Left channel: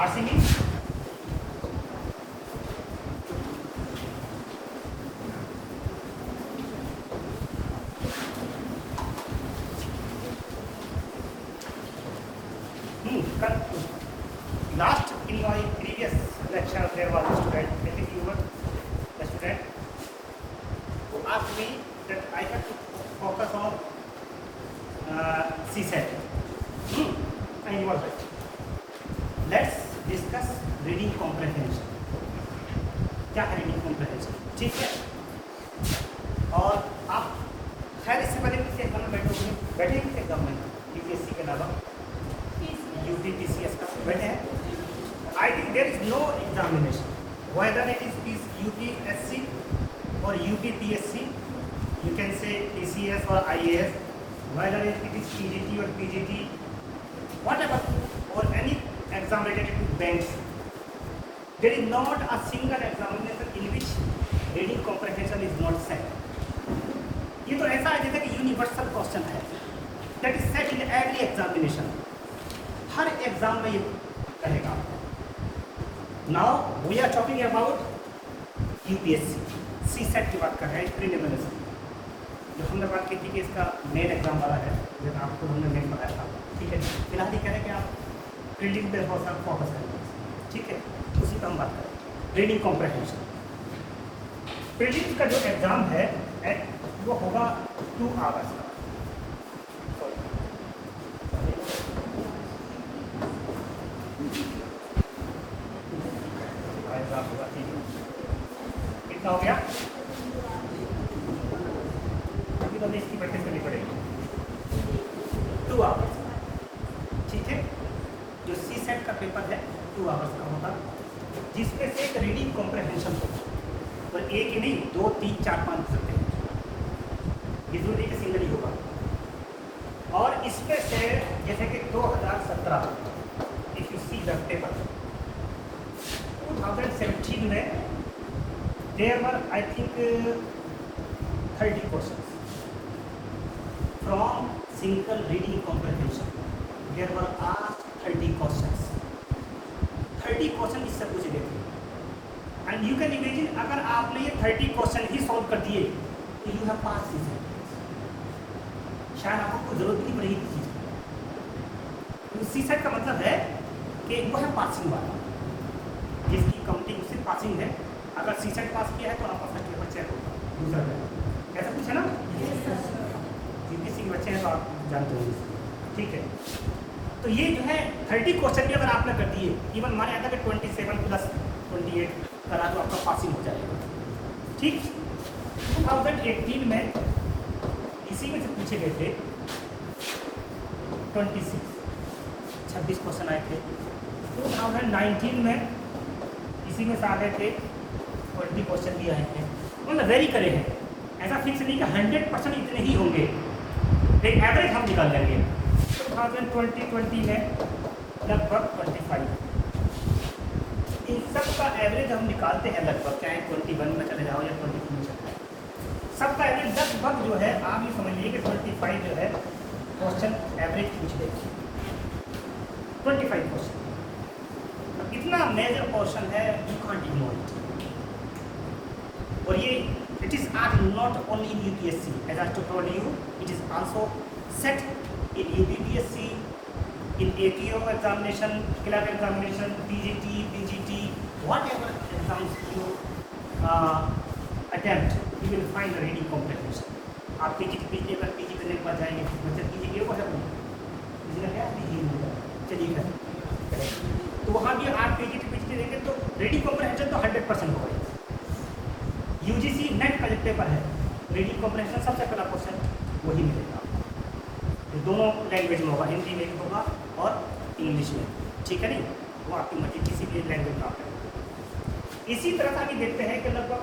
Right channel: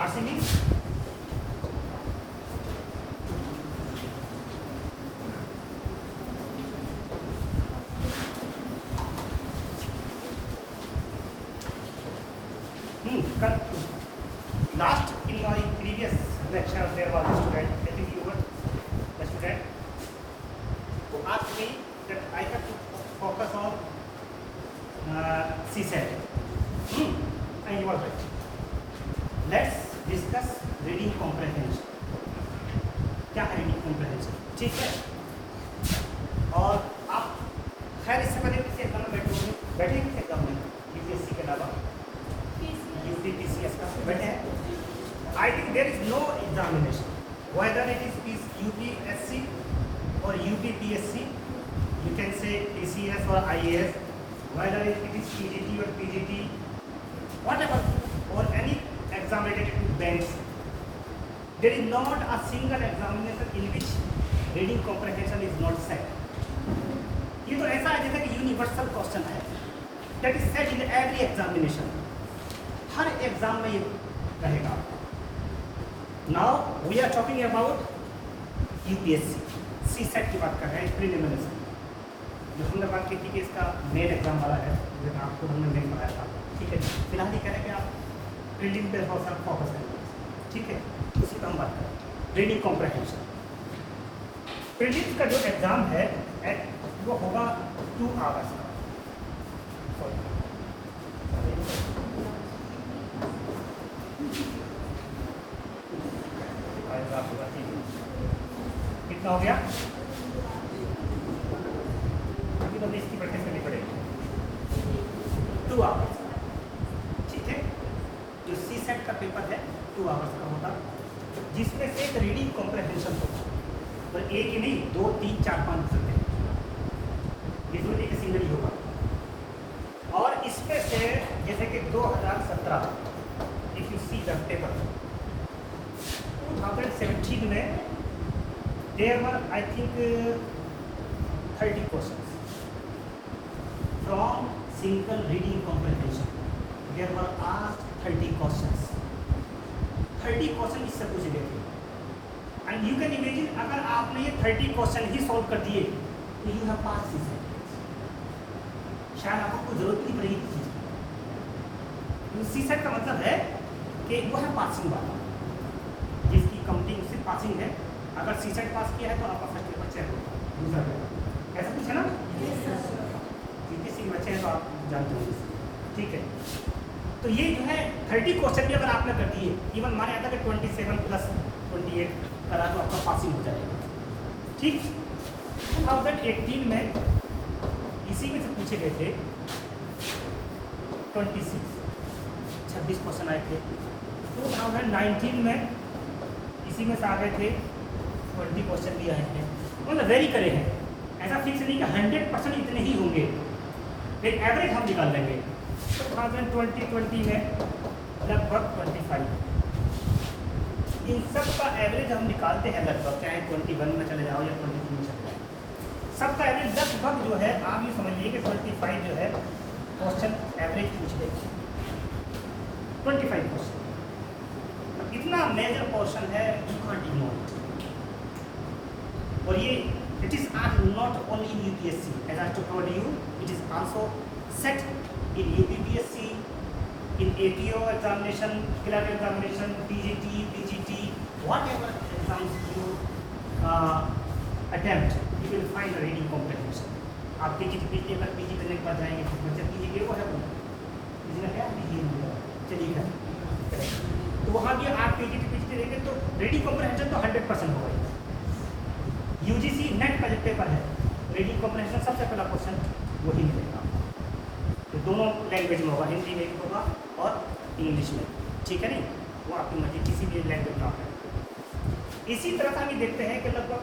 RCB last in my previous lecture there was a student, that is you were the student who asked me that I have to focus on CSAT. And you are right. Let's discuss reading comprehension. क्या है reading comprehension? ठीक है, और आप खैर इससे पहले किसी एग्जाम में बैठे किसी एग्जाम में यूपीएससी के अलावा यूटीपीसीएस का बैठे हैं? I think there is no examination whether it is UPSC or UPPSC, you can say PCS or IAS, whether it is PGT or PGT, whatever, or any exam related to banks, there is not a single examination in which reading comprehension is not set. ये तो ऐसा है जैसे कि universal question है, that is set in every examination. Her exam में ये रहेगा. Now we are talking about UPSC, CSET की बात कर रहे हैं, प्रीलिमिनरी. जो हमने बात की थी कि इसका नेट एग्जाम वाला है, जो आपको हमने नेट बताया था. ठीक है, फिलहाल ये कह रहे हैं कि आप प्रिंटिंग पे बहुत सारा फोकस करेंगे. ठीक है, उसी पर हम बात करें. रीडिंग कॉम्प्रिहेंशन, प्रिलिम्स का जो एग्जाम है वो होगा 2 आवर्स का. कितना हो गया? अभी तो इसकी प्रैक्टिस करनी पड़ेगी. 2 आवर्स. ठीक है, जो CSET का पेपर है 2 आवर्स का होगा, जिसमें से एक रीडिंग कॉम्प्रिहेंशन होगा. और एक ही नहीं, 2, 3, 4, 5 सकते हैं. इसमें एक सिंगल ही होगा. और इसमें से जैसे कि 2017 if you see the paper 2017 में there were I think 30 questions from simple reading comprehension. There were asked 30 questions. 30 question इससे पूछे गए थे. एंड यू कैन इमेजिन, अगर आपने ये 30 क्वेश्चन ही सॉल्व कर दिए तो यू हैव पास CSET. शायद आपको जरूरत नहीं पड़ेगी. CSET का मतलब है कि वो है पासिंग वाला, जिसकी काउंटिंग उससे पासिंग है. अगर CSET पास किया है तो आपका सर्टिफिकेट चेक होगा. दूसरा ऐसा कुछ है ना, किसी बच्चे हैं तो आप जानते होंगे. ठीक है, तो ये जो है 30 क्वेश्चन भी अगर आपने कर दिए, इवन माने आता है कि 27 + 28 करा तो आपका पासिंग हो जाएगा. ठीक, 2018 में इसी में से पूछे गए थे 26 क्वेश्चन आए थे. 2019 में इसी में से आ गए थे 20 क्वेश्चन भी आए थे. मतलब वेरी करे हैं, ऐसा फिक्स नहीं कि 100% इतने ही होंगे, एक एवरेज हम निकाल लेंगे. 2020 में लगभग 25. इन सब का एवरेज हम निकालते हैं लगभग, चाहे 21 में चले जाओ या 22 में चले जाओ, सबका एवरेज लगभग जो है आप ये समझ लीजिए कि 25 जो है क्वेश्चन एवरेज पूछ लेगी. 25 क्वेश्चन. अब इतना मेजर क्वेश्चन है, यू कांट इग्नोर इट. और ये it is not only in UPSC, as I told you, it is also set in UPPSC, in APO examination, clerk examination, PGT, PGT, whatever exams you attempt, you will find a reading comprehension. आप PGT के अगर PG करने के बाद जाएंगे तो मतलब PG के वहाँ चलिए, तो वहाँ भी आप PGT देंगे तो reading comprehension तो 100% होगा. UGC नेट का जो पेपर है, reading comprehension सबसे पहला क्वेश्चन वही मिलेगा. तो दोनों लैंग्वेज में होगा, हिंदी में भी होगा और इंग्लिश में. ठीक है नहीं, वो आपकी मर्जी किसी भी लैंग्वेज में आप करेंगे. इसी तरह का भी देखते हैं कि लगभग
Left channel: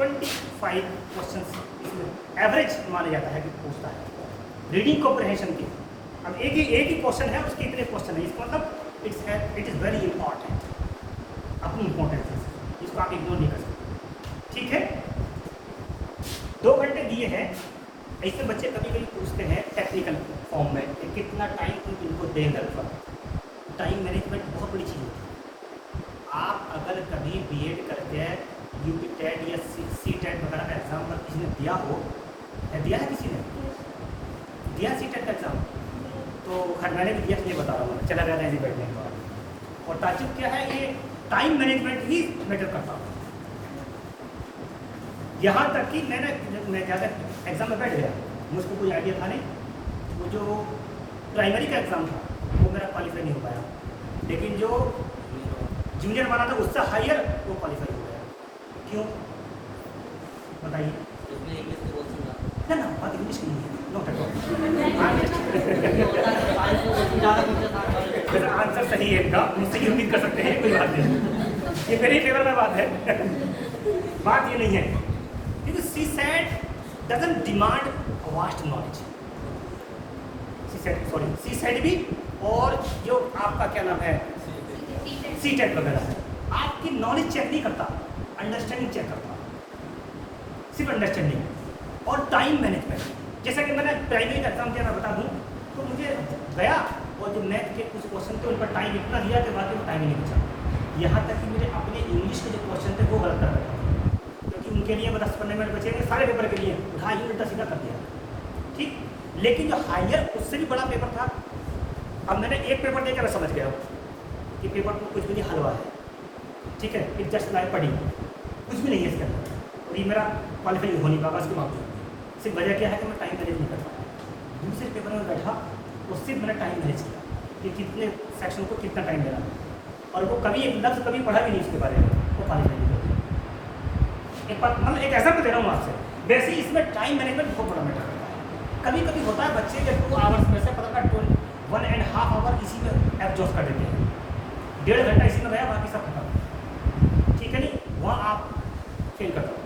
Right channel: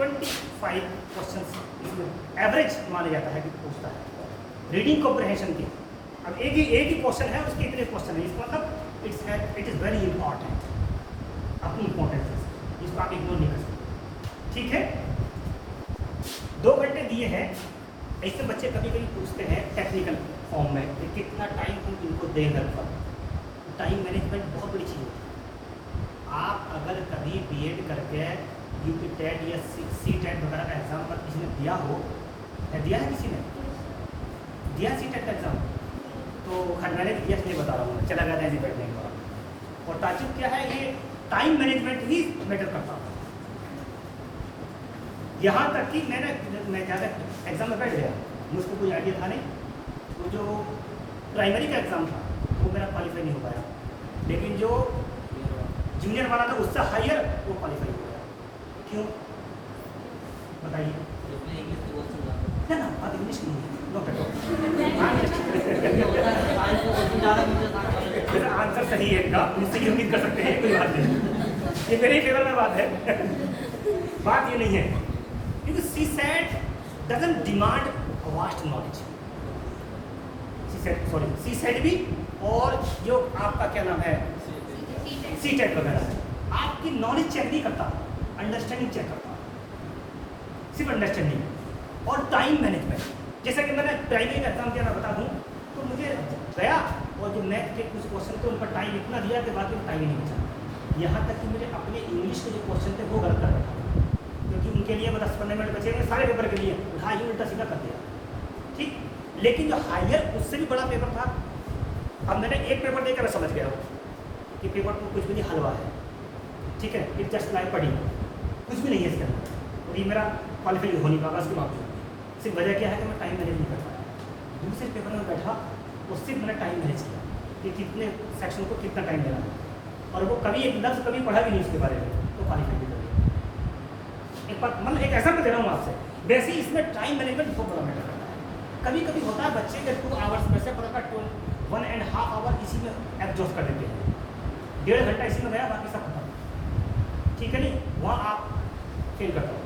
25 क्वेश्चन इसमें एवरेज माना जाता है कि पूछता है रीडिंग कॉम्प्रिहेंशन के. अब एक ही क्वेश्चन है, उसके इतने क्वेश्चन है, इसका मतलब इट इज़ वेरी इंपॉर्टेंट. अपनी इंपॉर्टेंस है, इसको आप इग्नोर नहीं कर सकते. ठीक है, 2 घंटे दिए हैं. ऐसे बच्चे कभी कभी पूछते हैं टेक्निकल फॉर्म में कि कितना टाइम उनको दें घर पर. टाइम मैनेजमेंट बहुत बड़ी चीज़ है. अगर कभी बीएड करके यूपी टेट या सी टेट वगैरह का एग्जाम अगर किसी ने दिया हो, या दिया है किसी ने दिया सी टेट का एग्जाम, तो मैंने भी दिया नहीं बता रहा हूँ, चला जाता है नहीं बैठने के बाद। और ताजुब क्या है, ये टाइम मैनेजमेंट ही मैटर करता है। यहाँ तक कि मैं ज़्यादा एग्जाम में बैठ गया, मुझको कोई आइडिया था नहीं, वो जो प्राइमरी का एग्ज़ाम था वो मेरा क्वालिफाई नहीं हो पाया, लेकिन जो जूनियर वाला था उससे हायर वो क्वालिफाई हो गया। क्यों बताइए? ना ना बात इंग्लिश नहीं है, आंसर सही है इनका, मुझसे ये उम्मीद कर सकते हैं, कोई बात नहीं, ये मेरे ही फेवर में बात है। बात ये नहीं है, क्योंकि CSAT doesn't demand vast knowledge, CSAT भी और जो आपका क्या नाम है सीटेट वगैरह है, आपकी नॉलेज चेक नहीं करता, अंडरस्टैंडिंग चेक करता, सिर्फ अंडरस्टैंडिंग और टाइम मैनेजमेंट। जैसा कि मैंने प्राइमरी का एग्जाम दिया, मैं बता दूँ तो मुझे गया और जो मैथ के कुछ क्वेश्चन थे उन पर टाइम इतना दिया कि बाद में टाइम ही नहीं बचा। यहाँ तक कि मेरे अपने इंग्लिश के जो क्वेश्चन थे वो गलत कर रहे, क्योंकि उनके लिए 10-15 मिनट बचे सारे पेपर के लिए, घा ही उल्टा सीधा कर दिया, ठीक। लेकिन जो हायर उससे भी बड़ा पेपर था, अब मैंने एक पेपर देकर मैं समझ गया कि पेपर तो कुछ भी नहीं, हलवा है, ठीक है, इट जस्ट लाइक पढ़ी, कुछ भी नहीं है इसके अंदर, और ये मेरा क्वालिफाई हो नहीं पाया इसके मामले में। सिर्फ वजह क्या है कि मैं टाइम मैनेज नहीं कर पाया। दूसरे पेपर में बैठा और सिर्फ मैंने टाइम मैनेज किया कि कितने सेक्शन को कितना टाइम देना है, और वो कभी एक लफ्ज़ कभी पढ़ा भी नहीं उसके बारे में, वो क्वालिफाई नहीं कर। एक बात मतलब एक ऐसा मैं दे रहा हूँ आपसे, वैसे ही इसमें टाइम मैनेजमेंट बहुत बड़ा मैटर करता है। कभी कभी होता है बच्चे के 2 आवर्स में से पता था 1.5 आवर इसी में एब्जॉर्ब कर देते हैं, 1.5 घंटा इसी में गया, बाकी सब खत्म, ठीक है नहीं, वहाँ आप फेल करता हो।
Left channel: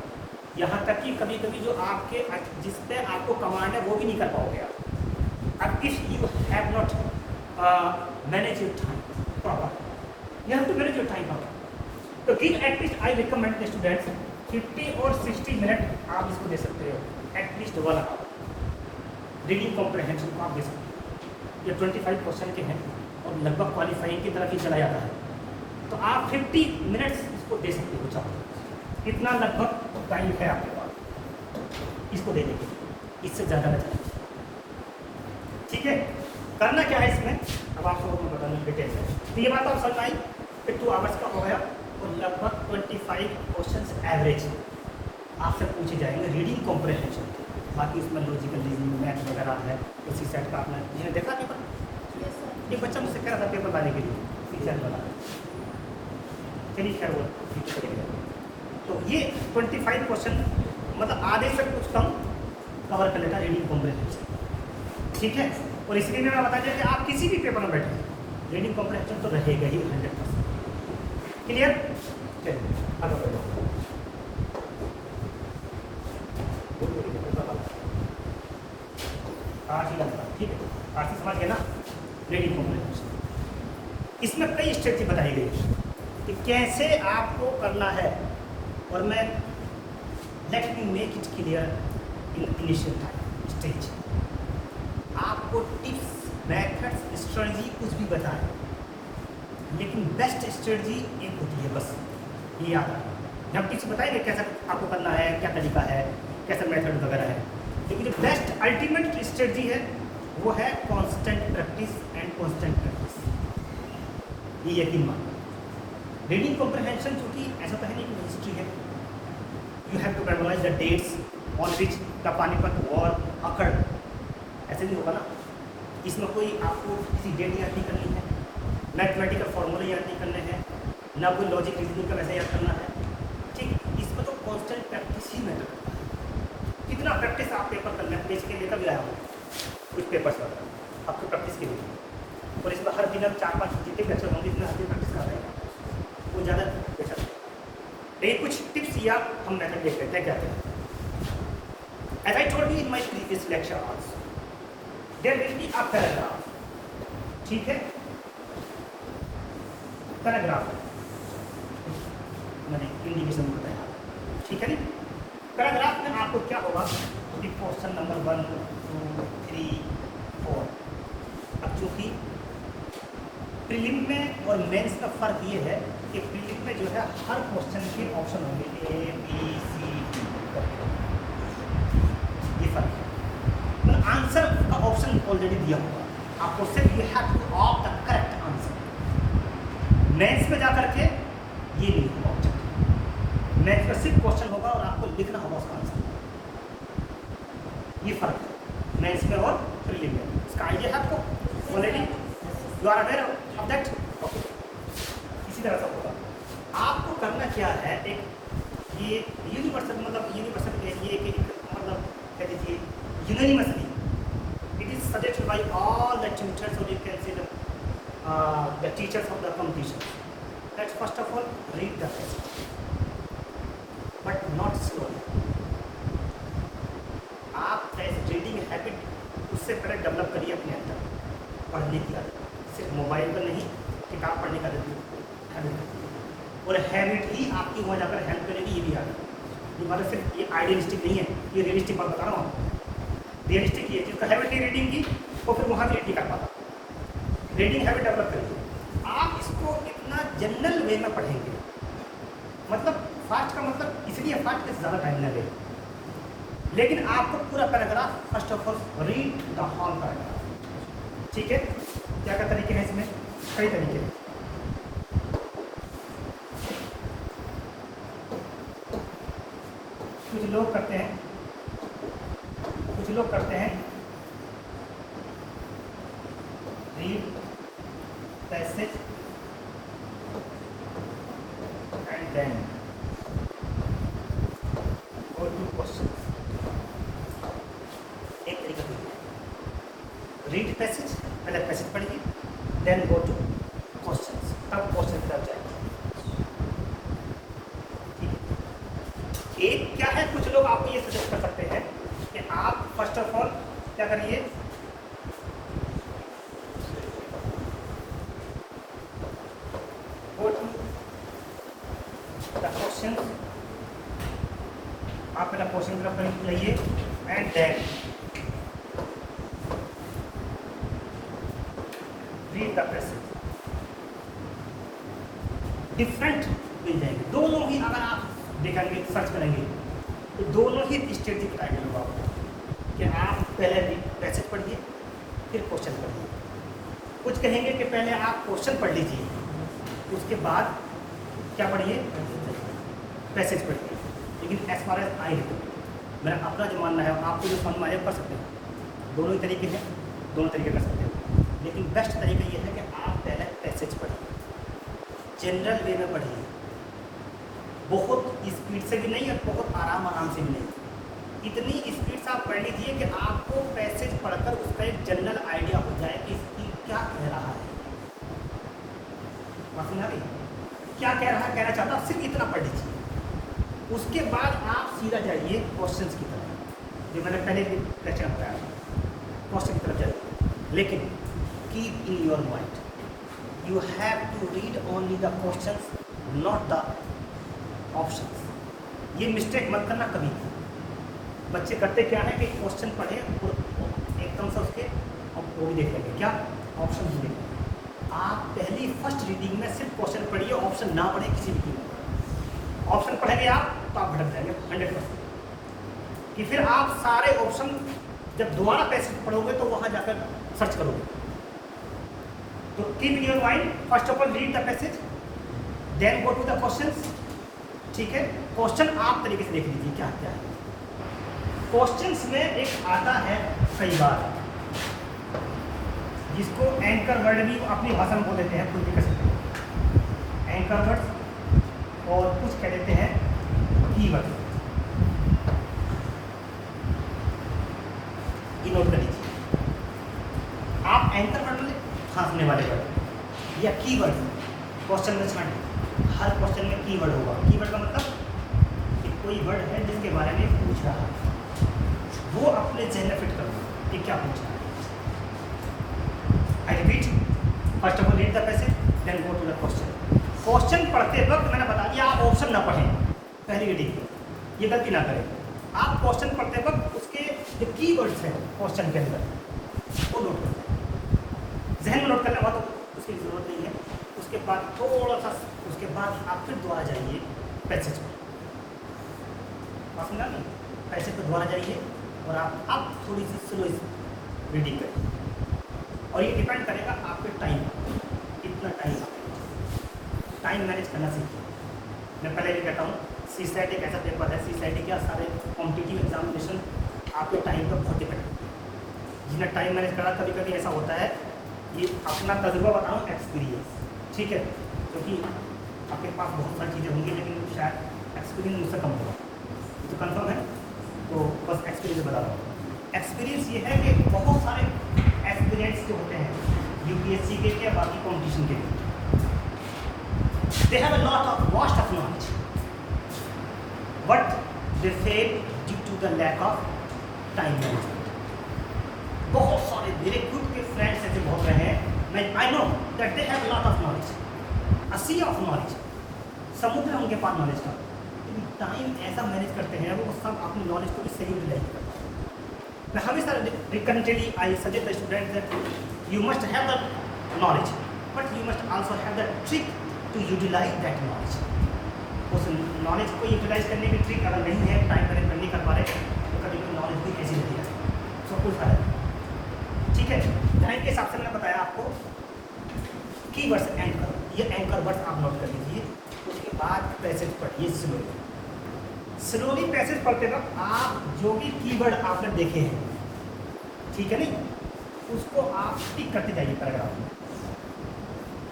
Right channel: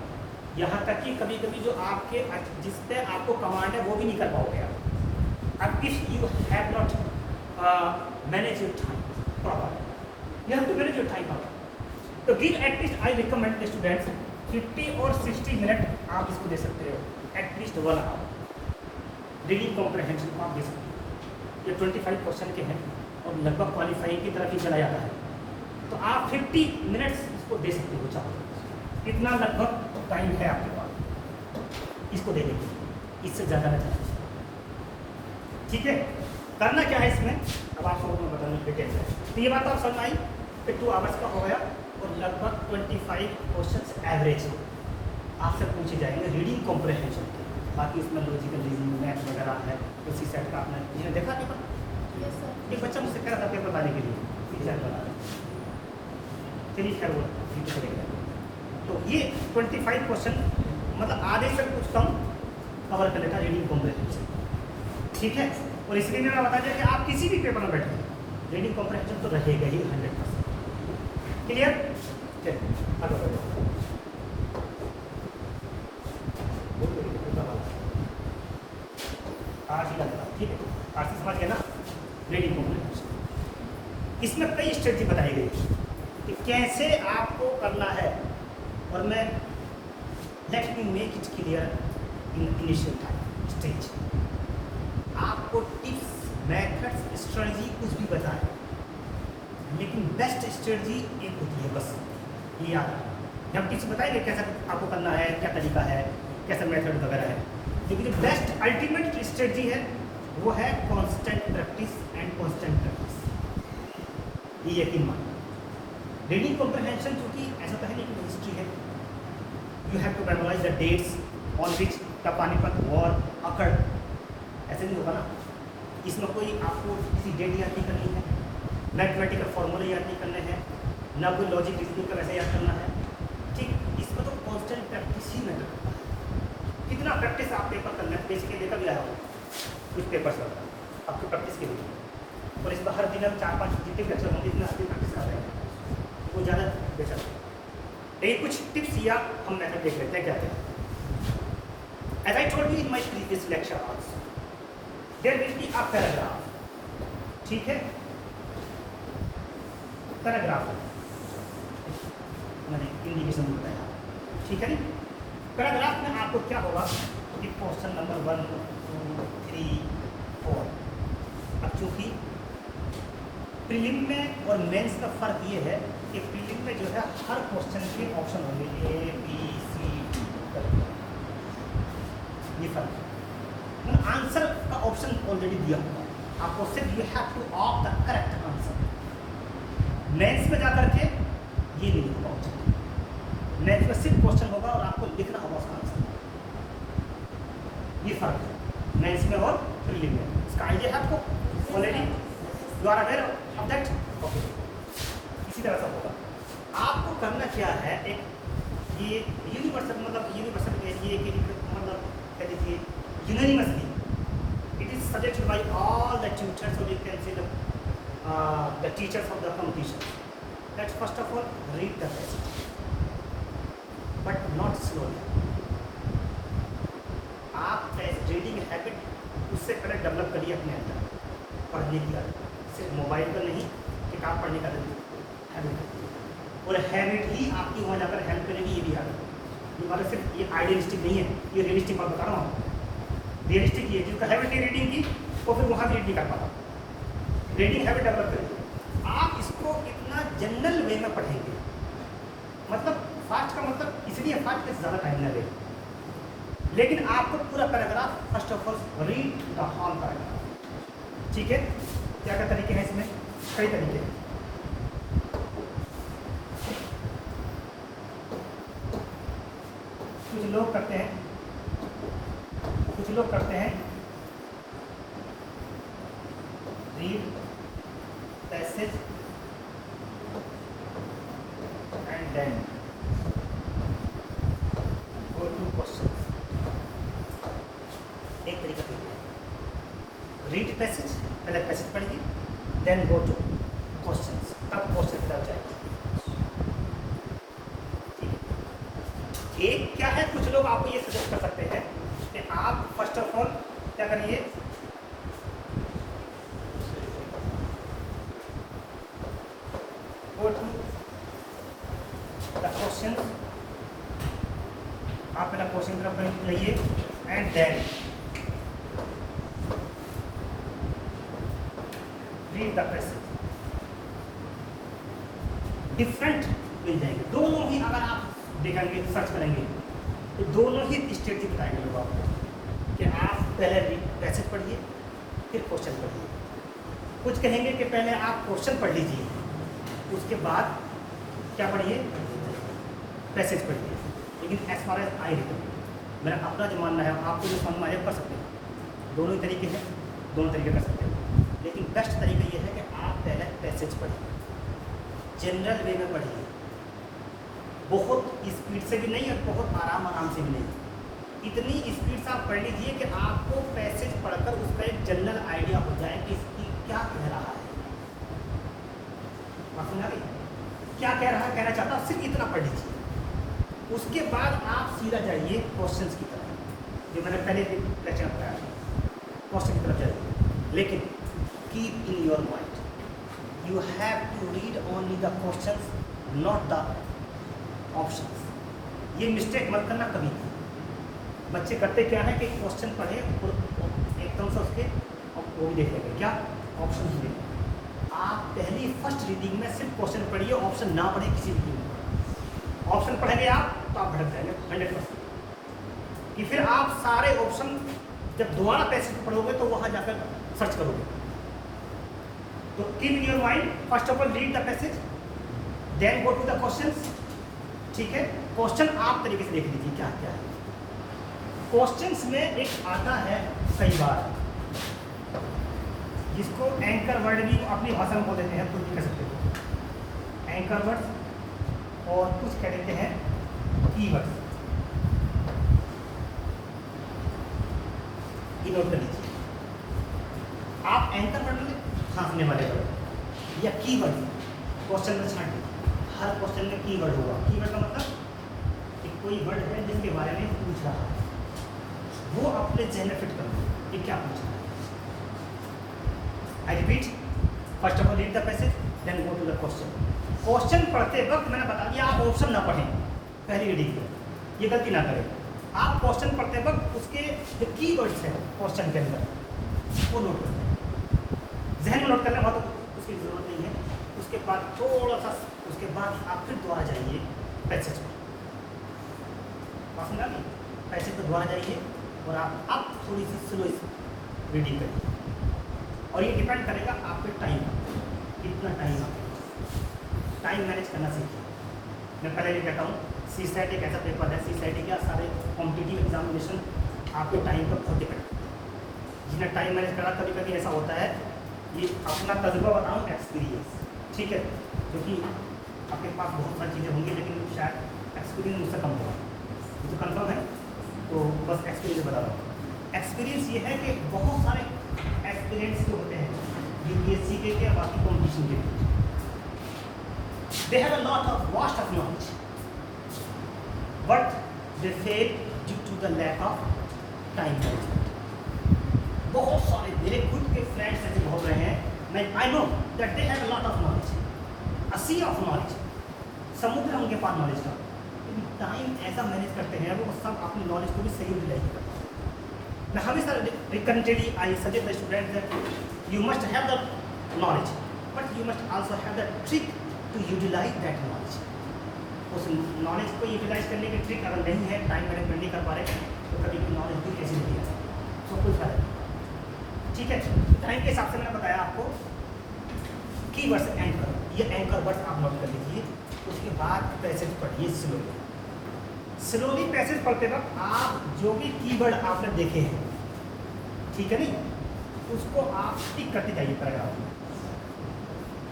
यहाँ तक कि कभी कभी जो आपके जिस पे आपको कमांड है वो भी नहीं कर पाओगे आप, अब if you have not manage your time proper, you have to manage your time proper. तो give at least, I recommend students 50 और 60 मिनट आप इसको दे सकते हो, एटलीस्ट 1 आवर रीडिंग कॉम्प्रहेंशन को आप दे सकते हो। ये 25% के हैं और लगभग क्वालिफाइंग की तरफ ही चला जाता है, तो आप 50 मिनट्स इसको दे सकते हो, चाहो इतना लगभग टाइम है आपके पास इसको देने के लिए, इससे ज़्यादा नहीं, ठीक है। करना क्या है इसमें, अब आप सबको मैं बताने डिटेल है, तो ये बात आप समझ आई कि 2 आवर्स का हो गया और लगभग 25 क्वेश्चंस एवरेज आपसे पूछे जाएंगे रीडिंग कॉम्प्रहेंशन, बाकी उसमें लॉजिकल रीजनिंग मैथ वगैरह है। इसी सेट का आपने जिसने देखा पेपर, एक बच्चा मुझसे कह रहा था पेपर लाने के लिए सेट बना, चलिए खैर वो तो ये 25 क्वेश्चन मतलब आधे से कुछ कम कवर कर लेता रीडिंग कॉम्प्रहेंशन, ठीक है। और इसलिए मैंने बता दिया कि आप किसी भी पेपर में बैठे रीडिंग कॉम्प्रहेंशन तो रहेगा ही 100%, क्लियर। चलिए आगे बढ़ जाओ, आज ही लगता, ठीक है, आज ही समझ गए ना रीडिंग कॉम्प्रहेंशन। इसमें कई स्ट्रेटजी बताई गई कि कैसे आपको करना है, और मैं let me make it clear in initial stage. आपको टिप्स, मेथड्स, स्ट्रेटजी कुछ भी बताएं, लेकिन बेस्ट स्ट्रेटजी एक होती है, बस ये याद रखना। हम टिप्स बताएंगे कैसे आपको करना है, क्या तरीका है, कैसा मेथड वगैरह है, लेकिन जो बेस्ट अल्टीमेट स्ट्रेटजी है वो है constant practice and constant practice. ये यकीन मानो, रीडिंग कॉम्प्रहेंशन क्योंकि ऐसा तो है नहीं कि हिस्ट्री है, you have to memorise the dates on which the Panipat war occurred, ऐसे नहीं होगा ना। इसमें कोई आपको किसी डेट याद नहीं करनी है, मैथमेटिकल फॉर्मूले याद नहीं करने हैं, ना कोई लॉजिक रीजनिंग का वैसे याद करना है, ठीक। इसमें तो कांस्टेंट प्रैक्टिस ही मैटर करता है। कितना प्रैक्टिस आप पेपर करना है, पेज के लेकर भी आया हो कुछ पेपर्स वगैरह आपको प्रैक्टिस के लिए, और इसमें हर दिन हम 4-5 जितने भी अच्छे होंगे इतने हर दिन प्रैक्टिस कर रहे हैं, वो ज़्यादा बेहतर है। लेकिन कुछ टिप्स या हम मेथड देख लेते हैं क्या कहते हैं। As I told you in my previous lecture also, there will be a paragraph, ठीक है, पैराग्राफ मैंने इंडिविजुअल में बताया, ठीक है नी। पैराग्राफ में आपको क्या होगा कि क्वेश्चन नंबर 1, 2, 3, 4, अब चूंकि प्रीलिम में और मेंस का फर्क ये है कि प्रीलिम में जो है हर क्वेश्चन के ऑप्शन होंगे ए बी सी डी, ये फर्क है। मतलब आंसर का ऑप्शन ऑलरेडी दिया होगा, आपको सिर्फ you have to opt the correct answer. Mains में जाकर के ये नहीं होगा ऑप्शन, मेंस में सिर्फ क्वेश्चन होगा और आपको लिखना होगा उसका आंसर। ये फर्क है मेंस में और प्रीलिम में। इसका आइडिया है आपको already, you are aware of that? Okay, इसी तरह से होगा। आपको करना क्या है, एक ये यूनिवर्सल मतलब यूनिवर्सल ये मतलब कह लीजिए university, it is suggested by all the teachers और you can say the teachers of the competition that first of all read the text but not slow. आप रीडिंग हैबिट उससे पहले डेवलप करिए अपने अंदर, पढ़ने की आदत, सिर्फ मोबाइल पर नहीं, किताब पढ़ने का हैबिट, और हैबिट ही आपकी हो जाकर हेल्प करेगी। ये भी आदत ये मतलब सिर्फ ये आइडियलिस्टिक नहीं है, ये रियलिस्टिक बात बता रहा हूँ। रियलिस्टिक ये जिसका हैबिट है रीडिंग की, वो फिर वहाँ रीड नहीं कर पाता। रीडिंग हैबिट डेवलप करिए। आप इसको इतना जनरल वे में पढ़ेंगे, मतलब फास्ट का मतलब इसलिए फास्ट कि ज़्यादा टाइम न लेगा, लेकिन आपको पूरा paragraph first of all read the whole paragraph. ठीक है, क्या क्या तरीके हैं इसमें? कई तरीके हैं। कुछ लोग करते हैं read passage and then go to question. एक तरीका तो है रीड पैसेज, पहले पैसेज पढ़िए, देन गो टू क्वेश्चन, अब क्वेश्चन की तरफ जाएंगे। एक क्या है, कुछ लोग आपको ये सजेस्ट कर सकते हैं कि आप फर्स्ट ऑफ ऑल क्या करिए, गो टू द क्वेश्चन, आप पहला क्वेश्चन की तरफ जाइए and then read the passage. Different मिल जाएंगे दोनों ही, अगर आप देखेंगे सर्च करेंगे तो दोनों ही स्टेज बताएंगे लोग आपको कि आप पहले पैसेज पढ़िए फिर क्वेश्चन पढ़िए। कुछ कहेंगे कि पहले आप क्वेश्चन पढ़ लीजिए, उसके बाद क्या पढ़िए, पैसेज पढ़िए। लेकिन एज फार एज आई है, मेरा अपना जो मानना है, आपको जो समझ में आए कर सकते हैं। दोनों ही तरीके हैं, दोनों तरीके कर सकते हैं, लेकिन बेस्ट तरीका ये है कि आप पहले पैसेज पढ़िए, जनरल वे में पढ़िए, बहुत स्पीड से भी नहीं और बहुत आराम से भी नहीं। इतनी स्पीड से आप पढ़ लीजिए कि आपको पैसेज पढ़कर उसका एक जनरल आइडिया हो जाए कि इसकी क्या कह रहा है, क्या कह रहा है, कहना चाहता है, सिर्फ इतना पढ़ लीजिए। उसके बाद आप सीधा जाइए क्वेश्चंस की तरफ, जो मैंने पहले लेक्चर में बताया, क्वेश्चन की तरफ जाइए। लेकिन keep in your mind you have to read only the questions, not the options. ये मिस्टेक मत करना कभी भी। बच्चे करते क्या है कि क्वेश्चन पढ़े और एकदम से उसके अब वो भी देख लेंगे क्या ऑप्शन मिलेंगे। आप पहली फर्स्ट रीडिंग में सिर्फ क्वेश्चन पढ़िए, ऑप्शन ना पढ़े किसी भी। ऑप्शन पढ़ेंगे आप तो आप भटक जाएंगे 100%। कि फिर आप सारे ऑप्शन जब दोबारा पैसेज पढ़ोगे तो वहाँ जाकर सर्च करोगे। तो keep your mind, first of all read the passage, then go to the questions. ठीक है, क्वेश्चन आप तरीके से देख लीजिए क्या क्या है। क्वेश्चंस में एक आता है कई बार, जिसको एंकर वर्ड भी अपनी भाषा में बोल देते हैं, कुछ भी कह सकते हैं एंकर वर्ड, और कुछ कह देते हैं कीवर्ड। ये नोट कर लीजिए। आप एंकर वर्ड खांसने वाले वर्ड या कीवर्ड क्वेश्चन में छांटिए। हर क्वेश्चन में कीवर्ड होगा। कीवर्ड का मतलब कि कोई वर्ड है जिसके बारे में पूछ रहा है, वो अपने जहन में फिट कर दो कि क्या पूछ रहा है। I repeat, first of all read the passage, then go to the question. Question पढ़ते वक्त मैंने बता दिया आप ऑप्शन ना पढ़ें पहली रीडिंग में, ये गलती ना करें। आप क्वेश्चन पढ़ते वक्त उसके जो कीवर्ड्स हैं क्वेश्चन के अंदर वो नोट करें, जहन में नोट करना बहुत उसकी ज़रूरत नहीं है। उसके बाद थोड़ा सा उसके बाद आप फिर दोबारा जाइए पैसेज पर, बात समझा ना, पैसेज पर दोबारा जाइए और आप अब थोड़ी सी स्लो रीडिंग करिए। और ये डिपेंड करेगा आपके टाइम पर, कितना टाइम आप टाइम मैनेज करना सीखिए। मैं पहले भी कहता हूँ, CSAT एक ऐसा पेपर है, CSAT क्या सारे कॉम्पिटिटिव एग्जामिनेशन आपके टाइम पर बहुत डिपेंड है। जिसने टाइम मैनेज करा, कभी कभी ऐसा होता है, ये अपना तजुर्बा बताऊँ, एक्सपीरियंस, ठीक है, क्योंकि आपके पास बहुत सारी चीज़ें होंगी लेकिन शायद एक्सपीरियंस मुझसे कम होगा, तो कंफर्म है, तो बस एक्सपीरियंस बता रहा हूँ। एक्सपीरियंस ये है कि बहुत सारे एस्पिरेंट्स जो होते हैं UPSC के या बाकी कॉम्पिटिशन के, they have a lot of vast of knowledge, but they fail due to the lack of time management. बहुत सारे मेरे खुद के फ्रेंड्स ऐसे बहुत रहे हैं, मैं I know that they have lot of knowledge, a sea of knowledge, समुद्र है उनके पास नॉलेज का, लेकिन टाइम ऐसा मैनेज करते हैं वो सब अपनी नॉलेज को भी सही यूटिलाइज करते हैं। मैं हमेशा recommended I suggest the student that you must have the knowledge, but you must also have the trick to utilise that knowledge. उस नॉलेज को यूटिलाइज करने की ट्रिक अगर नहीं है, टाइम मैनेजमेंट नहीं कर पा रहे, तो कभी भी नॉलेज भी कैसी रहती है, सब कुछ है, ठीक है। टाइम के हिसाब से मैंने बताया आपको कीवर्ड्स एंकर, ये एंकर वर्ड्स आप नोट कर लीजिए। उसके बाद पैसेज पढ़िए स्लोली पैसेज पढ़ते वक्त आप जो भी कीवर्ड आपने देखे हैं, ठीक है नहीं, उसको आप टिक करते जाइए पैराग्राफ में,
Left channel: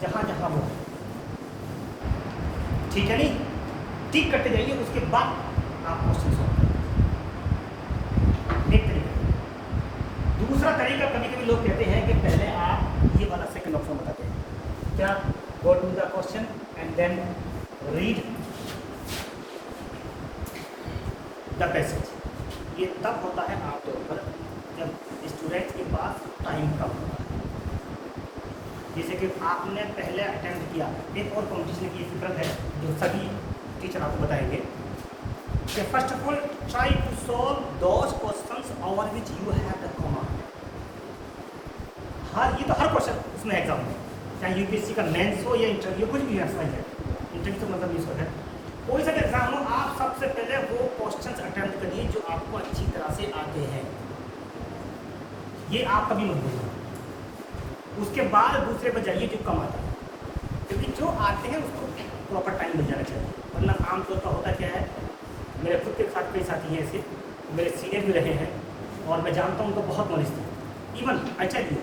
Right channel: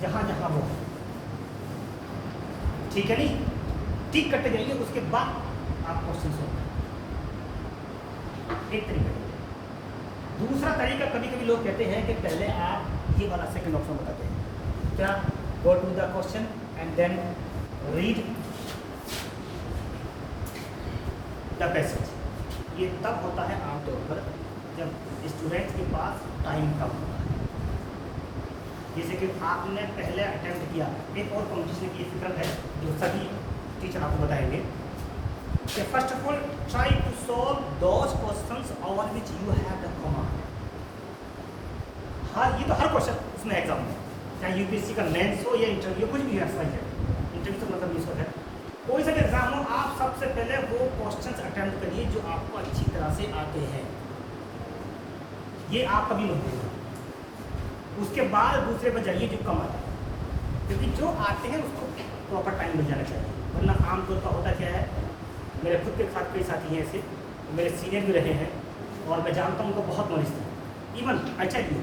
जहाँ जहाँ वो है, ठीक है नहीं, टिक करते जाइए। उसके बाद आप क्वेश्चन सॉल्व देखते रहिए। दूसरा तरीका, कभी कभी लोग कहते हैं कि पहले आप ये वाला सेकंड ऑप्शन बताते हैं, क्या, go to the question and then read the passage. ये तब होता है आमतौर पर जब स्टूडेंट के पास टाइम कम होता है। जैसे कि आपने पहले अटेम्प्ट किया, एक और कॉम्पिटिशन की फिक्र है जो सभी टीचर आपको बताएंगे कि first of all try to solve those questions over which you have the comma. हाँ, ये तो हर क्वेश्चन उसमें एग्जाम में, चाहे UPSC का मेंस हो या इंटरव्यू, कुछ भी ऐसा ही है, इंटरव्यू तो मतलब मिस है, कोई सा एग्जाम हो, आप सबसे पहले वो क्वेश्चंस अटेम्प्ट करिए जो आपको अच्छी तरह से आते हैं, ये आप कभी मत भूलिए। उसके बाद दूसरे पर जाइए जो कम आते हैं, क्योंकि जो आते हैं उसको प्रॉपर टाइम मिल जाना चाहिए, वरना आमतौर पर होता क्या है, मेरे खुद के साथ कई साथी हैं ऐसे, मेरे सीनियर भी रहे हैं और मैं जानता हूँ तो बहुत नॉलेज था, even I tell you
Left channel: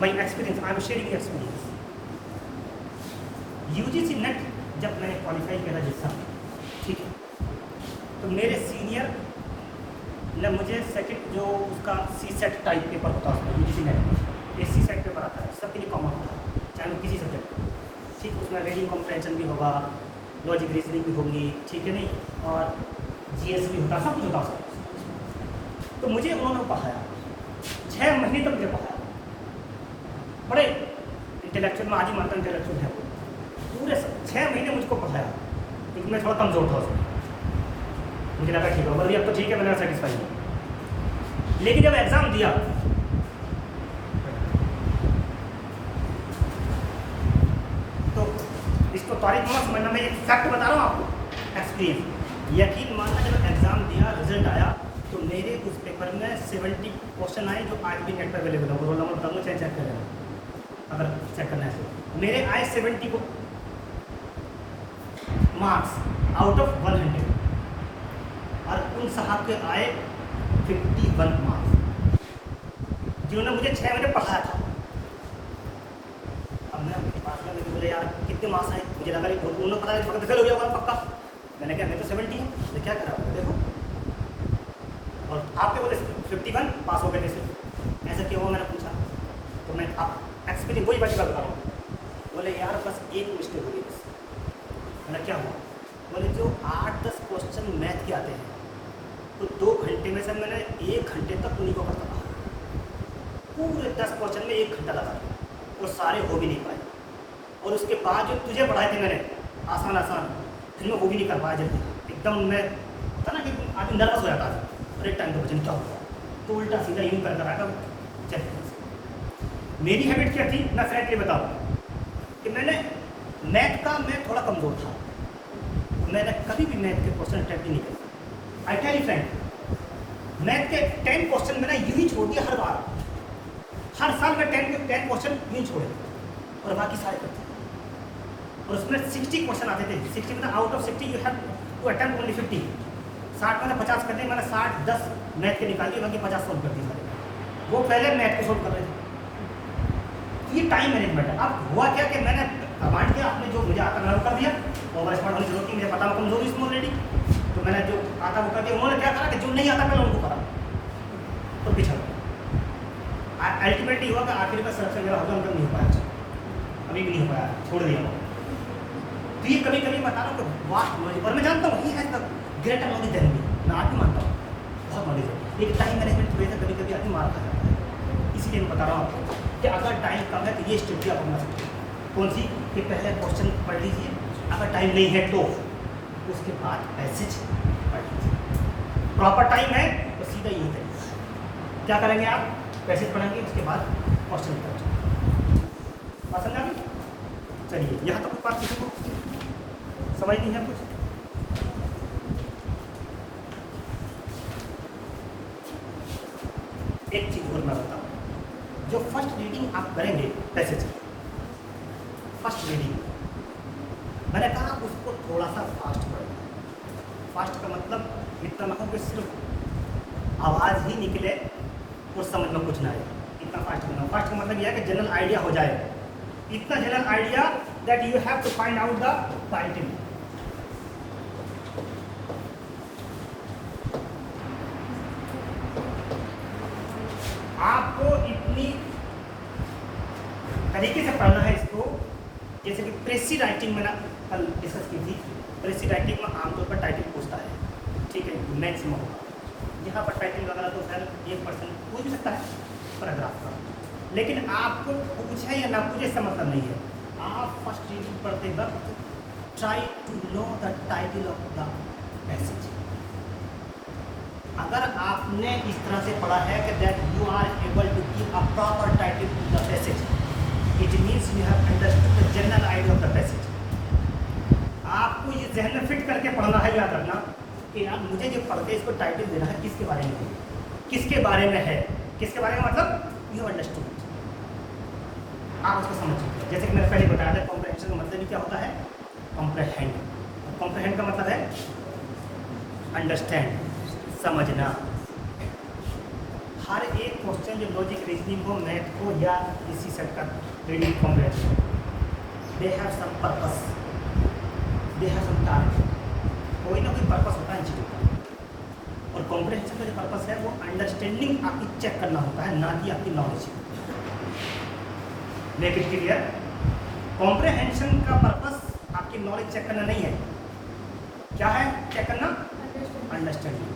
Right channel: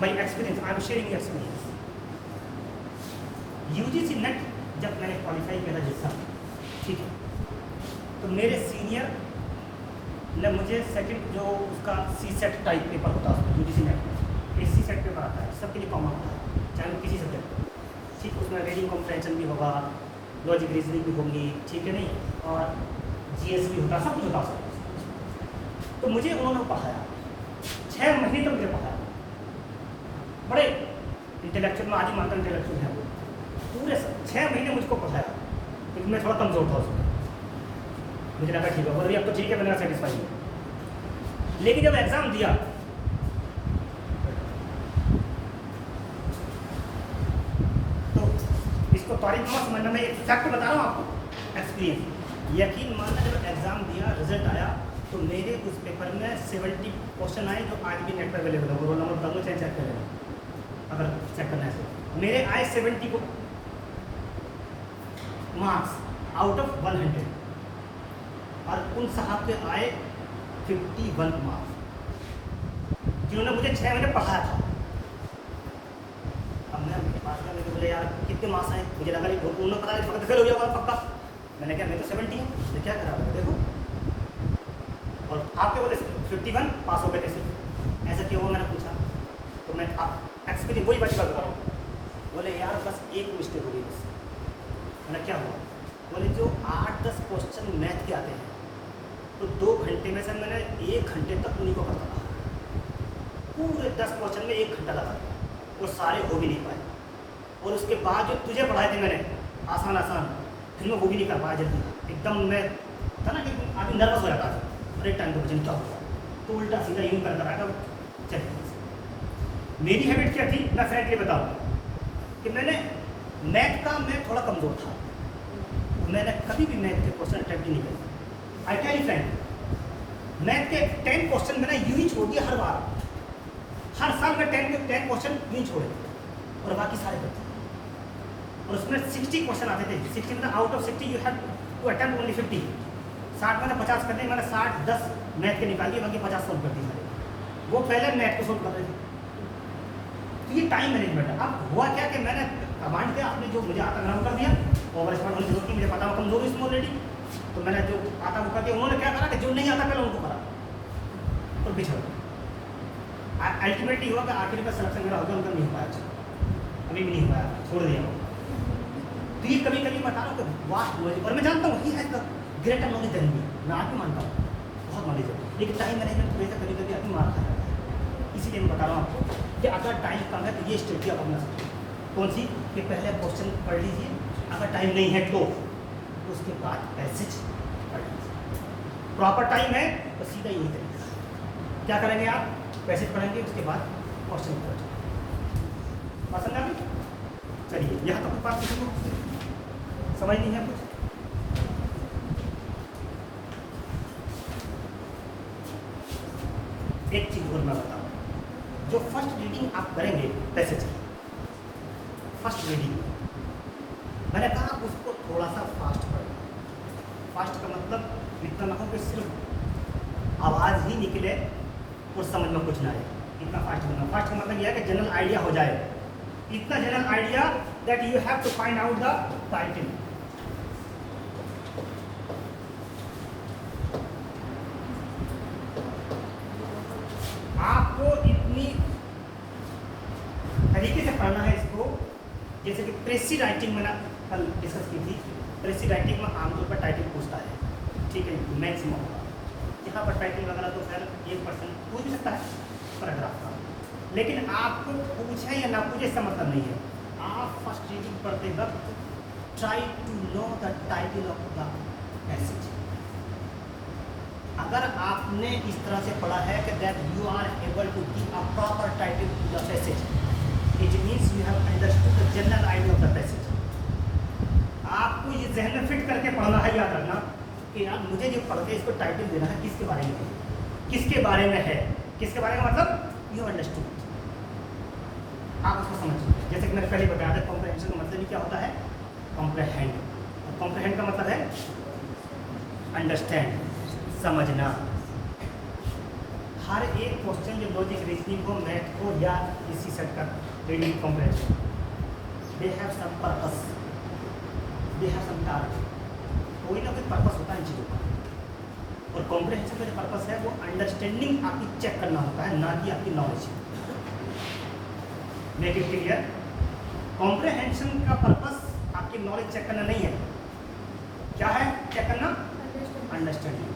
my experience, I am sharing experience. UGC NET जब मैंने क्वालिफाई किया जैसा, ठीक है, तो मेरे सीनियर ने मुझे सेकंड जो उसका CSAT टाइप पेपर होता है उसमें, UGC नेट एक CSAT पेपर आता है, सबके लिए कॉमन होता है, चाहे वो किसी सब्जेक्ट का, ठीक, उसमें रीडिंग कॉम्प्रिहेंशन भी होगा, लॉजिक रीजनिंग भी होगी, ठीक है नहीं, और GS भी होता, सब कुछ होता सब। तो मुझे उन्होंने पढ़ाया 6 महीने तक, मुझे पढ़ाया, बड़े इंटेलेक्चुअल में, आज ही मानता इंटेलेक्चुअल है, पूरे 6 महीने मुझको पढ़ाया, क्योंकि मैं थोड़ा कमज़ोर था उसमें, मुझे लगा ठीक है, बोलिए अब तो ठीक है, मैंने सेटिस्फाई हूँ। लेकिन जब एग्ज़ाम दिया तो इसको तारीफ मत समझना, मैं फैक्ट बता रहा हूँ आपको, एक्सपीरियंस, यकीन मानना, जब एग्ज़ाम दिया, रिजल्ट आया, तो मेरे उस पेपर में 70 क्वेश्चन आए जो आज भी नेट पर अवेलेबल है, रोल नंबर बताऊँगा, चाहे चेक करें अगर चेक करना है। मेरे आए 70 मार्क्स आउट ऑफ 100, और उन साहब के आए 51 मार्क्स, जिन्होंने मुझे 6 महीने पढ़ाया था। अब मैं उनके पास में, मुझे बोले यार कितने मार्क्स आए, मुझे लगा उन्होंने पता नहीं फेल हो गया होगा पक्का, मैंने क्या, मैं तो 70 हूँ, मैं क्या करा देखो, और आपके बोले 51 पास हो गए थे, ऐसा क्यों हुआ, मैंने पूछा, तो मैं आप एक्सपीरियंस वही बात बता रहा हूँ। बोले यार बस एक मिस्टेक हो गई बस, मैंने क्या हुआ, बोले जो 8-10 क्वेश्चन मैथ के आते हैं, तो 2 घंटे में से मैंने 1 घंटे तक उन्हीं को करता था, पूरे 10 क्वेश्चन में 1 घंटा लगा, वो सारे हो भी नहीं पाए, और उसके बाद जो तुझे पढ़ाए थे मैंने आसान आसान, फिर मैं वो भी नहीं कर पाया जल्दी, एकदम मैं था ना कि आदमी नर्वस हो जाता था, अरे टाइम पर चिंता होगा, तो उल्टा सीधा यूँ कर रहा था, चल मेरी हैबिट क्या थी, मैं फ्रैंकली बताऊँ कि मैंने मैथ का मैं थोड़ा कमज़ोर था, मैंने कभी भी मैथ के क्वेश्चन अटेम्प्ट नहीं किया। I tell you frank, math के 10 क्वेश्चन मैंने यूँ ही छोड़ दिया हर बार, हर साल में 10 क्वेश्चन यूँ छोड़े और बाकी सारे करते। और उसमें 60 क्वेश्चन आते थे, 60 मतलब out of 60 you have to attempt only 50। 60 मैंने 50 कर दिए, मैंने 60 10 मैथ के निकाल दिए, बाकी 50 सोल्व कर दिए। वो पहले मैथ को सोल्व कर रहे थे। ये टाइम मैनेजमेंट है। अब हुआ क्या कि मैंने कमांड किया, आपने जो मुझे आता मैंने वो कर दिया, ओवर एक्सपर्ट होने की जरूरत नहीं, मुझे पता हो कमजोर इसमें ऑलरेडी, तो मैंने जो आता वो कर दिया। उन्होंने क्या करा कि जो नहीं आता पहले उनको करा और बिछड़ गया। अल्टीमेटली हुआ कि आखिर में सिलेक्शन मेरा होगा, मतलब नहीं हो पाया, अभी भी नहीं हो पाया, छोड़ दिया वो। तो ये कभी कभी बता रहा हूँ कि वास्ट नॉलेज, और मैं जानता हूँ ही है ग्रेटर नॉलेज देन मी, मैं आज भी मानता हूँ बहुत नॉलेज है, लेकिन टाइम मैनेजमेंट की वजह से कभी कभी आदमी मार खा जाता है। इसीलिए मैं बता रहा हूँ आपको कि अगर टाइम कम है तो ये स्ट्रेटजी आप अपना सकते हैं। कौन सी? कि पहले क्वेश्चन पढ़ लीजिए, अगर टाइम नहीं है तो उसके बाद पैसेज पढ़ लीजिए। प्रॉपर टाइम है तो सीधा यही करेंगे। क्या करेंगे आप? पैसेज पढ़ेंगे, उसके बाद क्वेश्चन करेंगे। बात समझ आ गई? चलिए, यहाँ तो कुछ बात किसी को समझ नहीं है कुछ? एक चीज और मैं बताऊँ, जो फर्स्ट रीडिंग आप करेंगे पैसेज की, फर्स्ट रीडिंग मैंने कहा उसको थोड़ा सा फास्ट पढ़ो। फास्ट का मतलब इतना ना हो कि सिर्फ आवाज़ ही निकले और समझ में कुछ ना आए, इतना फास्ट करना। फास्ट का मतलब यह है कि जनरल आइडिया हो जाए, इतना general idea that you have to find out the title. आपको इतनी तरीके से पढ़ना है इसको, जैसे कि प्रेसी राइटिंग मैंने कल डिस्कस की थी। प्रेसी राइटिंग में आमतौर पर टाइटल पूछता है, ठीक है, मैक्सिमम यहाँ पर टाइटल वगैरह तो सर 1% पूछ सकता है पैराग्राफ का, लेकिन आपको पूछे या ना पूछे इसका मतलब नहीं है। आप फर्स्ट रीडिंग पढ़ते वक्त try to know the title of the message. अगर आपने इस तरह से पढ़ा है कि that you are able to give a proper title to the passage, it means you have understood the general idea of the passage. आपको ये जहन में फिट करके पढ़ना है, याद रखना कि यार मुझे जो पढ़ के इसको टाइटल देना है, किसके बारे में, किसके बारे में है, किसके बारे में, मतलब यू अंडरस्टूड, आप उसको समझिए। जैसे कि मैंने पहले बताया था, कॉम्प्रहेंशन का मतलब क्या होता है? कॉम्प्रहेंड। कॉम्प्रहेंड का मतलब है अंडरस्टैंड, समझना। हर एक क्वेश्चन जो लॉजिक रीजनिंग हो, मैथ हो या इसी सेट का reading comprehension, they have some purpose, they have some target, कोई ना कोई पर्पस होता है इन चीज़ों का। और कॉम्प्रहेंशन का जो पर्पस है वो अंडरस्टैंडिंग आपकी चेक करना होता है, ना कि आपकी knowledge. Make it clear, comprehension का पर्पस आपकी नॉलेज चेक करना नहीं है। क्या है चेक करना? अंडरस्टैंडिंग।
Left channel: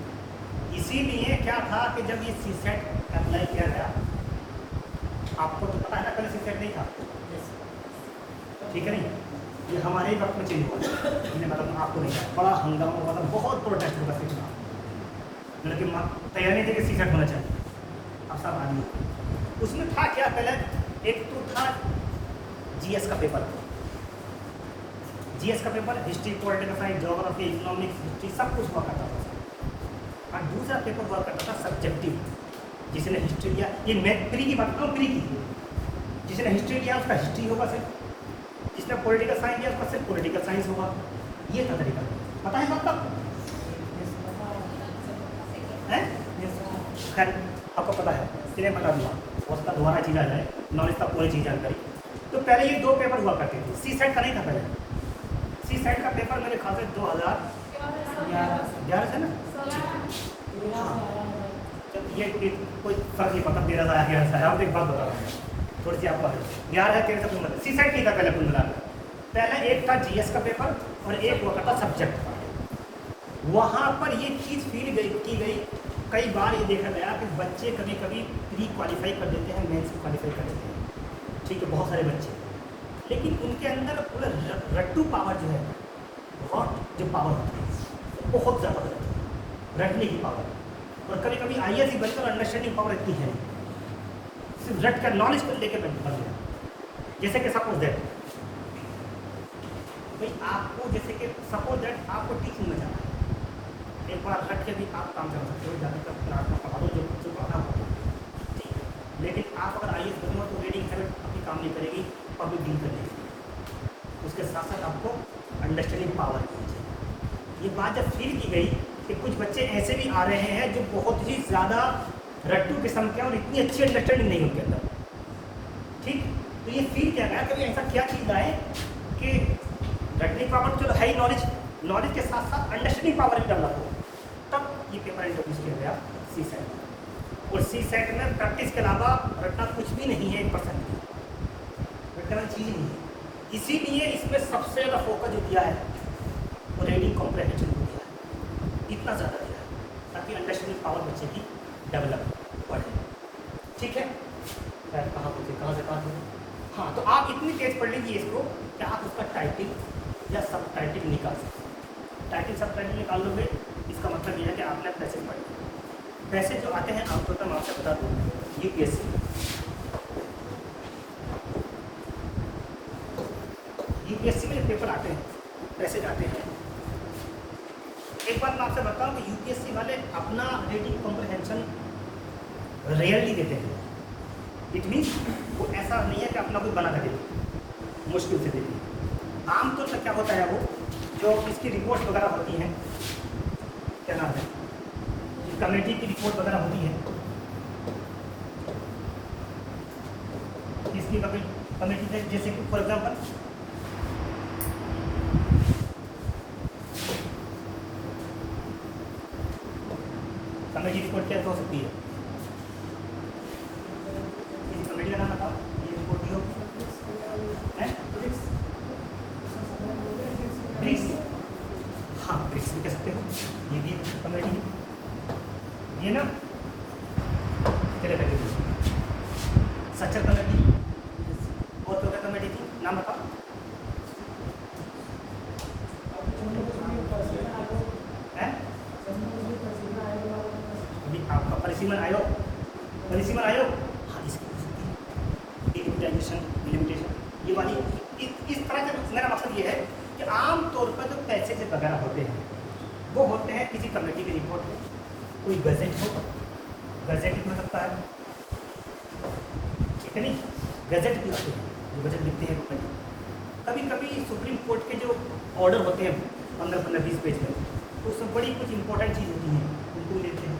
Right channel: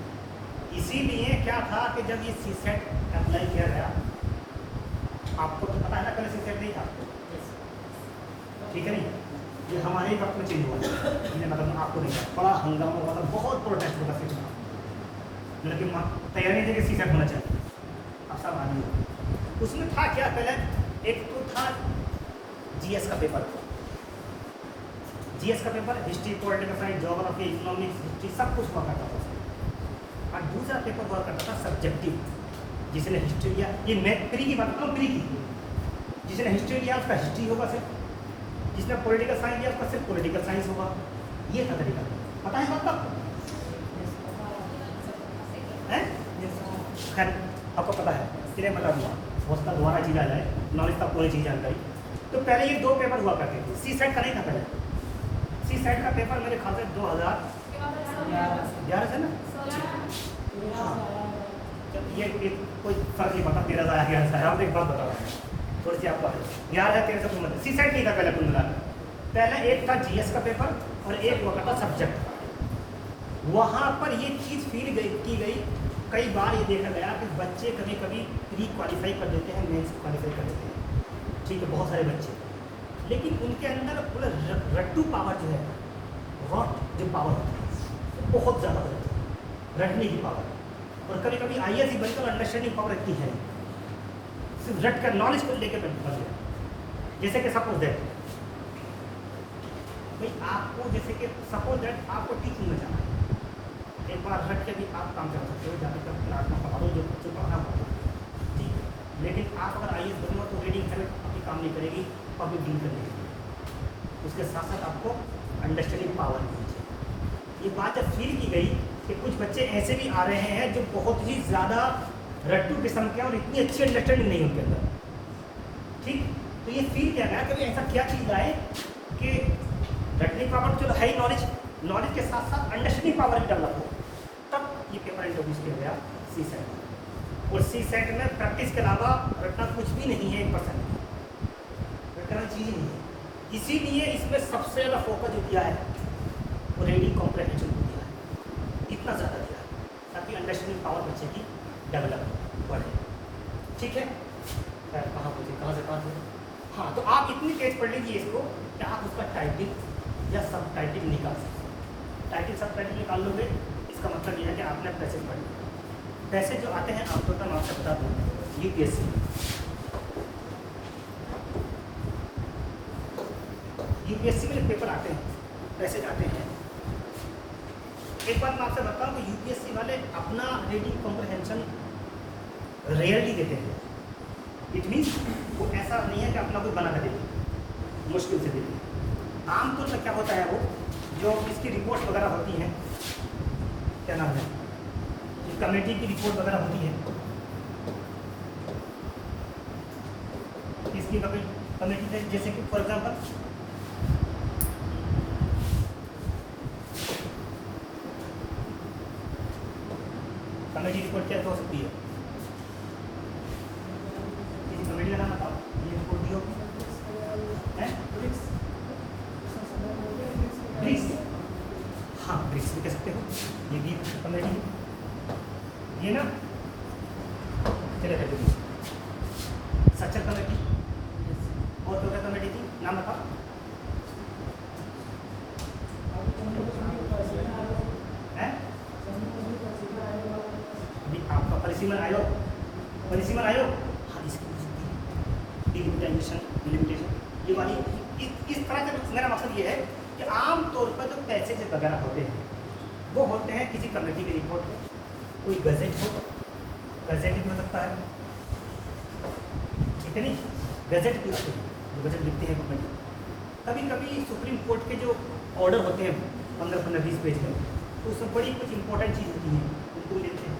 इसीलिए क्या था कि जब ये सी सेट अप्लाई किया गया, आपको तो पता है ना, कल सी सेट नहीं था, ठीक है नहीं, ये हमारे वक्त में चेंज हुआ, मतलब आपको नहीं था, बड़ा हंगामा, मतलब बहुत प्रोटेस्ट होता था, लेकिन तैयारी थी कि सी सेट होना चाहिए, अब सब आदमी। उसमें था क्या, पहले एक तो था जीएस का पेपर, जीएस का paper, history, political science, geography, economics, history, सब कुछ हुआ करता था। और दूसरा पेपर हुआ करता था सब्जेक्टिव, जिसने हिस्ट्री किया, ये मैथ प्री की बात कम, प्री की, जिसने हिस्ट्री किया उसका हिस्ट्री होगा सिर्फ, जिसने पॉलिटिकल साइंस किया उसका सिर्फ पॉलिटिकल साइंस होगा। ये था तरीका, पता है मतलब है? खैर आपको पता है, इसलिए बता दूँगा, हो सकता दोबारा चीज़ आ जाए, नॉलेज तक पूरी चीज़ जानकारी। तो पहले ये दो पेपर हुआ करते थे, सी सेट का नहीं था पहले। सी सेट का पेपर मेरे ख्याल से 2011 से ना, हाँ, ये कोई फर्क नहीं पड़ता, 13,000 से। आप एक बात बता रहा हूँ थोड़ी सी आपको, 11 13 से मतलब सी सेट नहीं था पहले, कुल मिलाकर पहले एक था जीएस का पेपर और एक हुआ करता सब्जेक्ट का। वहाँ पर ये चीज़ फील की गई, कई बार ये देखा गया कि बच्चे कभी कभी प्री क्वालिफाई कर देते हैं, मेंस क्वालिफाई कर देते हैं, ठीक है, बहुत सारे बच्चे, लेकिन उनके अंदर पूरा रट्टू पावर जो है, वह जो पावर होती है बहुत ज़्यादा रहती है, रटने की पावर। और कभी कभी आईएएस ही बनकर अंडरस्टैंडिंग पावर रखती है। सिर्फ रट कर नॉलेज को लेकर बन गया। जैसे कि सपोज दैट भाई आपको, जैसे कि सपोज दैट आपको टीचिंग में जाना है, एक बार रट के भी आप काम कर सकते हो, ज़्यादातर क्लास में पढ़ा दो जो बच्चों को आराम पड़ा, ठीक है। लेकिन आप अगर IAS बनना तो रीडिंग हैबिट आपकी काम नहीं करेगी, पब्लिक डील करने की। उसके साथ साथ आपको अंडरस्टैंडिंग पावर होनी चाहिए। ये बात जब फील की गई कि कुछ बच्चे ऐसे भी आ रहे हैं जो बहुत ही ज़्यादा रट्टू किस्म के और इतनी अच्छी अंडरस्टैंडिंग नहीं उनके अंदर, ठीक, तो ये फील किया गया कि ऐसा क्या चीज़ है कि रटनी पावर जो है, नॉलेज के साथ साथ अंडरस्टैंडिंग पावर भी डेवलप हो। तब ये पेपर इंट्रोड्यूस किया गया CSET। और CSET में प्रैक्टिस के अलावा रटना कुछ भी नहीं है, 1% रटना चीज़ नहीं है। इसीलिए इसमें सबसे ज़्यादा फोकस जो किया है वो रीडिंग कॉम्प्रिहेंशन को दिया है, इतना ज़्यादा किया है ताकि अंडरस्टैंडिंग पावर बच्चे की डेवलप बढ़े, ठीक है। कहाँ पूछे, कहाँ से कहाँ पूछे? हाँ, तो आप इतनी तेज पढ़ लीजिए इसको कि आप उसका टाइटिल या सब टाइटिल निकाल सकते हैं। टाइटिल सब टाइटिल निकाल लोगे, इसका मतलब यह है कि आपने पैसेज पढ़े। पैसेज जो आते हैं आपको तो मैं आपसे बता दूँ, UPSC में जो पेपर आते हैं, पैसेज आते हैं, एक बात मैं आपसे बताऊँ तो UPSC वाले अपना रीडिंग कॉम्प्रिहेंशन रेयरली देते हैं। इट मीन्स वो ऐसा नहीं है कि अपना कोई बना कर देते, मुश्किल से देते। आमतौर पर क्या होता है, वो जो इसकी रिपोर्ट वगैरह होती हैं, क्या नाम है, कमेटी की रिपोर्ट वगैरह होती है, इसकी कमेटी जैसे कि फॉर एग्जाम्पल कमेटी रिपोर्ट क्या हो सकती है, कमेटी का नाम बताओ, ये रिपोर्ट दी होगी, हाँ ब्रिक्स भी कह सकते हो, ये भी कमेटी, ये ना चले करके सच्चर कमेटी और तो कमेटी की नाम बताओ, है आपका परिसीमन आयोग, हाँ लिमिटेशन, ये वाली इस तरह का मेरा मकसद ये है कि आमतौर पर जो पैसेज वगैरह होते हैं वो होते हैं किसी कमेटी की रिपोर्ट में, कोई गजेट हो, गजेट भी हो सकता है, ठीक है नहीं, गजेट भी होते हैं जो गजेट लिखते हैं गवर्नमेंट। कभी कभी सुप्रीम कोर्ट के जो ऑर्डर होते हैं 15-20 पेज में, तो उसमें बड़ी कुछ इंपॉर्टेंट चीज़ होती हैं, उनको भी देखते हैं,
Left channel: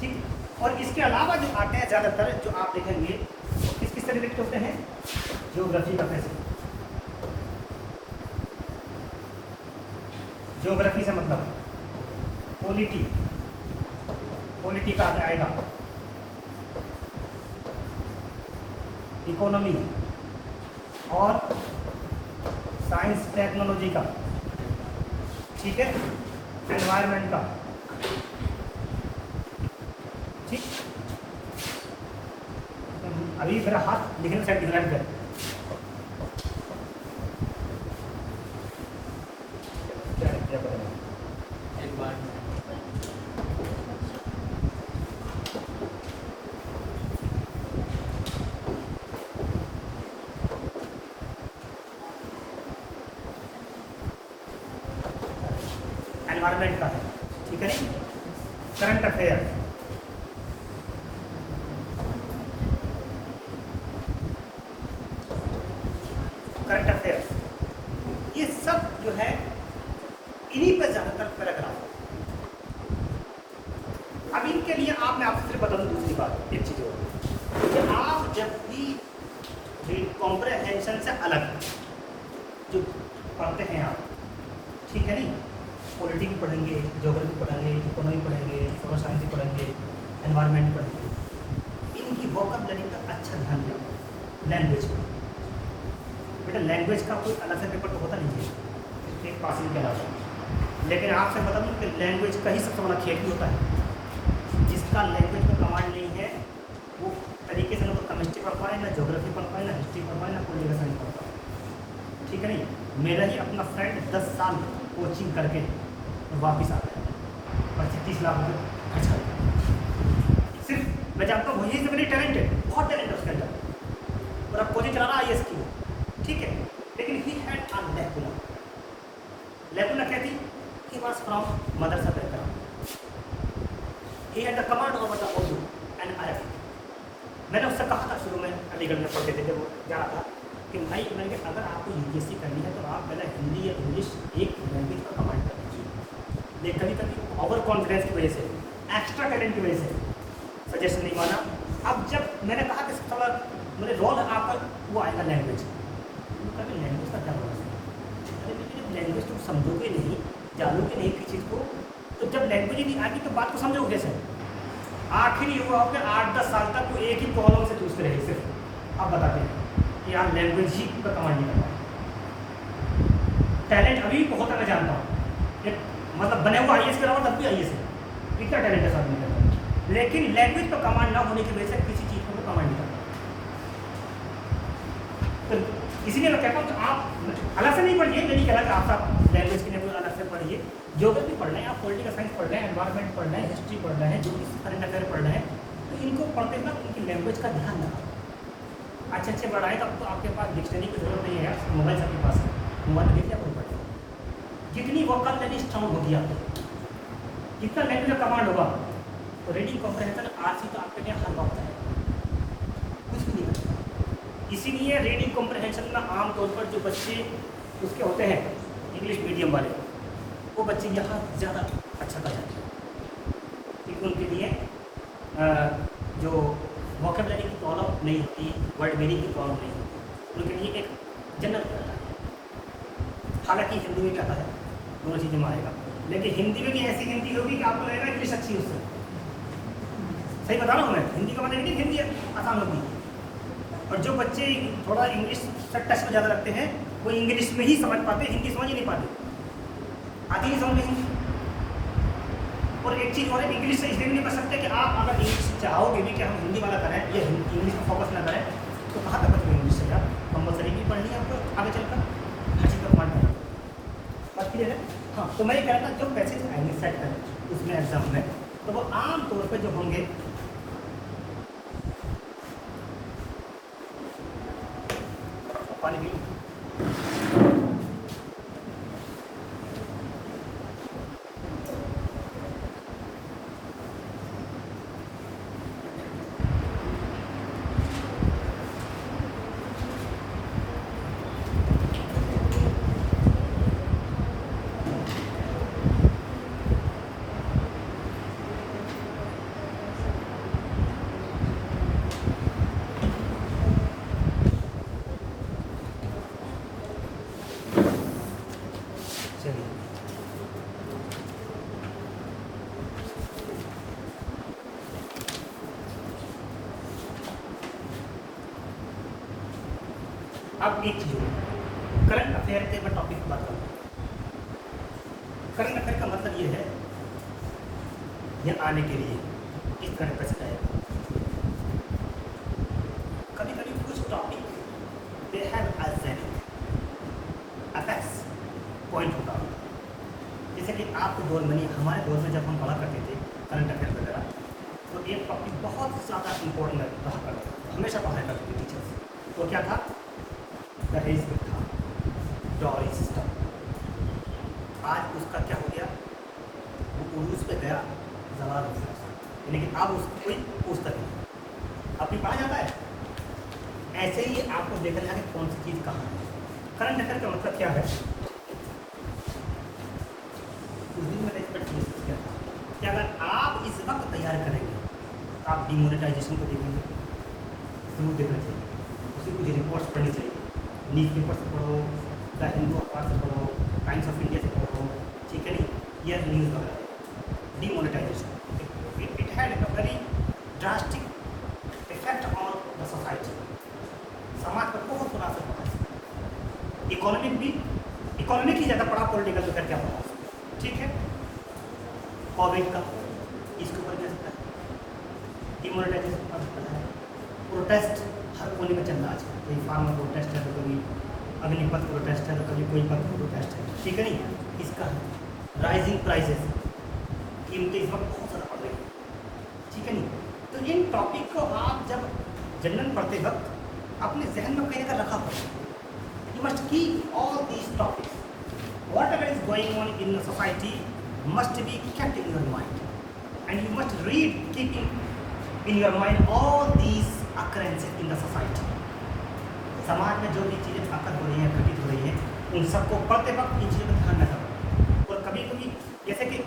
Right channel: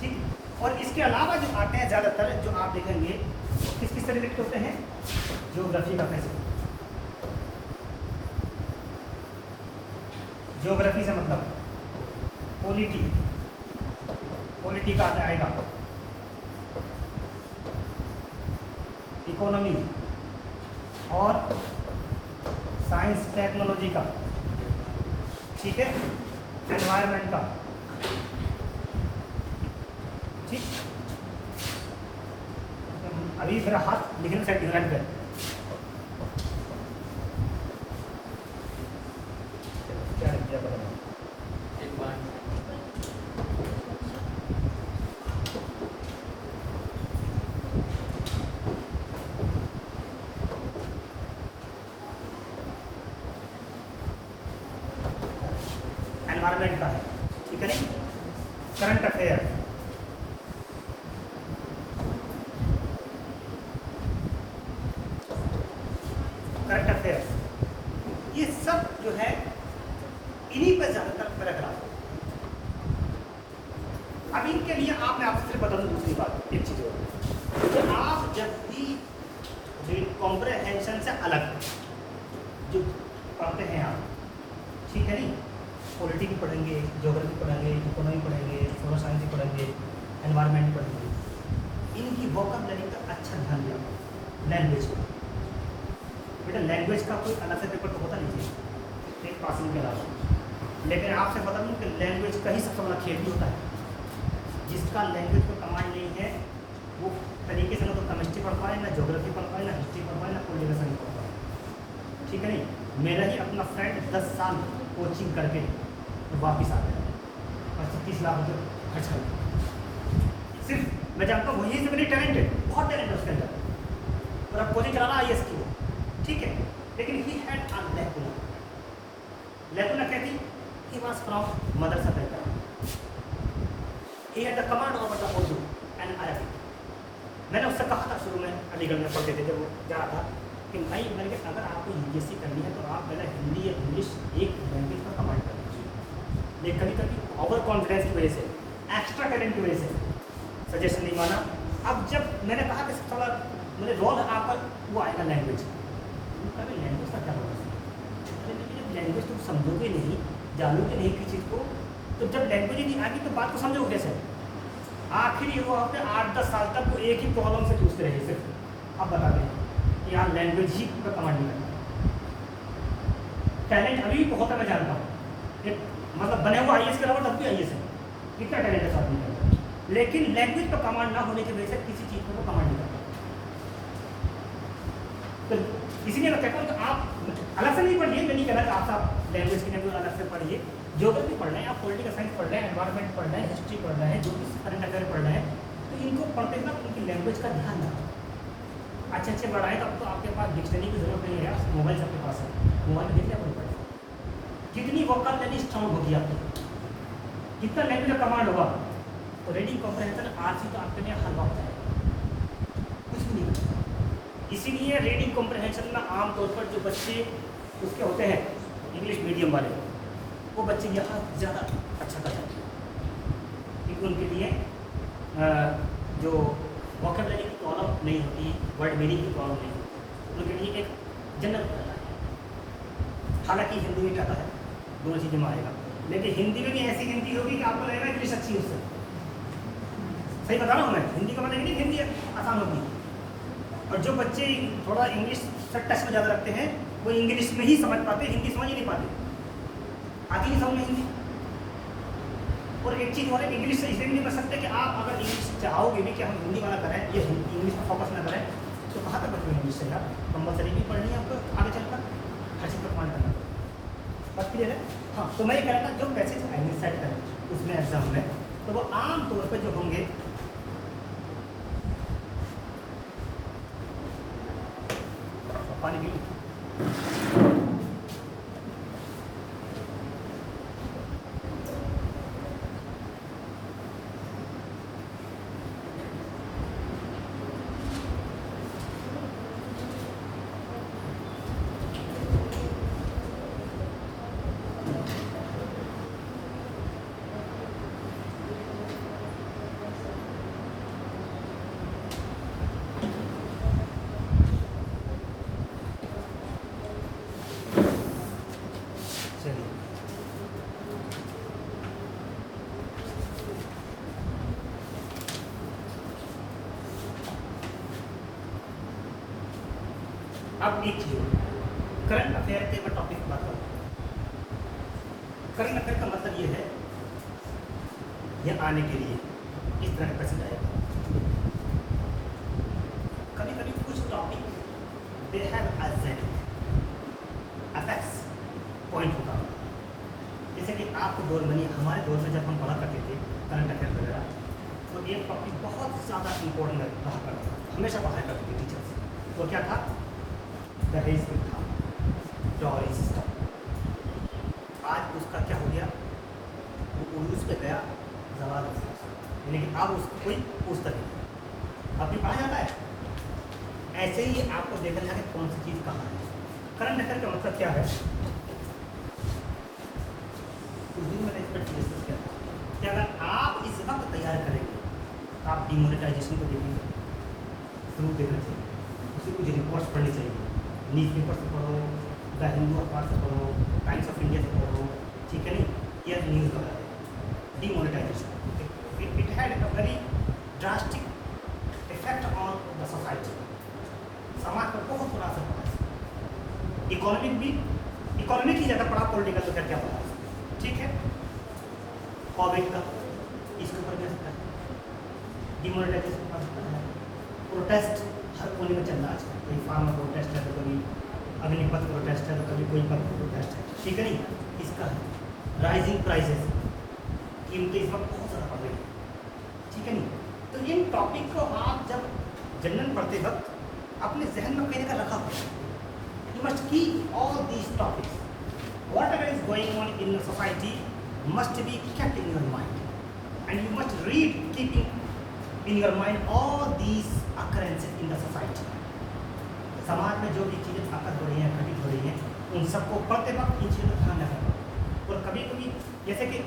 ठीक। और इसके अलावा जो आते हैं ज़्यादातर जो आप देखेंगे किस से रिलेटेड होते हैं, ज्योग्राफी का पैसेज, ज्योग्राफी से मतलब पॉलिटी का आएगा, इकोनॉमी और साइंस टेक्नोलॉजी का, ठीक है, एनवायरनमेंट का, ठीक। अभी मेरा हाथ लिखने साइड डिजाइन कर, क्या एक बार एनवायरनमेंट का है, ठीक है, करंट अफेयर, ये सब जो है इन्हीं पर ज़्यादातर पैराग्राफ। अब इनके लिए मैं आपसे सिर्फ बता दूँ दूसरी बात, एक चीज़ और कि आप जब भी कॉम्प्रिहेंशन से अलग जो पढ़ते हैं आप, ठीक है नहीं, पॉलिटी भी पढ़ेंगे, ज्योग्राफी पढ़ेंगे, इकोनॉमी पढ़ेंगे, सोशल साइंस पढ़ेंगे, एनवायरनमेंट पढ़ेंगे, इनकी वोकैबुलरी पर अच्छा ध्यान दें। लैंग्वेज बेटा, लैंग्वेज का कोई अलग से पेपर तो होता नहीं है एक पासिंग के अलावा, लेकिन आपसे बता दूँ कि लैंग्वेज का ही सबसे बड़ा खेल भी होता है। जिसका लैंग्वेज में कमांड नहीं है वो तरीके से ना तो केमिस्ट्री पढ़ पाए, ना ज्योग्राफी पढ़ पाए, ना हिस्ट्री पढ़ पाए, ना पॉलिटिकल नहीं पढ़ पाए, ठीक है नहीं। मेरा ही अपना फ्रेंड 10 साल कोचिंग करके वापस आ गया और 30 लाख रुपये खर्च कर सिर्फ मैं जानता हूँ वही वेरी टैलेंटेड, बहुत टैलेंट है उसके अंदर, और अब कोचिंग चला रहा IAS की वो, ठीक है। लेकिन he had a lacuna. Lacuna क्या थी? He was from Madrasa background, he had the command of the Urdu and Arabic. मैंने उससे कहा था शुरू में, अलीगढ़ में पढ़ते थे जब वो जा रहा था, कि भाई मैंने अगर आपको UPSC करनी है तो आप पहले हिंदी या इंग्लिश एक लैंग्वेज का कमांड कर लीजिए। ये कभी कभी ओवर कॉन्फिडेंस की वजह से, एक्स्ट्रा टैलेंट की वजह से सजेशन नहीं माना। अब जब मैंने कहा कि थोड़ा मेरे रोल आकर वो आएगा लैंग्वेज, कभी लैंग्वेज का क्या होगा? अरे लेकिन लैंग्वेज तुम समझोगे नहीं, जानोगे नहीं किसी चीज़ को, तो जब लैंग्वेज ही नहीं आएगी तो बात को समझोगे कैसे? आखिर ये हुआ अपने 8-10 साल तक वो एक ही प्रॉब्लम से पूछते रहे सिर्फ। अब बता दें कि यार लैंग्वेज ही का कमांड नहीं करना। टैलेंट अभी भी बहुत है, मैं जानता हूँ, मतलब बने हुआ IAS के अलावा तब भी IAS है, कितना टैलेंट है साथ में, लेकिन लैंग्वेज पर कमांड ना होने की वजह से किसी चीज़ को कमांड नहीं करता। तो इसीलिए मैं कहता हूँ तो आप अलग से नहीं पढ़िए, नहीं कहना कि आप लैंग्वेज के लिए अलग से पढ़िए, ज्योग्राफी पढ़ना है, आप पॉलिटिकल साइंस पढ़ना है, एनवायरमेंट पढ़ना है, हिस्ट्री पढ़ना है, जो भी करंट अफेयर पढ़ना है, तो इनको पढ़ते वक्त उनकी लैंग्वेज का ध्यान रखा। अच्छे बढ़ाए तो आपको आपके पास डिक्शनरी की जरूरत नहीं है यार, मोबाइल सबके पास है, मोबाइल देखिए आपको पढ़ेगा। जितनी वोकैबुलरी स्ट्रांग होगी आपकी, जितना लैंग्वेज का कमांड होगा, तो रीडिंग कॉम्प्रिहेंशन आज तो आपके लिए हल वक्त है, कुछ भी नहीं होता। इसीलिए रीडिंग कॉम्प्रिहेंशन में आमतौर पर जो बच्चे उसके होते हैं इंग्लिश मीडियम वाले, वो बच्चे यहाँ ज़्यादा अच्छा कर जाते हैं, क्योंकि उनके लिए जो वोकैबुलरी की प्रॉब्लम नहीं होती, वर्ड मीनिंग की प्रॉब्लम नहीं होती, उनके लिए एक जनरल है। हालांकि हिंदी में क्या है, दोनों चीज़ें में आएगा, लेकिन हिंदी में भी ऐसी हिंदी होगी कि आपको लगेगा इंग्लिश अच्छी उससे। सही बता रहा हूँ मैं, हिंदी का मतलब नहीं हिंदी आसान होगी। और जो बच्चे थोड़ा इंग्लिश से टच में ज़्यादा रखते हैं, वो इंग्लिश में ही समझ पाते, हिंदी समझ ही नहीं पाते, आती नहीं समझ में। और एक चीज़ और है, इंग्लिश से इसलिए नहीं कर सकते कि आप अगर इंग्लिश चाहोगे भी कि हम हिंदी वाला करें, ये इंग्लिश पर फोकस ना करें, तो कहाँ तक बचेगा इंग्लिश से? यार कंपलसरी भी पढ़नी है आपको आगे चलकर, हर चीज़ का कमांड करना। बस क्लियर है? हाँ, तो मैं ये कह रहा था जो पैसेज आएंगे सेट करें उसमें एग्जाम में, तो वो आम तौर पर जो होंगे पानी अब एक चीज़ करंट अफेयर के मैं टॉपिक की बात करता हूँ। करंट अफेयर का मतलब ये है, ये आने के लिए किस तरह कैसे आएगा। कभी कभी कुछ topic they have attacks point होता है, जैसे कि आपके दौर में, हमारे दौर में जब हम पढ़ा करते थे करंट अफेयर वगैरह, तो एक टॉपिक बहुत ज़्यादा इम्पोर्टेंट रहा करता था, हमेशा पढ़ाया करते थे टीचर्स। तो क्या था? दहेज प्रथा, डॉरी सिस्टम। आज उसका क्या हो गया, वो उर्दू पे गया जवाब, लेकिन अब उसको कोई पूछता नहीं, अभी पढ़ा जाता है। ऐसे ही आपको देखना है कौन सी चीज़ कहाँ है। करंट अफेयर का मतलब क्या है कि अगर आप इस वक्त तैयार करेंगे, आप डिमोनेटाइजेशन को देखोगे, जरूर देखना चाहिए, उसी कुछ रिपोर्ट्स पढ़नी चाहिए, न्यूज़ पेपर से पढ़ो, द हिंदू अखबार से पढ़ो, टाइम्स ऑफ इंडिया से पढ़ो, ठीक है नहीं, यह न्यूज़ बता है demonetisation. It had a very drastic effect on the society, समाज पर बहुत बुरा असर पड़ा। इकोनॉमिक ही ज़्यादा पड़ा, पॉलिटिकल तो क्या पड़ा, ठीक है। कोविड का इसके ऊपर जा सकता है, डिमोनेटाइजेशन पड़ सकता है, प्रोटेस्ट हर कोने में चल रहा है आजकल, कोई फार्म में प्रोटेस्ट है, तो कोई अग्निपथ प्रोटेस्ट है, तो कभी कोई पथ प्रोटेस्ट है, ठीक है नहीं। इसका राइजिंग प्राइसेस, कीमतें इस वक्त बहुत ज़्यादा बढ़ रही है, ठीक है नहीं। तो इन टॉपिक को आप जब जनरल पढ़ते वक्त अपने जहन में कहीं अगर रखा हो, you must keep all these topics, whatever is going on in society must be kept in your mind and you must read keeping in your mind all these occurrences in the society. समाज में जो भी चीज़ें ताकत हो रही हैं, घटित हो रही हैं, उन सबको पढ़ते वक्त इन चीज़ों का ध्यान रखा। और कभी कभी जैसे कि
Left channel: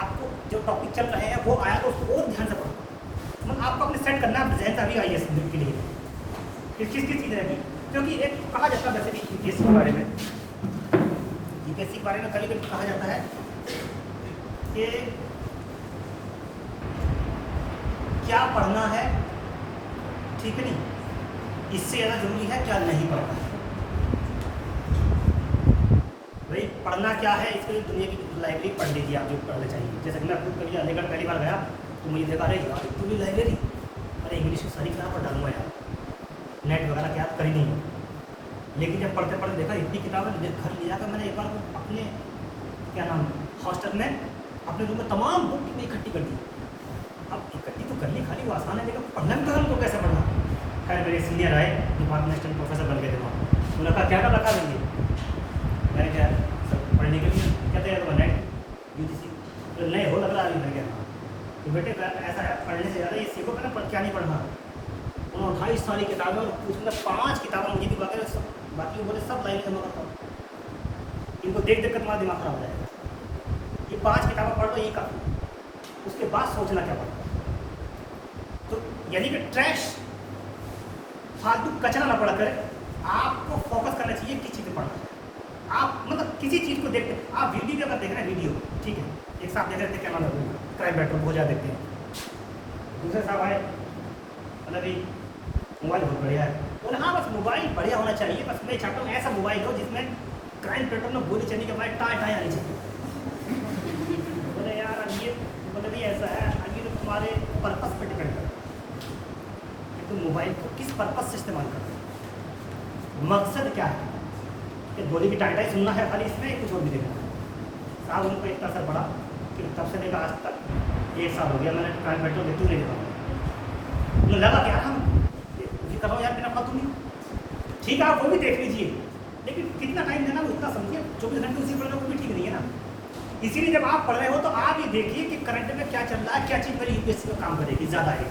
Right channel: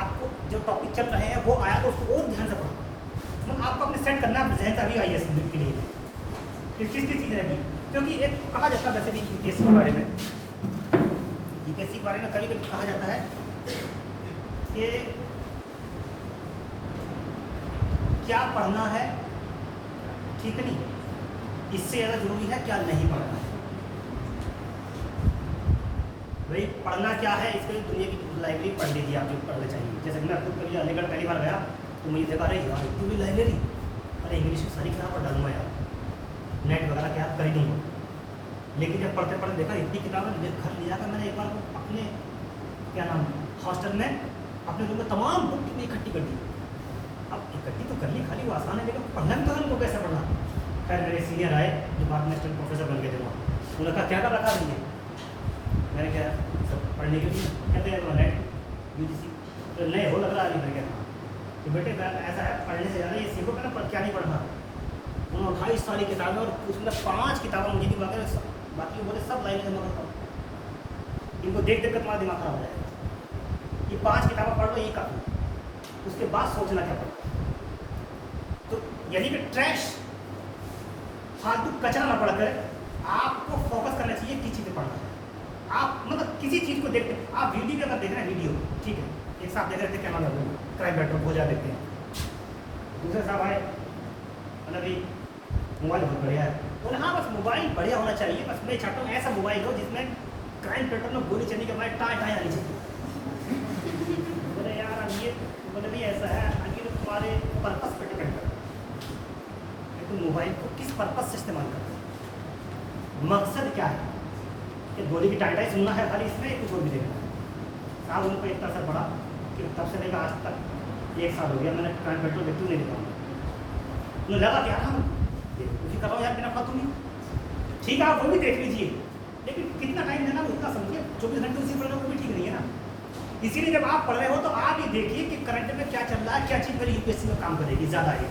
आपको जो टॉपिक चल रहे हैं वो आया तो उसको और ध्यान से पढ़ो, मतलब आपको अपने सेट करना है जहन अभी आई है के लिए किस चीज़ रहेगी। क्योंकि एक कहा जाता है वैसे भी यूपीएससी के बारे में, यूपीएससी के बारे में कभी कभी कहा जाता है कि क्या पढ़ना है, ठीक है नहीं, इससे ज़्यादा जरूरी है क्या नहीं पढ़ना है। भाई पढ़ना क्या है, इसके लिए दुनिया की लाइब्रेरी पढ़ लीजिए, आप जो पढ़ना चाहिए। जैसे मैं खुद कभी अलीगढ़ पहली बार गया तो मुझे देखा रही यार तू भी लाइब्रेरी, अरे इंग्लिश की सारी किताब पढ़ डालूंगा यार, नेट वगैरह क्या कर ही नहीं हो। लेकिन जब पढ़ते पढ़ते देखा इतनी किताबें घर लिया था मैंने, एक बार अपने क्या नाम हॉस्टल में अपने रूम में तमाम बुक इकट्ठी कर दी। अब इकट्ठी तो करनी खाली वो आसान है, लेकिन पढ़ना भी तो कैसे पढ़ना। खैर मेरे सीनियर आए, डिपार्टमेंटल प्रोफेसर बन गए थे वहाँ, उन्होंने कहा क्या कर रखा देंगे, मैंने क्या सब पढ़ने के लिए कहते हैं नेट यूजीसी तो नए हो लग रहा है। मैंने क्या तो बेटे ऐसा है पढ़ने से ज़्यादा ये सीखो क्या क्या नहीं पढ़ना। उन्होंने 28 सारी किताबें और उसमें 5 किताबें मुझे दिखा के बाकी बोले सब लाइन जमा करता हूँ, इनको देख देख कर तुम्हारा दिमाग खराब हो जाएगा। ये 5 किताबें पढ़ लो ये काफ़ी, उसके बाद सोचना क्या पड़ता। तो यानी कि ट्रैश फालतू कचरा ना पड़ा करे, आपको फोकस करना चाहिए किस चीज़ पर पढ़ना है। आप मतलब किसी चीज़ को देखते आप वीडियो अगर देख रहे हैं वीडियो ठीक है, एक साहब जैसे देखते क्या नाम है क्राइम पेट्रोल बहुत ज़्यादा देखते हैं, दूसरे साहब आए मतलब कि मोबाइल बहुत बढ़िया है, तो हाँ बस मोबाइल बढ़िया होना चाहिए, बस मैं चाहता हूँ ऐसा मोबाइल हो जिसमें क्राइम पेट्रोल में गोली चलने के बाद टाँ टाँ आनी चाहिए। बोले यार ये मतलब ये ऐसा है आगे तो तुम्हारे पर्पस पर डिपेंड करता है, तो मोबाइल को किस पर्पस से इस्तेमाल करते हैं, मकसद क्या है, कि गोली की टाइटाई सुनना है खाली इसमें कुछ और भी देखना है। साहब उनको एक असर पड़ा कि तब से लेकर आज तक 1 साल हो गया मैंने क्राइम पेट्रोल देखते हुए नहीं देखा। मुझे लगा कि हम कर रहा हूँ यार बिना फालतू में, ठीक है आप वो भी देख लीजिए, लेकिन कितना टाइम देना उतना समझिए, 24 घंटे उसी पढ़ना वो भी ठीक नहीं है ना। इसीलिए जब आप पढ़ रहे हो तो आप ये देखिए कि करंट में क्या चल रहा है, क्या चीज़ मेरी यूपीएससी में काम करेगी ज़्यादा है,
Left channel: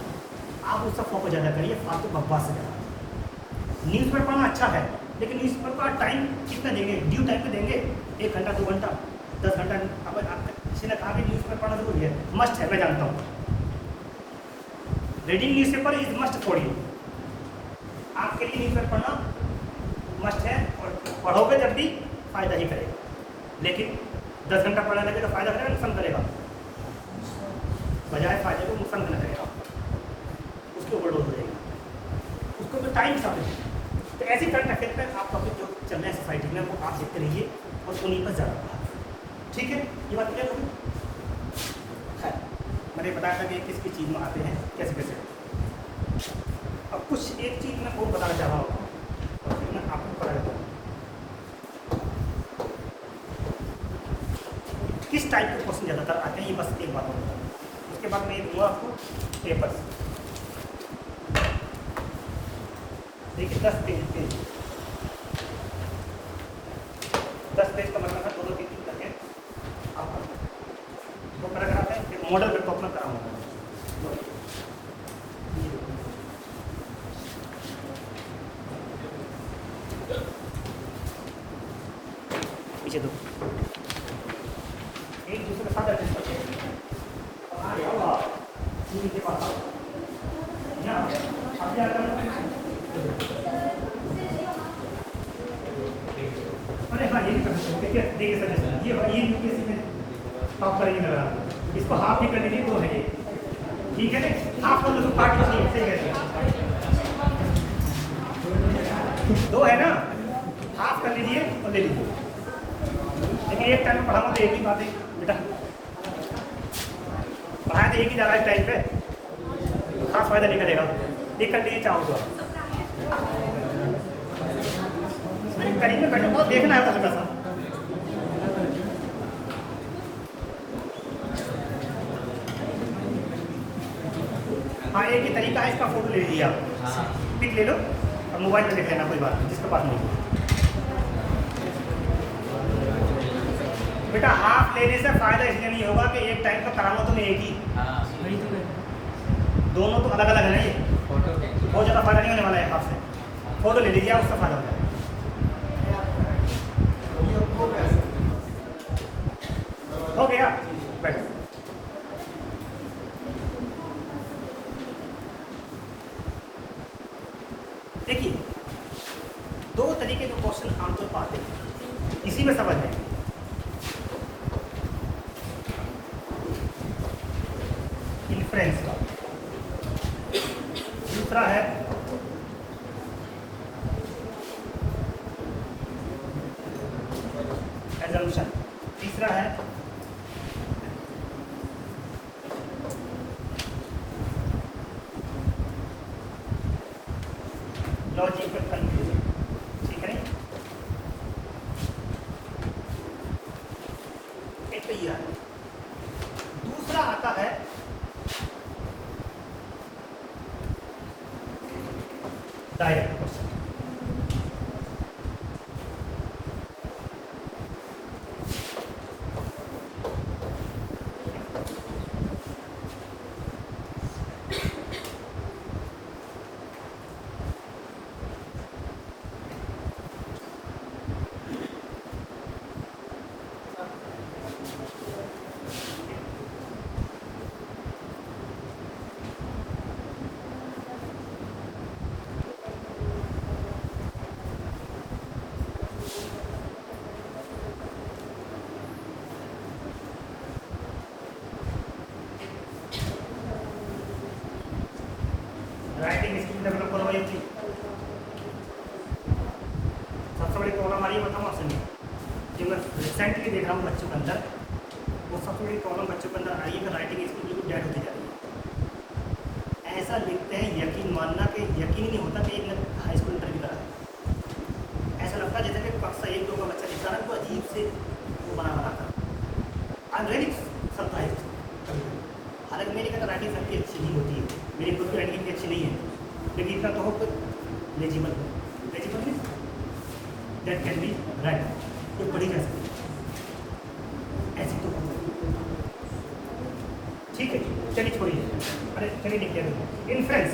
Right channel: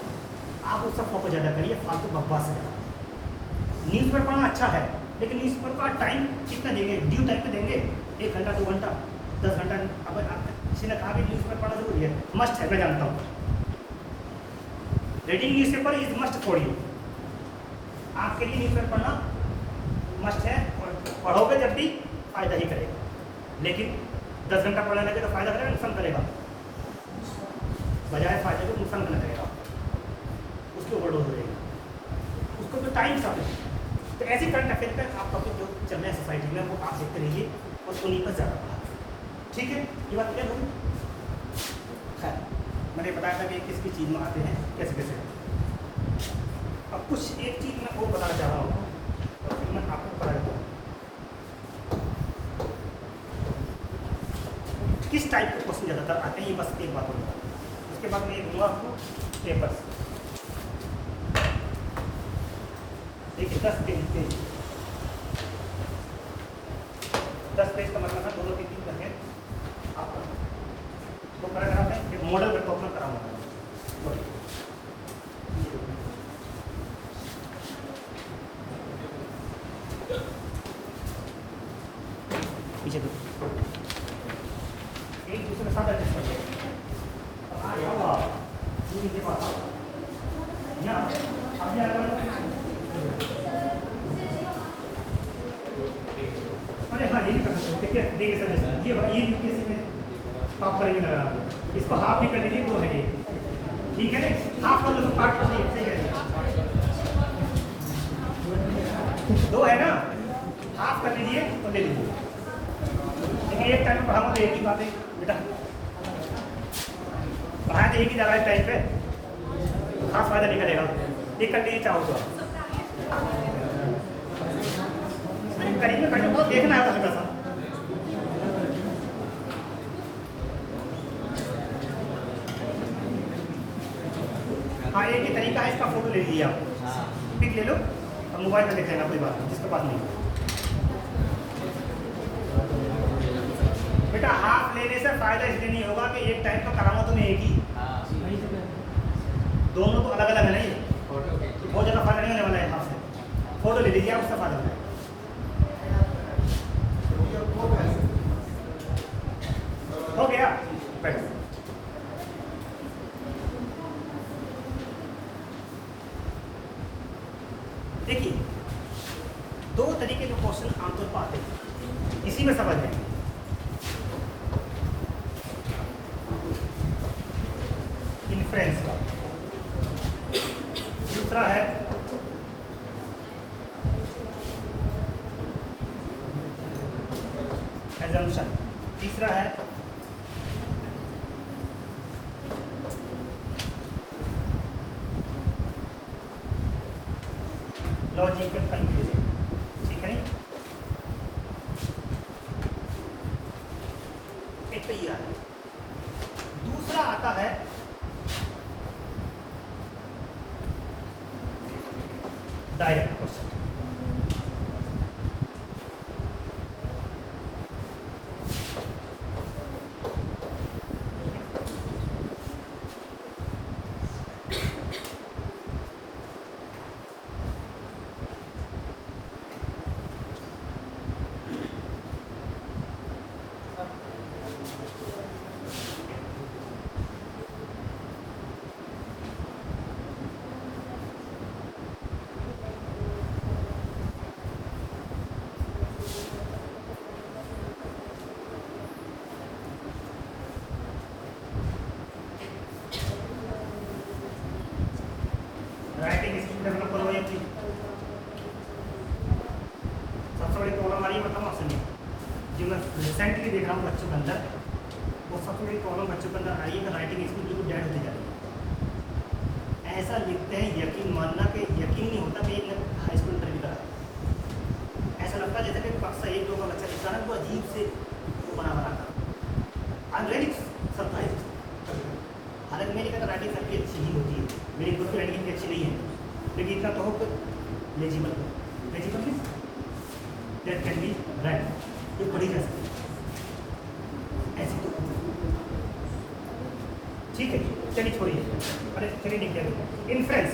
आप उस सब फोकस ज़्यादा करिए, फालतू बकवास से न्यूज़ पेपर पढ़ना अच्छा है, लेकिन न्यूज़ पेपर का टाइम कितना देंगे, ड्यू टाइम पे देंगे, 1 घंटा 2 घंटा 10 घंटा। अब किसी ने कहा कि न्यूज़ पेपर पढ़ना जरूरी है, मस्ट है, मैं जानता हूँ, reading news paper is must for you, आपके लिए न्यूज़ पेपर पढ़ना मस्ट है, और पढ़ोगे जब भी फायदा ही करेगा, लेकिन 10 घंटा पढ़ा लेंगे तो फायदा करेगा नुकसान करेगा, बजाय फायदे को नुकसान करना करेगा, उसको ओवरडोज हो जाएगा, उसको तो टाइम सब है। तो ऐसे करंट अफेयर पर आप टॉपिक जो चल रहे हैं सोसाइटी में वो आप देखते रहिए और उन्हीं पर ज़्यादा, ठीक है, ये बात क्या बोलूँ। खैर मैंने बताया था कि किस किस चीज़ में आते हैं कैसे कैसे। अब कुछ एक चीज़ मैं और बताना चाह रहा हूँ और फिर मैं आपको बता देता हूँ किस टाइप के क्वेश्चन ज़्यादातर आते हैं, ये बस एक बात और बता दूँ, उसके बाद मैं दूँगा आपको पेपर्स। देखिए 10 पेज का मतलब है दोनों पेज करके आप वो कराते हैं, एक मॉडल डेवलपमेंट कराऊंगा। पीछे दो एक दूसरे के साथ एडजस्ट करते हैं, इसको हाफ ही कर लीजिए तो है ये, ठीक है, हाफ कर लो, काट लो, सही है, 2 है ना, हाफ कर लीजिए तो ले लीजिए। लेकिन एक टाइम पढ़ाऊंगा तो एक ही बात है बेटा, पढ़ाया तो एक ही जगह टाइम पे, खास फायदा नहीं करेगा, देख कर लीजिए चाहो तो करेंगे, बहुत देखना है थोड़ा सा। इसका फोटो ले लीजिए आप, पिक ले लो और मोबाइल में देख लेना, कोई बात नहीं जिसके पास नहीं है। बेटा हाफ लेने से फायदा इसलिए नहीं होगा कि एक टाइम पर करामा तो एक ही, दोनों तो अलग अलग है ना, ये बहुत ज़्यादा फायदा नहीं होने वाला है हाफ से। फोटो ले लीजिए, उसका फायदा होता है। हो गया, बैठ। देखिए दो तरीके के क्वेश्चन आमतौर पर आते हैं, इसी में समझ लेंगे। इन्फ्रेंस का दूसरा है एजम्पशन, तीसरा है लॉजिकल कंक्लूजन। ठीक है, एक तो ये है। दूसरा आता है डायरेक्ट क्वेश्चन। राइटिंग स्किल में बोला भाई की सबसे बड़ी प्रॉब्लम आ रही है, बताऊँ आपसे मैं जो रिसेंटली देख रहा हूँ बच्चों के अंदर, वो सबसे बड़ी प्रॉब्लम बच्चों के अंदर आई है कि राइटिंग स्किल बिल्कुल डेड होती जा रही है। ऐसा लिखते हैं यकीन मानना कि यकीन नहीं होता कि एक हाई स्कूल इंटरव्यू का है। ऐसा लगता है जैसे कि पास एक दो का बच्चा लिखता है, वो अजीब से वो बना कर आई वेरी सरप्राइज। हालांकि मेरी कहता राइटिंग सबकी अच्छी ही होती है, मेरी खुद की राइटिंग अच्छी नहीं है, लेकिन इतना कहो कि legible means that can be right, ये पढ़ी जा सकती है ऐसी तो। ठीक है, चलिए छोड़िए, अरे चलिए देखिए इन्फ्रेंस।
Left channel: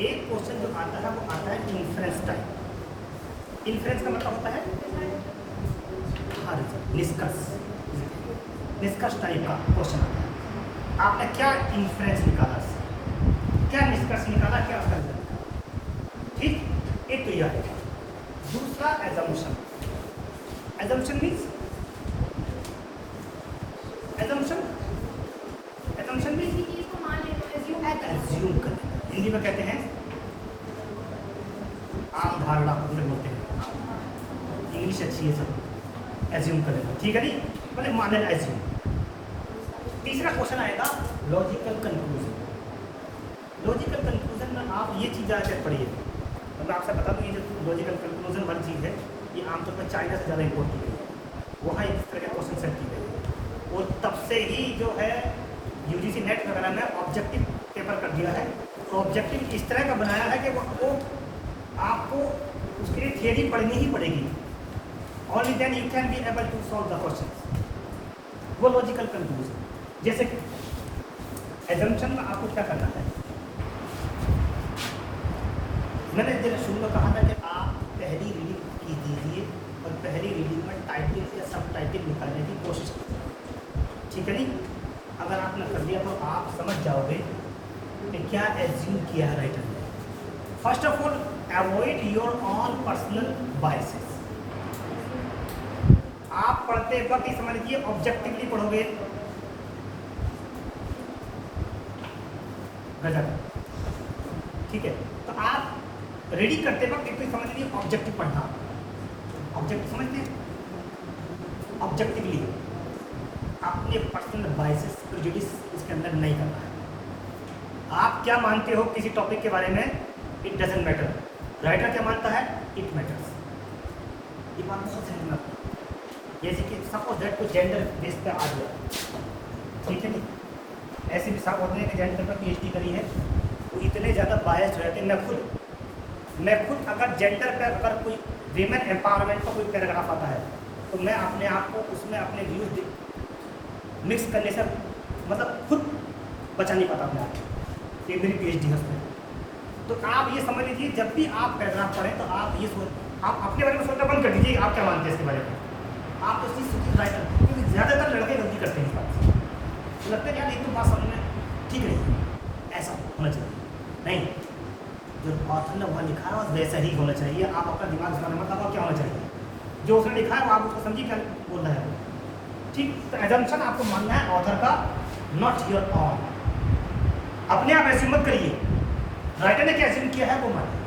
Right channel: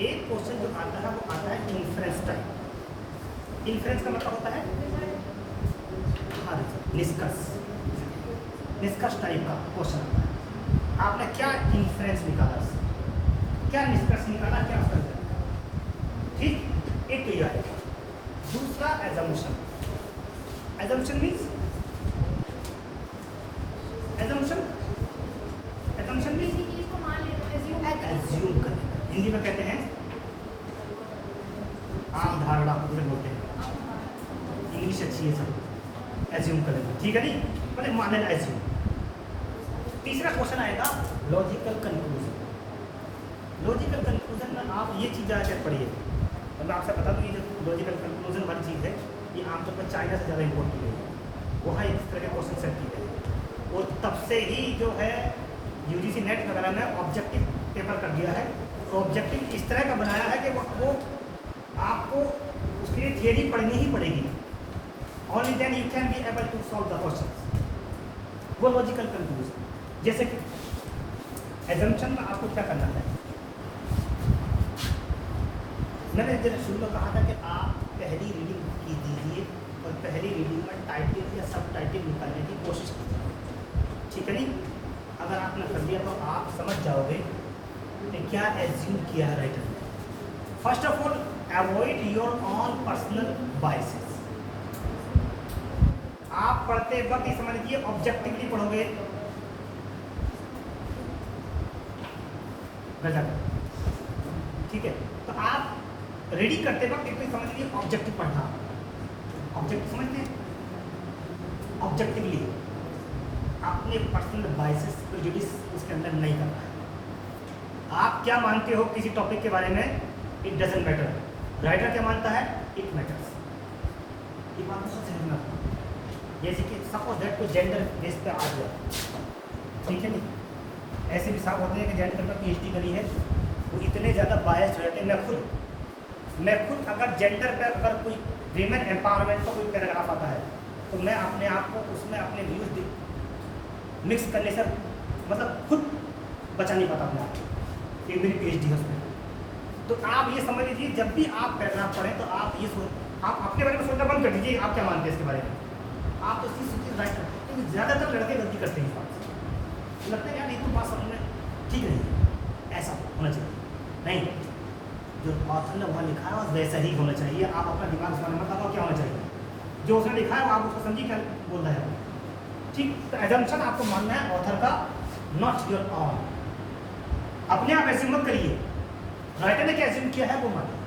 एक क्वेश्चन जो आता है वो आता है इन्फ्रेंस टाइप। इन्फ्रेंस का मतलब होता है निष्कर्ष टाइप का क्वेश्चन आता है। आपने क्या इन्फ्रेंस निकाला, क्या निष्कर्ष निकाला, क्या कर दिया। ठीक, एक तो यह है। दूसरा assumption. Assumption means assumption means assume कर, हिंदी में कहते हैं आम धारणा बोलते हैं, इंग्लिश अच्छी है सर, एज्यूम करेगा। ठीक है नहीं, मतलब माने एज्यूम। तीसरा क्वेश्चन आएगा लॉजिकल कंक्लूजन। लॉजिकल कंक्लूजन में आप ये चीज़ आकर पढ़िए, तो मैं आपसे बता दूँ ये जो लॉजिकल कंक्लूजन वाली चीज़ है ये आमतौर पर चाइना से ज़्यादा इम्पोर्ट की गई है, वहाँ इस तरह के क्वेश्चन सेट किए गए और तब से ही जो है यूजीसी नेट वगैरह में ऑब्जेक्टिव पेपर कर दिया है। ऑब्जेक्टिव इस तरह का बनाया है कि वो आपको उसके लिए थियरी पढ़नी ही पड़ेगी, only then you can be able to solve the question. वो लॉजिकल कंक्लूजन। जैसे कि एजम्पशन में आपको क्या करना है, मैंने जब शुरू में कहा था कि आप पहली रीडिंग की दीजिए और पहली रीडिंग में टाइटल या सब टाइटल निकालने की कोशिश करें। ठीक है नहीं, अगर आपने कर लिया तो आप समझ जाओगे कि क्या एज्यूम किया है राइटर ने। First of all avoid your on personal biases. आप पढ़ते वक्त ही समझ लीजिए ऑब्जेक्टिवली पढ़ोगे गजब। ठीक है, तो आप रेडी करते वक्त एक तो समझ लीजिए ऑब्जेक्टिव पढ़ना, ऑब्जेक्टिव समझते हैं, ऑब्जेक्टिवली अपने पर्सनल बायसेस प्रेजुडिस इसके अंदर नहीं करना है। आप क्या मानते हो किसी टॉपिक के बारे में, इट डजंट मैटर। राइटर क्या मानता है, इट मैटर्स। ये बात बहुत समझना, जैसे कि सपोज दैट को जेंडर बेस पे आ गया, ठीक है नहीं, ऐसे भी साफ होते हैं कि जेंडर पर PhD करी है वो इतने ज़्यादा बायस रहते हैं। मैं खुद अगर जेंडर पे अगर कोई वीमेन एम्पावरमेंट का कोई पैराग्राफ आता है तो मैं अपने आप को उसमें अपने व्यूज मिक्स करने से मतलब खुद बचा नहीं पाता अपने आप को। मेरी PhD है उसमें। तो आप ये समझ लीजिए जब भी आप पैराग्राफ पढ़ें तो आप ये आप अपने बारे में सोचना बंद कर दीजिए आप क्या मानते हैं इसके बारे में। आप उस चीज़ सोचिए राइट करते हैं, क्योंकि ज़्यादातर लड़के गलती करते हैं इस बात से। लगता है यार ये तो बात समझ में ठीक नहीं है, ऐसा होना चाहिए नहीं, जो ऑथर ने वहाँ लिखा है वैसा ही होना चाहिए। आप अपना दिमाग इस बारे में बताओ क्या होना चाहिए, जो उसने लिखा है वो आप उसको समझिए क्या बोल रहा है। ठीक, तो एजम्पशन आपको मानना है ऑथर का, नॉट योर ऑन। अपने आप एज्यूम मत करिए, राइटर ने क्या एज्यूम किया है वो मानना है।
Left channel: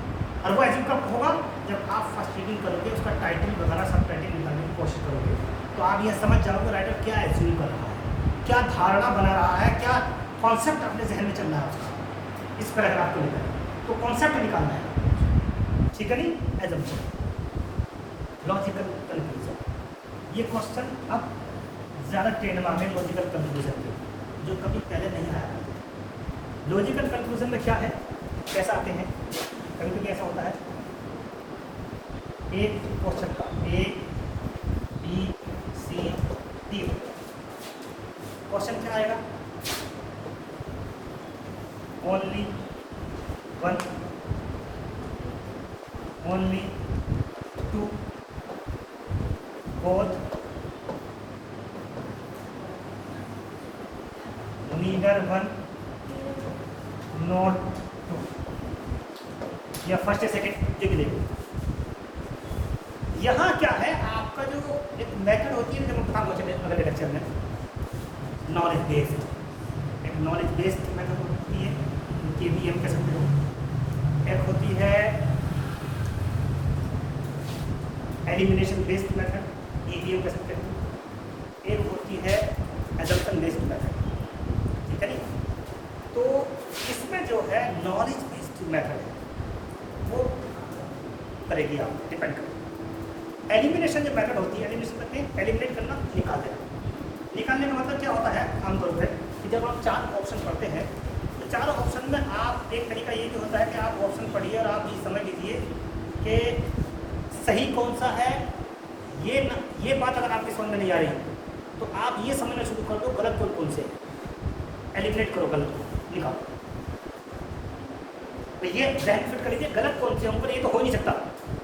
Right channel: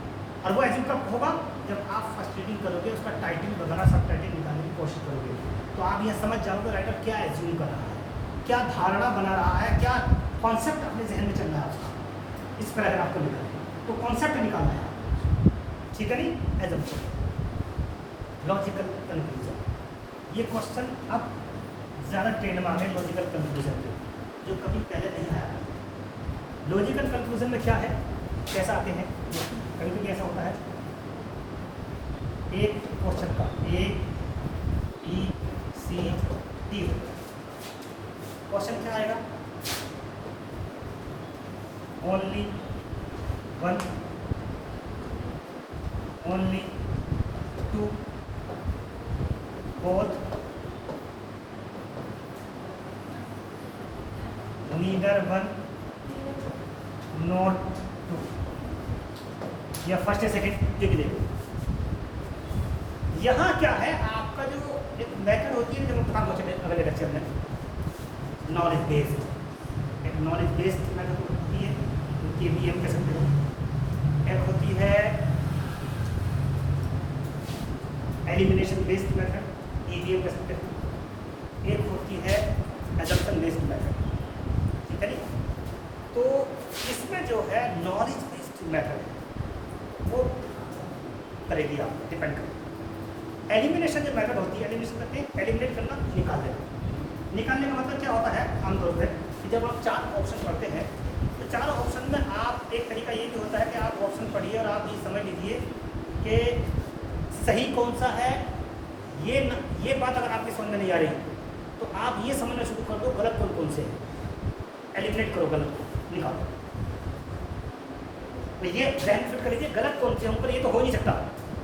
और वो एज्यूम कब होगा, जब आप फर्स्ट रीडिंग करोगे, उसका टाइटल वगैरह सब टाइटल निकालने की कोशिश करोगे तो आप यह समझ जाओगे राइटर क्या एज्यूम कर रहा है, क्या धारणा बना रहा है, क्या कॉन्सेप्ट अपने जहन में चल रहा है उसका इस पैराग्राफ को लेकर। तो कॉन्सेप्ट निकालना है, ठीक है नहीं, एजम्पशन, लॉजिकल कंक्लूजन। ये क्वेश्चन अब ज़्यादा ट्रेंड में आ गए लॉजिकल कंक्लूजन के, जो कभी पहले नहीं आया। लॉजिकल कंक्लूजन में क्या है, कैसा आते हैं, कभी कभी ऐसा होता है एक क्वेश्चन का ABCD क्वेश्चन क्या आएगा, only one, only two, both, neither one, not two, या फर्स्ट या सेकेंड एक देखो। यहाँ क्या है आपका जो एक मेथड होती है, जब मैं बताऊँ मुझे अगले लेक्चर में, नॉलेज बेस्ड, एक नॉलेज बेस्ड मेथड होती है, KVM कह सकते हो। एक होती है एलिमिनेशन बेस्ड मेथड, EVM कह सकते हो। एक होती है एजम्पशन बेस्ड मेथड, ठीक है नहीं। तो इसमें जो है नॉलेज बेस्ड मेथड है वो करेगी, आप डिपेंड करेगी। एलिमिनेशन जो मेथड होती है, एलिमिनेशन करते हैं एलिमिनेट करना, निकाल देना। निकालने का मतलब क्या होता है आमतौर पर कि जब आप 4 ऑप्शन पढ़ते हैं तो 4 ऑप्शन में आप एक तरीका ये भी होता है कि आप ऑप्शन पढ़िए और आप ये समझ लीजिए कि सही कौन सा है। ये बात अगर आपकी समझ में नहीं आ रही तो आप ये समझना शुरू कर दो गलत कौन से है, एलिमिनेट करो, गलत निकालो। तो ये जहन फिट कर लीजिए गलत कौन से ऊपर, ये तो हो नहीं सकता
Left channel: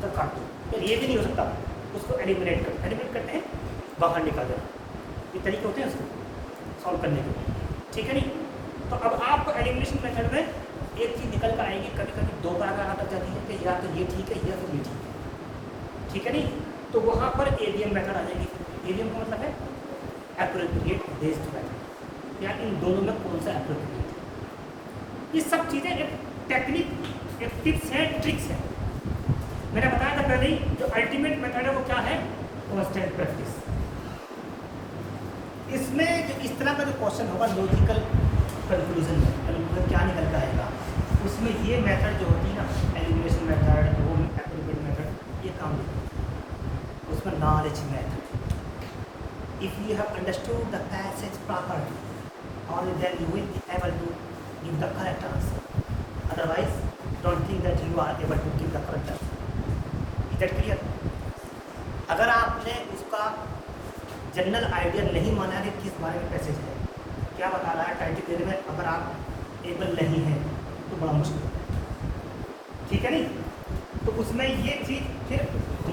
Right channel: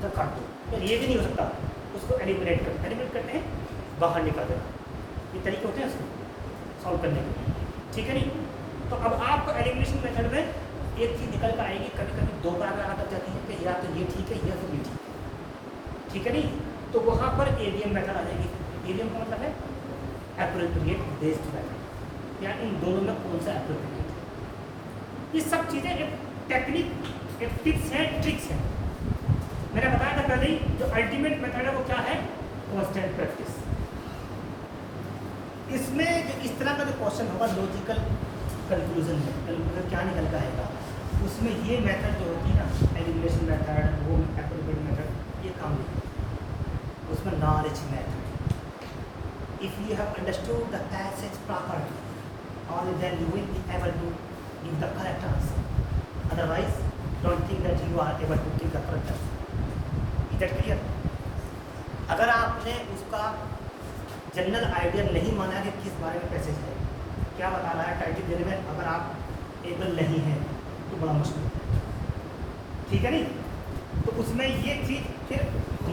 तो काट दो, ये भी नहीं हो सकता, उसको एलिमिनेट करते हैं, बाहर निकाल देना। ये तरीके होते हैं उसको सॉल्व करने के, ठीक है नहीं। तो अब आपको एलिमिनेशन मेथड में एक चीज़ निकल कर आएगी, कभी कभी 2 बार आता जाती है कि या तो ये ठीक है या तो ये ठीक है, ठीक है नहीं। तो वहाँ पर ADM मेथड आ जाएगी। ADM का मतलब है एप्रोप्रिएट बेस्ड मेथड, या इन दोनों में कौन सा एप्रोप्रिएट। ये सब चीज़ें एक टेक्निक, एक टिप्स है, ट्रिक्स है। मैंने बताया था पहले ही, जो अल्टीमेट मेथड है वो क्या है, कांस्टेंट प्रैक्टिस। इसमें जो इस तरह का जो क्वेश्चन होगा लॉजिकल कंक्लूजन क्या निकल कर आएगा, उसमें ये मेथड जो होती है ना, एलिमिनेशन मेथड, वो एप्रोप्रिएट मेथड, ये काम नहीं है। उसमें knowledge method, if you have understood the passage properly only then you will be able to give the correct answer, otherwise don't think that you are able to give the correct answer. Is that clear? अगर आपने उसका general idea नहीं माना कि किस बारे में passage है, क्या बता रहा है टाइटल देने में, अगर आप एबल नहीं हैं तो बड़ा मुश्किल है, ठीक है नहीं। तो उसमें ये चीज़ फिर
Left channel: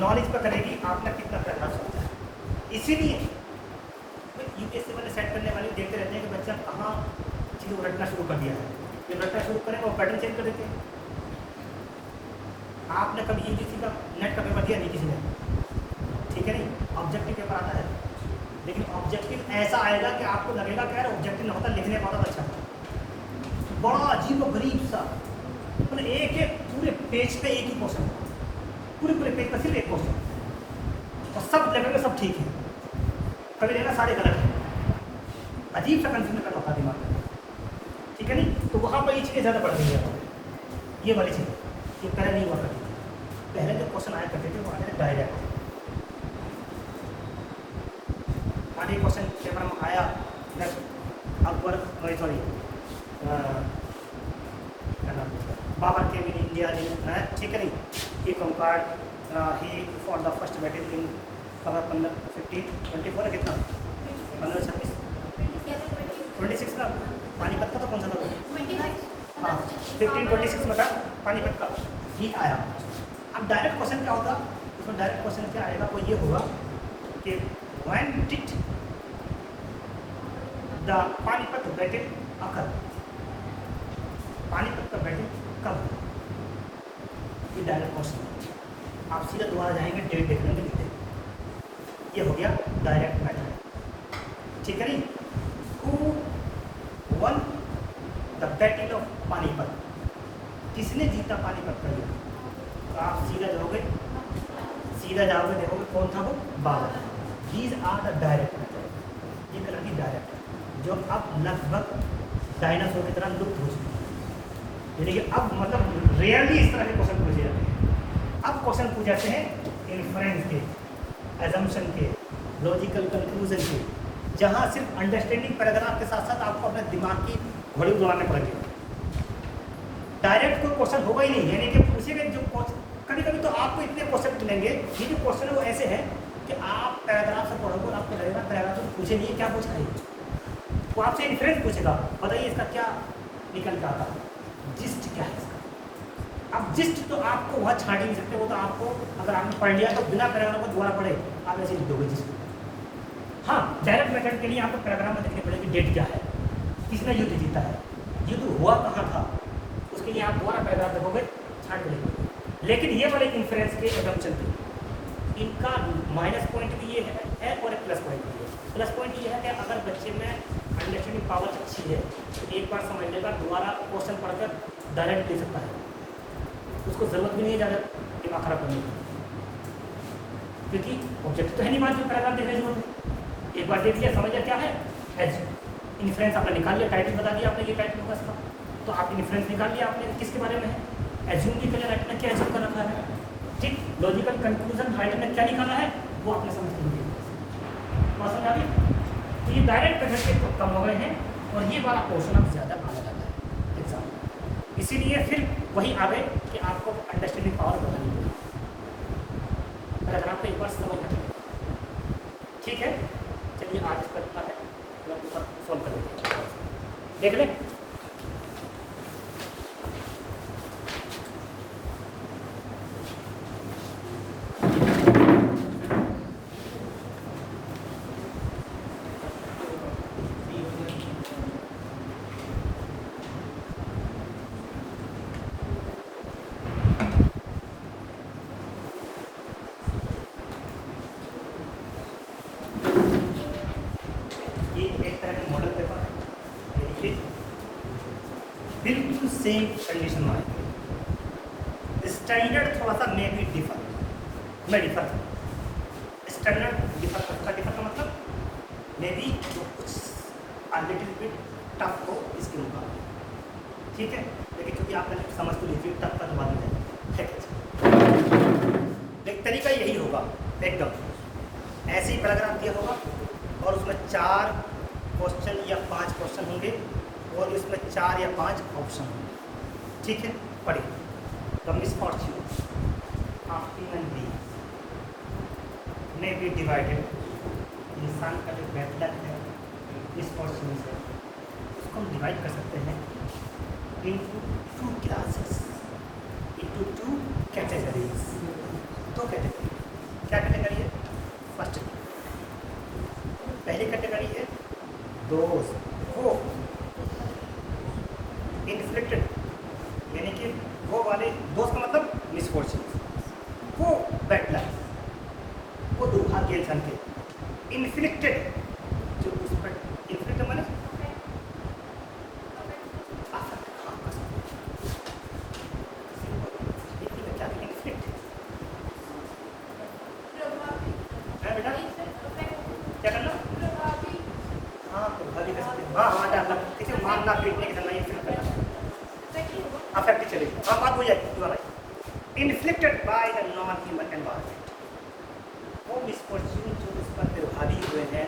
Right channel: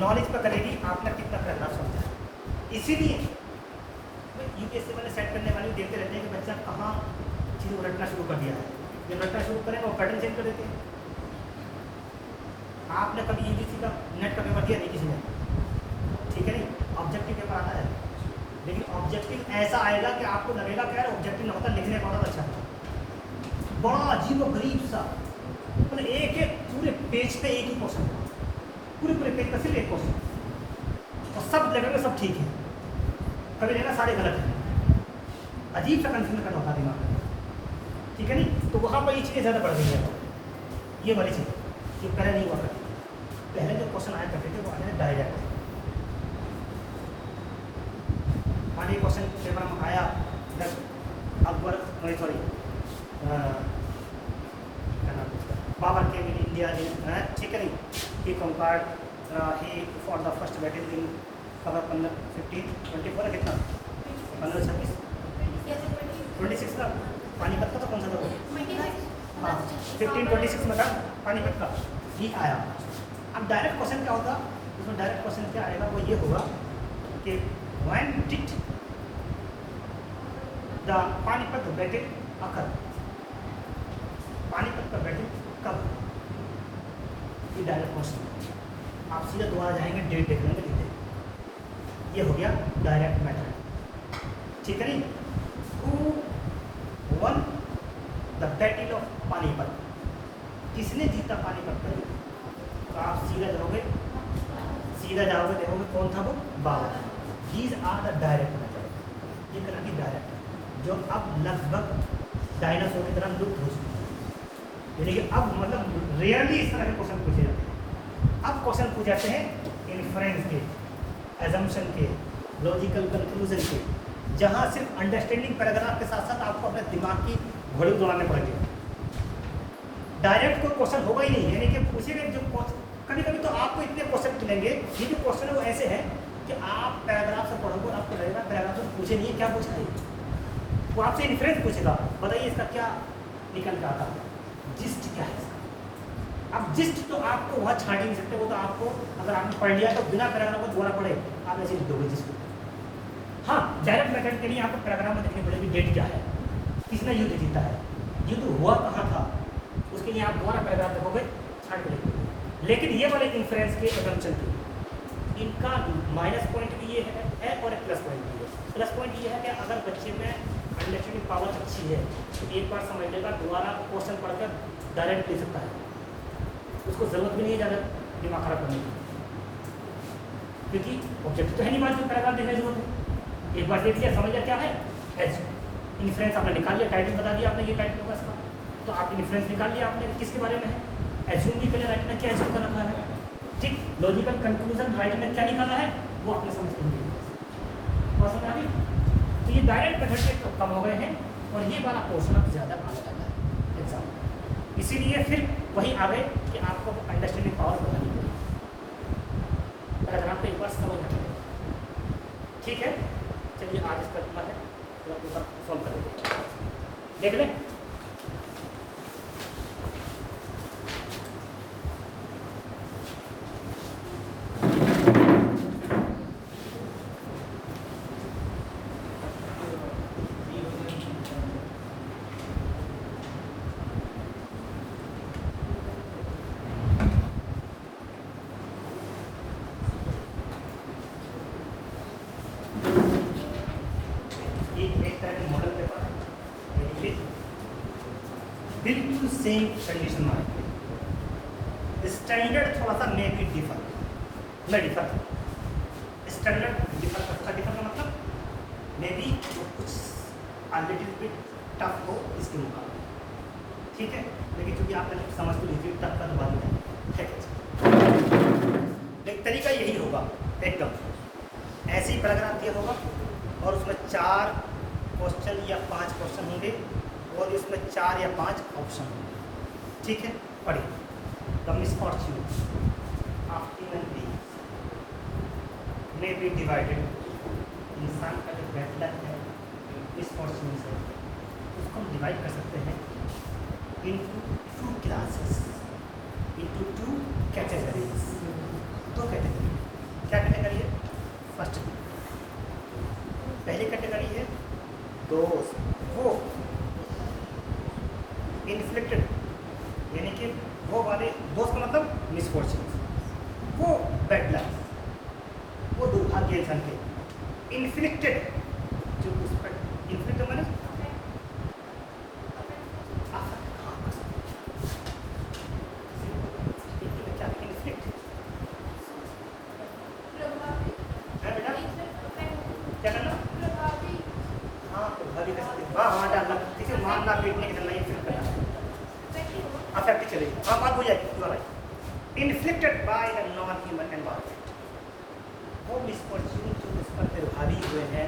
नॉलेज पर करेगी आपने कितना पैराग्राफ समझा है। इसीलिए यूपीएससी वाले सेट करने वाले देखते रहते हैं कि बच्चा कहाँ चीज़ों को रटना शुरू कर दिया है। जब रटना शुरू करेगा वो पैटर्न चेंज कर देते हैं। आपने कभी यूपीएससी का नेट का पेपर दिया नहीं किसी ने, ठीक है नहीं, ऑब्जेक्टिव पेपर आता है, लेकिन ऑब्जेक्टिव ऐसा आएगा कि आपको लगेगा कि यार ऑब्जेक्टिव ना होता, लिखने का होता अच्छा होता, बड़ा अजीब और गरीब सा, मतलब एक एक पूरे पेज पे एक ही क्वेश्चन, पूरे पेज पर सिर्फ एक क्वेश्चन, और सब जगह पे सब ठीक है, कभी लेना सारे गलत है, अजीब सा कंफ्यूजन कर रखा दिमाग में, ठीक है नहीं। तो वहाँ पर ये चीज़ें ज़्यादा बढ़ गई है, ये वाली चीज़ ये पहले नहीं हुआ करती। पहले जो क्वेश्चन आया करते थे वो आया डायरेक्ट, मानिए क्वेश्चन पेपर में आया अकबर, सॉरी क्या नाम बाबर came in India, ठीक है नहीं? He conquered, he fought the first battle in 1524 कितना? 1526 26 का पानीपत का तो कौन सा था? हाँ 1526 में था पानीपत का ही आया। अब डायरेक्ट क्वेश्चन क्या होगा? इसमें डायरेक्ट क्वेश्चन क्या आएगा वो ये होगा कि when did the Panipat battle occur? Panipat का बैटल कब? ये डायरेक्ट क्वेश्चन आप सीधा दोबारा जाएंगे डेट देखने में लिखते। ये हो गया डायरेक्ट मैटर, ठीक है नहीं? Who won the battle of Panipat? किसने जीता पानीपत का युद्ध? तो आप सीधा जाओगे देखोगे कौन था वो? Babur. These are the direct method, ये करंटली डायरेक्ट है जो अब लगभग डायनासोर की तरह लुप्त हो चुकी है। यानी कि अब मतलब रियली इस तरह के क्वेश्चन पूछे जाते हैं। अब क्वेश्चन पूछ जाते हैं इन्फ्रेंस के, एजम्पशन के, लॉजिकल कंक्लूजन के, जहाँ सिर्फ अंडरस्टैंडिंग पैराग्राफ के साथ साथ आपको अपने दिमाग की घोड़ी उड़ाने पड़ेगी। डायरेक्ट कोई क्वेश्चन होगा ही नहीं, यानी कि पूछेंगे जो कभी कभी तो आपको इतने क्वेश्चन मिलेंगे, ये जो क्वेश्चन है वो ऐसे है कि आप पैराग्राफ से पढ़ोगे आपको लगेगा पैराग्राफ से पूछे नहीं क्या पूछ रहे, वो आपसे इन्फ्रेंस पूछेगा, बताइए इसका क्या निकल के आता है, जिस्ट क्या है इसका। अब जिस्ट तो आपको वहाँ छाड़ नहीं सकते, वो तो आपको अगर आपने पढ़ लिया तो बिना पैराग्राफ को दोबारा पढ़े आप ऐसे लिख दोगे जिस्ट। हाँ डायरेक्ट मेथड के लिए आपको पैराग्राफ में देखने पड़ेगी डेट क्या है, किसने युद्ध जीता है, युद्ध हुआ कहाँ था, उसके लिए आप दोबारा पैराग्राफ देखोगे छाड़ के देखोगे। लेकिन ये वाले इन्फ्रेंस के एजम्पशन के इनका माइनस पॉइंट भी ये है और एक प्लस पॉइंट भी है। प्लस पॉइंट ये है कि अगर बच्चे में अंडरस्टैंडिंग पावर अच्छी है तो एक बार समझ लेगा, दोबारा क्वेश्चन पढ़कर डायरेक्ट दे सकता है, उसको जरूरत भी नहीं है ज़्यादा दिमाग खराब करने की, क्योंकि ऑब्जेक्ट तो है नहीं मात्र पैराग्राफ देखने की जरूरत है। एक बार देख लिया समझ लिया क्या है इन्फ्रेंस, आपने निकाल लिया, टाइटल बता दिया आपने ये टाइटल होगा इसका, तो आप इन्फ्रेंस निकाल लिया आपने किसके बारे में है, एज्यूम भी कर लिया राइटर ने क्या एज्यूम कर रखा है, ठीक। लॉजिकल कंक्लूजन राइटर ने क्या निकाला है वो आपने समझ लिया, समझ आ गई। तो ये डायरेक्ट मेथड के तो कम हो गए हैं और ये वाला पोर्शन अब ज़्यादा आने लगा है एग्जाम, इसीलिए फिर वही आ गए कि आपको अंडरस्टैंडिंग पावर बढ़ानी पड़ेगी, पैराग्राफ को एक बार समझ रखिए, ठीक है। चलिए आज इसका इतना है, सॉल्व कर लेते देख लें। बिल्कुल सेम कंडीशन में स्टैंडर्ड थोड़ा सा may be differ standard differ का मतलब मे बी कुछ लिटिल टफ हो इसके मुकाबले, ठीक है। लेकिन क्योंकि आप पहले समझ तो लीजिए टफ का जवाब नहीं, ठीक है। एक तरीका यही होगा एकदम ऐसे ही पैराग्राफ दिया होगा और उसमें 4 क्वेश्चन या 5 क्वेश्चन होंगे और इसमें 4 या 5 ऑप्शन होंगे, ठीक है। पढ़िए तो misfortune of human being may be divided, इंसान का जो बैड लक है मिसफॉर्च्यून से उसको हम डिवाइड कर सकते हैं into 2 classes, into 2 categories. 2 category, क्या कैटेगरी है? फर्स्ट पहली कैटेगरी है दोस्त वो इन्फ्लिक्टेड, यानी कि वो वाले दोस्त का मतलब मिसफॉर्च्यून, वो बैड लक, वो दुर्भाग्य इंसान के। इन्फ्लिक्टेड जो उस पर इन्फ्लिक्टेड माने मारना पीटने की नहीं अफेक्ट चलेगी, हाँ बात हो जाएगी, you are right. Inflicted by the non human environment, वो मिसफॉर्च्यून जो उस पर प्रभावी हुए हैं,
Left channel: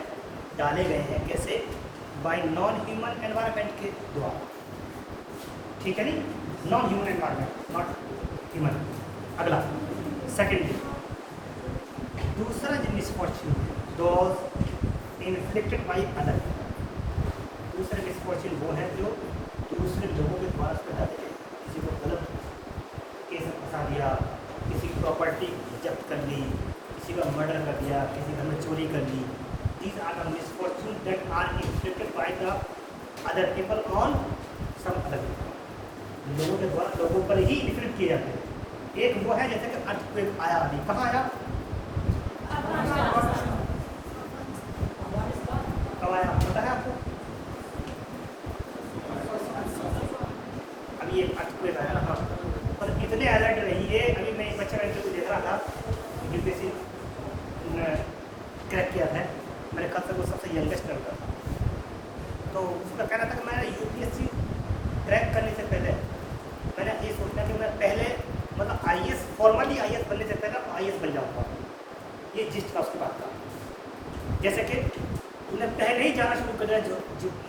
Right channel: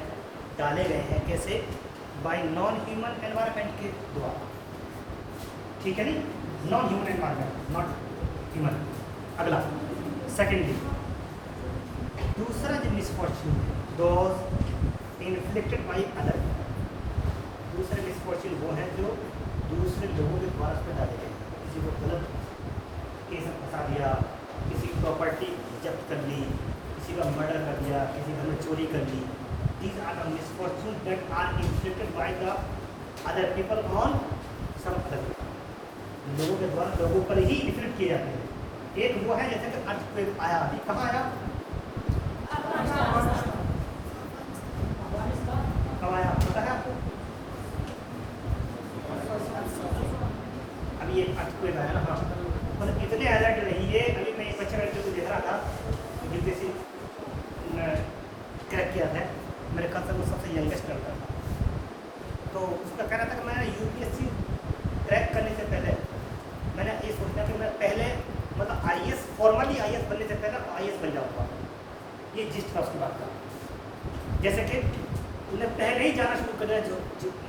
डाले गए हैं, कैसे? बाय नॉन ह्यूमन एनवायरनमेंट के द्वारा, ठीक है नहीं। Non human environment, not human. अगला सेकेंडली, दूसरा जो misfortune those inflicted by other. दूसरा मिसफॉर्च्यून वो है जो दूसरे लोगों के द्वारा उस पर डाले गए। किसी को गलत केस में फंसा दिया, किसी की प्रॉपर्टी जब्त कर ली, किसी का मर्डर कर दिया, किसी घर में चोरी कर ली। These are the misfortunes that are inflicted by the other people on some other people. लोगों के द्वारा लोगों पर ही इन्फ्लिक्ट किए जाते हैं। एक वो है जैसे कि अर्थक्वेक आया, अभी कहाँ आया? कब आया पता है आपको? अभी ये अर्थक्वेक आया ना, हाँ। पर इतने अलर्ट रहिए। अभी मैं एक बच्चा का इंटरव्यू देख रहा था, बीपीएससी क्रैक किया था, मेरे ख्याल से वो सबसे यंगेस्ट लड़का था। तो उसका कहना था कि मैं यूपीएससी क्रैक करने से पहले मैंने ये सोचा कि मैं पहले मतलब आईएएस फॉर्मली आईएएस बनने से पहले आईएएस बन जाऊँगा। ये जिस का उसकी बात का, जैसे कि उन्हें पहले ही जाना शुरू कर दिया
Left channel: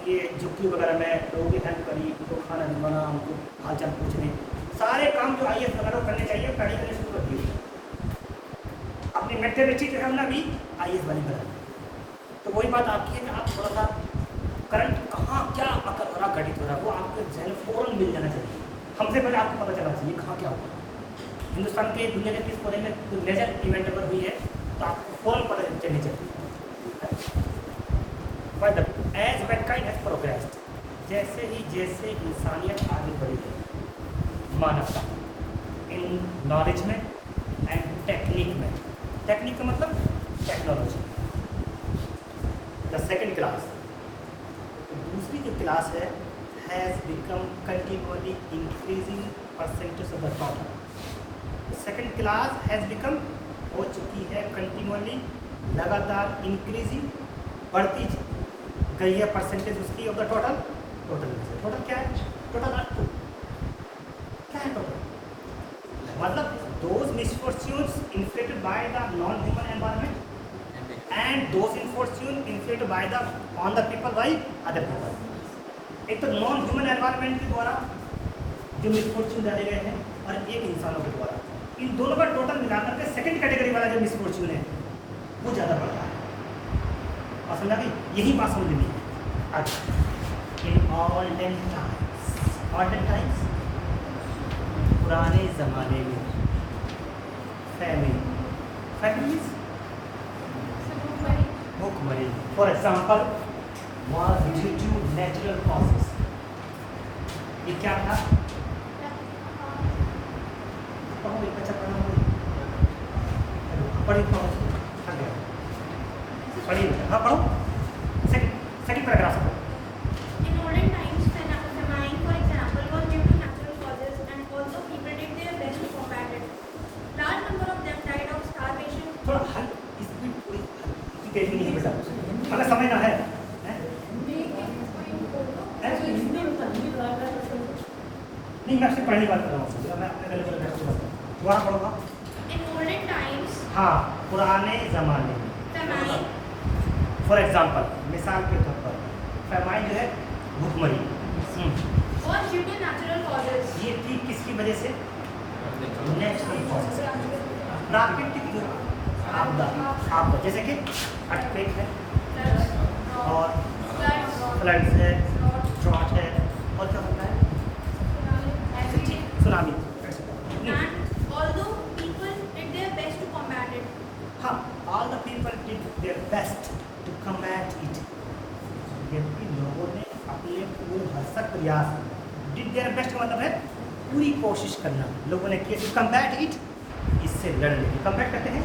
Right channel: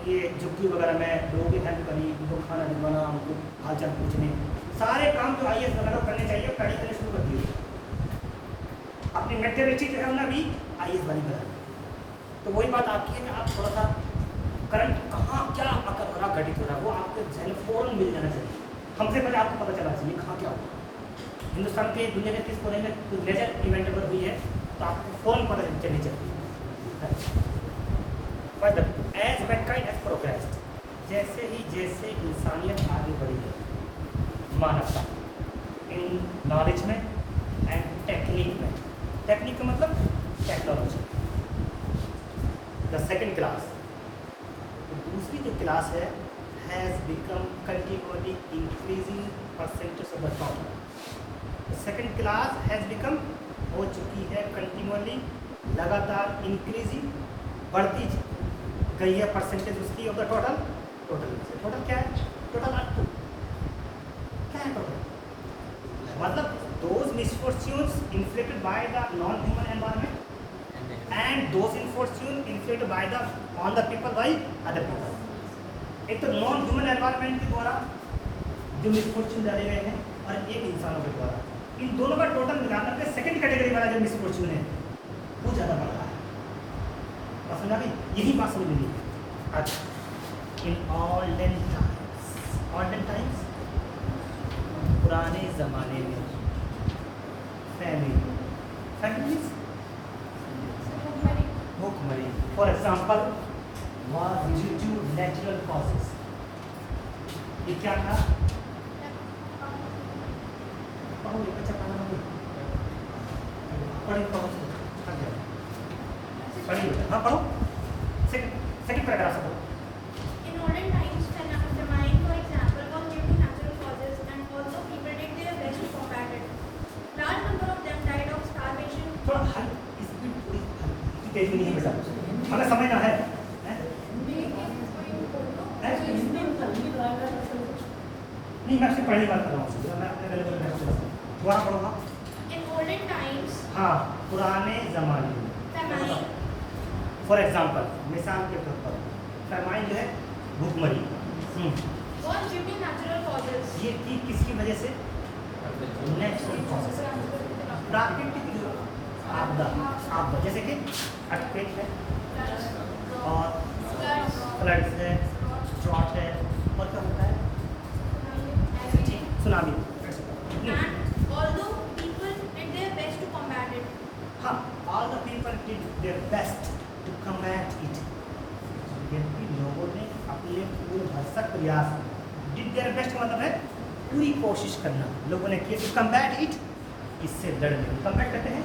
ये झुग्गी वगैरह में, लोगों की हेल्प करी, उनको खाना बनवाना, उनको हालचाल पूछने, सारे काम जो आईएएस वगैरह करने चाहिए पहले करने शुरू कर दिए। अपनी मेंटेलिटी जो है ना भी आईएएस वाली बना। तो वही बात आपकी है कि आप थोड़ा सा करंट कहाँ क्या पकड़ा घटित हो रहा है वो आपके जहन फौरन मिल जाना चाहिए। हमसे पहले आपको पता चलना चाहिए कहाँ क्या हुआ। हिंदुस्तान के दुनिया के किस कोने में कोई मेजर इवेंट अगर हुई है तो आपको फौरन पता चलनी चाहिए। But as mankind has progressed, जैसे इंसानियत आगे बढ़ी है, मानवता इन नॉलेज में एंड टेक्निक में, टेक्निक का मतलब टेक्नोलॉजी। द सेकेंड क्लास, दूसरी जो क्लास है, has become continually increasing percentage of the top. Second class has become हो चुकी है कंटिन्यूअली, लगातार इंक्रीजिंग बढ़ती गई है परसेंटेज उसकी ऑफ द टोटल। टोटल क्या है? टोटल आपको क्या है टोटल? मतलब those misfortunes inflicted by the non-human environment and those misfortunes inflicted by the on the people by other people. एक तो नॉन ह्यूमन एनवायरनमेंट द्वारा जो मिसफॉर्च्यून डाले गए हैं और एक इंसानों के द्वारा, इन दोनों का टोटल मिलाकर के सेकंड कैटेगरी वाला जो मिसफॉर्च्यून है वो ज़्यादा बढ़ रहा है। और समझा कि यही बात समझ में नहीं। अच्छा, इन ऑल्डन टाइम्स पुराने ज़माने में families भूखमरी for example was due to natural causes। ये क्या था? पढ़िए बेटा, हाँ पढ़ो। सेकंड पैराग्राफ पढ़ो। In olden times, famine, for example, was due to natural causes, and also people did their best to combat it. Large number of them died of starvation. थोड़ा हल इसकी तेजी नहीं है सर, हमें समझना है। नहीं, मैं आपसे पढ़ने की बात कर रहा हूँ, मैं दोबारा पढ़ूंगा। In olden times, हाँ, पुराने ज़माने में famine, फॉर एग्जाम्पल मिसाल के तौर पर फैमाइन जो है भूखमरी was due to natural causes. ये थी किसकी वजह से? नेचुरल कॉजेज, प्राकृतिक जो आपदा जैसे कि अर्थक्वेक है और फ्लड्स है, ड्रॉट है, और क्या होता है? Tsunami. And although people did their best to combat it. हाँ, all the people did their best to combat it। यदि लोगों ने अपने पूरे भरसक प्रयास did their best का मतलब है पूरी कोशिश करना। लोगों ने किया to combat it, इससे लड़ने। combat करते हैं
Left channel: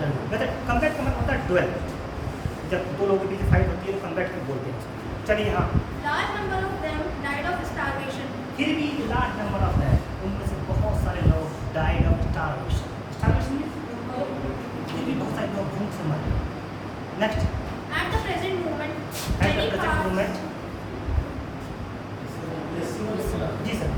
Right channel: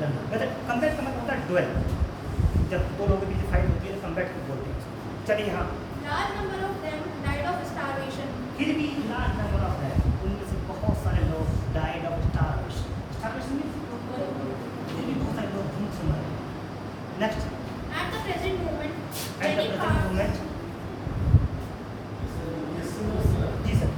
लड़ना। वैसे combat का मतलब होता है duel। जब दो लोगों के बीच फाइट होती है तो combat को बोलते हैं। चलिए हाँ। Large number of them died of starvation. फिर भी लार्ज नंबर ऑफ है, उनमें से बहुत सारे लोग डाइड ऑफ स्टारवेशन। स्टारवेशन में फिर भी बहुत सारे लोग भूख से मरे। Next, At the present moment, at the many present parts moment, जी सर,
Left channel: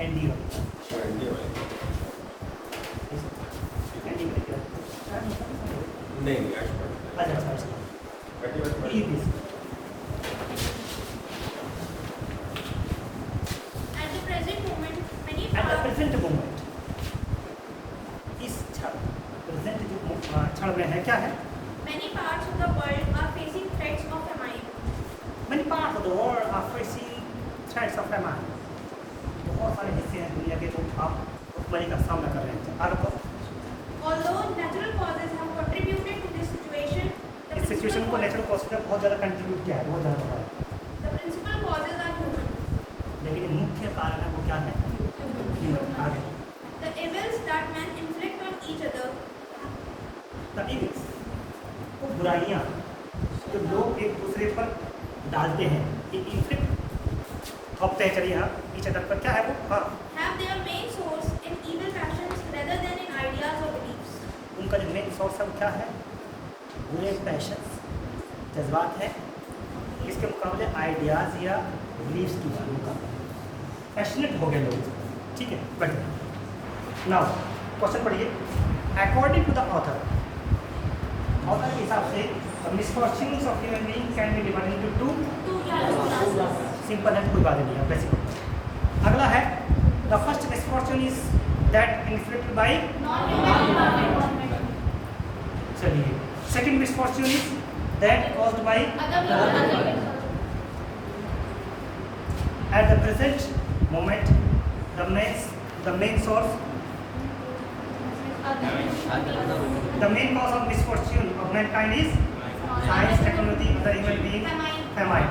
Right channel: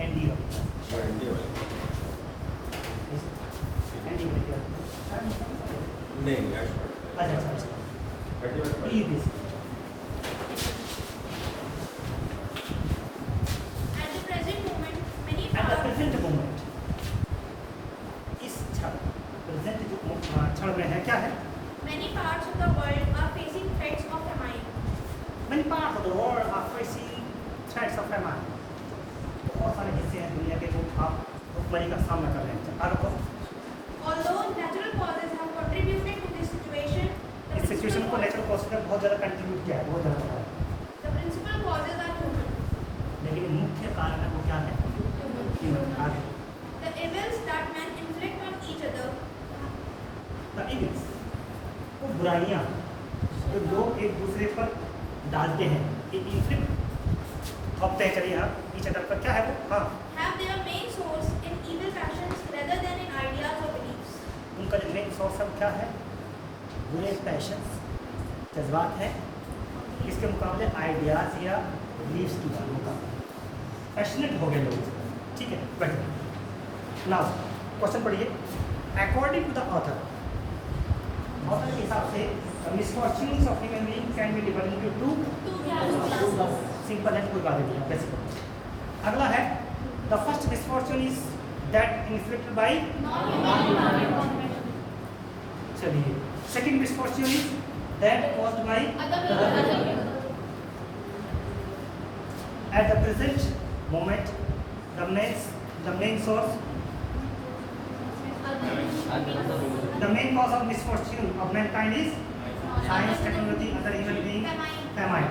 एनडीओ parts of the world are facing threats of famine. बहुत सारे हिस्से हैं दुनिया के जो आप भुखमरी का सामना कर रहे हैं। आगे तो Although natural causes have contributed to this situation, इस सिचुएशन को नेचुरल कॉज ने बहुत ज़्यादा कंट्रीब्यूट किया है, बहुत ज़्यादा है। the principal causes are human. लेकिन मुख्य कारण है वो क्या है? आगे The evils that men inflict on each other, The evils, वो बुराइयाँ जो लोग एक दूसरे पर डालते हैं, ये इन्फ्लिक्ट अब तय करिए आप इच अदर पर क्या है वो? हाँ, have their main source in evil passions rather than in ideas or beliefs. उनका जो मेन सोर्स है वो क्या है? बुरे पैशन, जज्बात है, इसके मुकाबले आइडियाज या बिलीव्स की बातों का पैशनेट हो गए लोग। ठीक है, बढ़िया। नाउ क्वेश्चन पढ़िए। अकॉर्डिंग टू द ऑथर के हिसाब से misfortunes of human being can be divided into two. Simple है, कोई बात नहीं है, वैसे अगला है the first misfortune is that inflicted by. चलिए, second misfortune is that caused by. At the present moment the main source, the main cause of misfortune of mankind is science, technology, other human being, famine.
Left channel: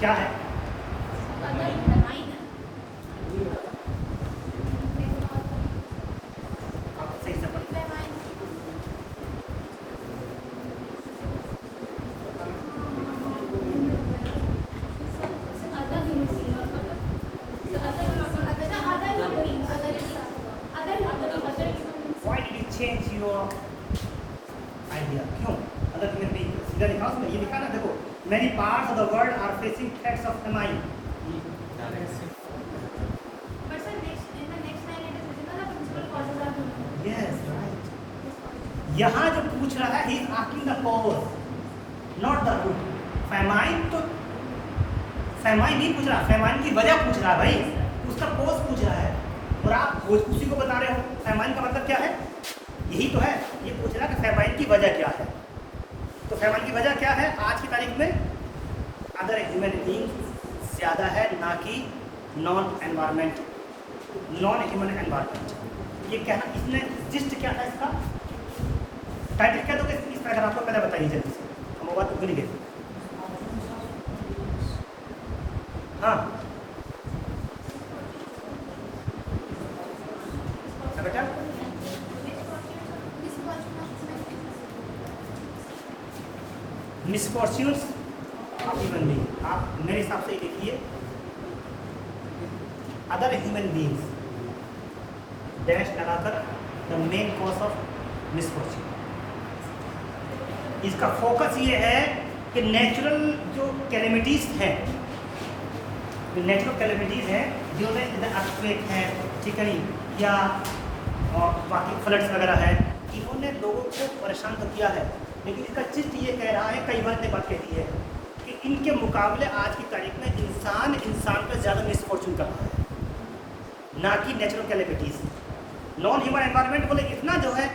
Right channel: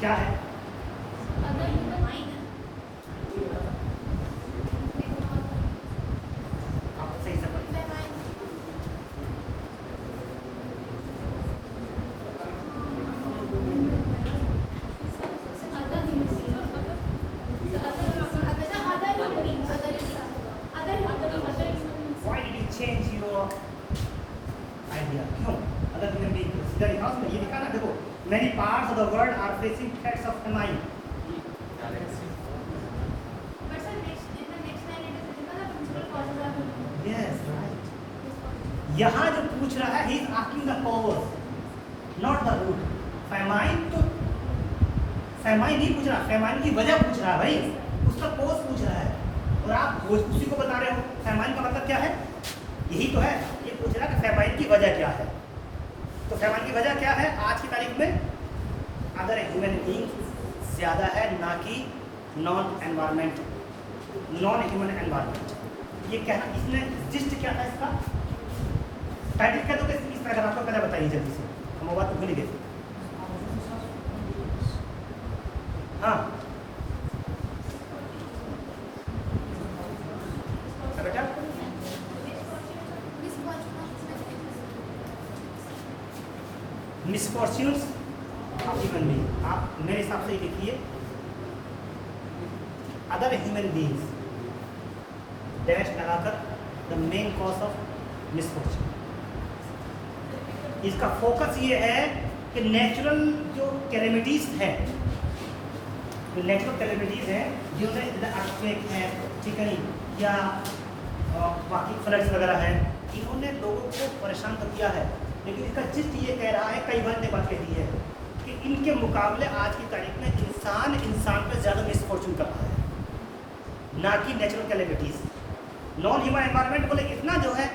क्या है? आप सही से why did you change your idea? क्यों? अगर ये लिखा उसमें ये लिखा ना, देखो many parts of the world are facing threats of famine. Yes, right. यहाँ जो पूछ रहा है, he is asking the cause, not the root. famine तो famine नहीं पूछ रहा, famine की वजह पूछ रहा है भाई, उसका cause पूछ रहा है, और आप उसी को बता रहे हो। famine का मतलब क्या है? यही तो है, ये पूछ रहा है कि famine की वजह क्या है। तो famine की वजह क्या है? आज की तारीख में अगर ह्यूमन बीइंग ज़्यादा है, ना कि नॉन ह्यूमन एनवायरमेंट। ये कहना, इसमें जिस्ट क्या है इसका? टाइटल क्या दोगे इस पैराग्राफ को? पहले बताइए जल्दी से, हम वो बात तो भूल ही गए। हाँ बेटा, मिसफॉर्च्यून्स ऑफ ह्यूमन बीइंग, आप मेरे हिसाब से ये लिखिए अदर ह्यूमन बीइंग्स डैश लगाकर the main cause of misfortune. इसका फोकस ये है कि नेचुरल जो कैलेमिटीज हैं, जो नेचुरल कैलेमिटीज हैं जिनमें अर्थक्वेक है, ठीक है, या बाकी फ्लड्स वगैरह है, इन्होंने लोगों को परेशान तो किया है, लेकिन इसका चिस्ट ये कह रहा है, कई बार ने बात कहती है कि इनके मुकाबले आज की तारीख में इंसान पर ज़्यादा मिसफॉर्चून कर रहा है, ना कि natural calamities. Non human environment बोले इतना जो है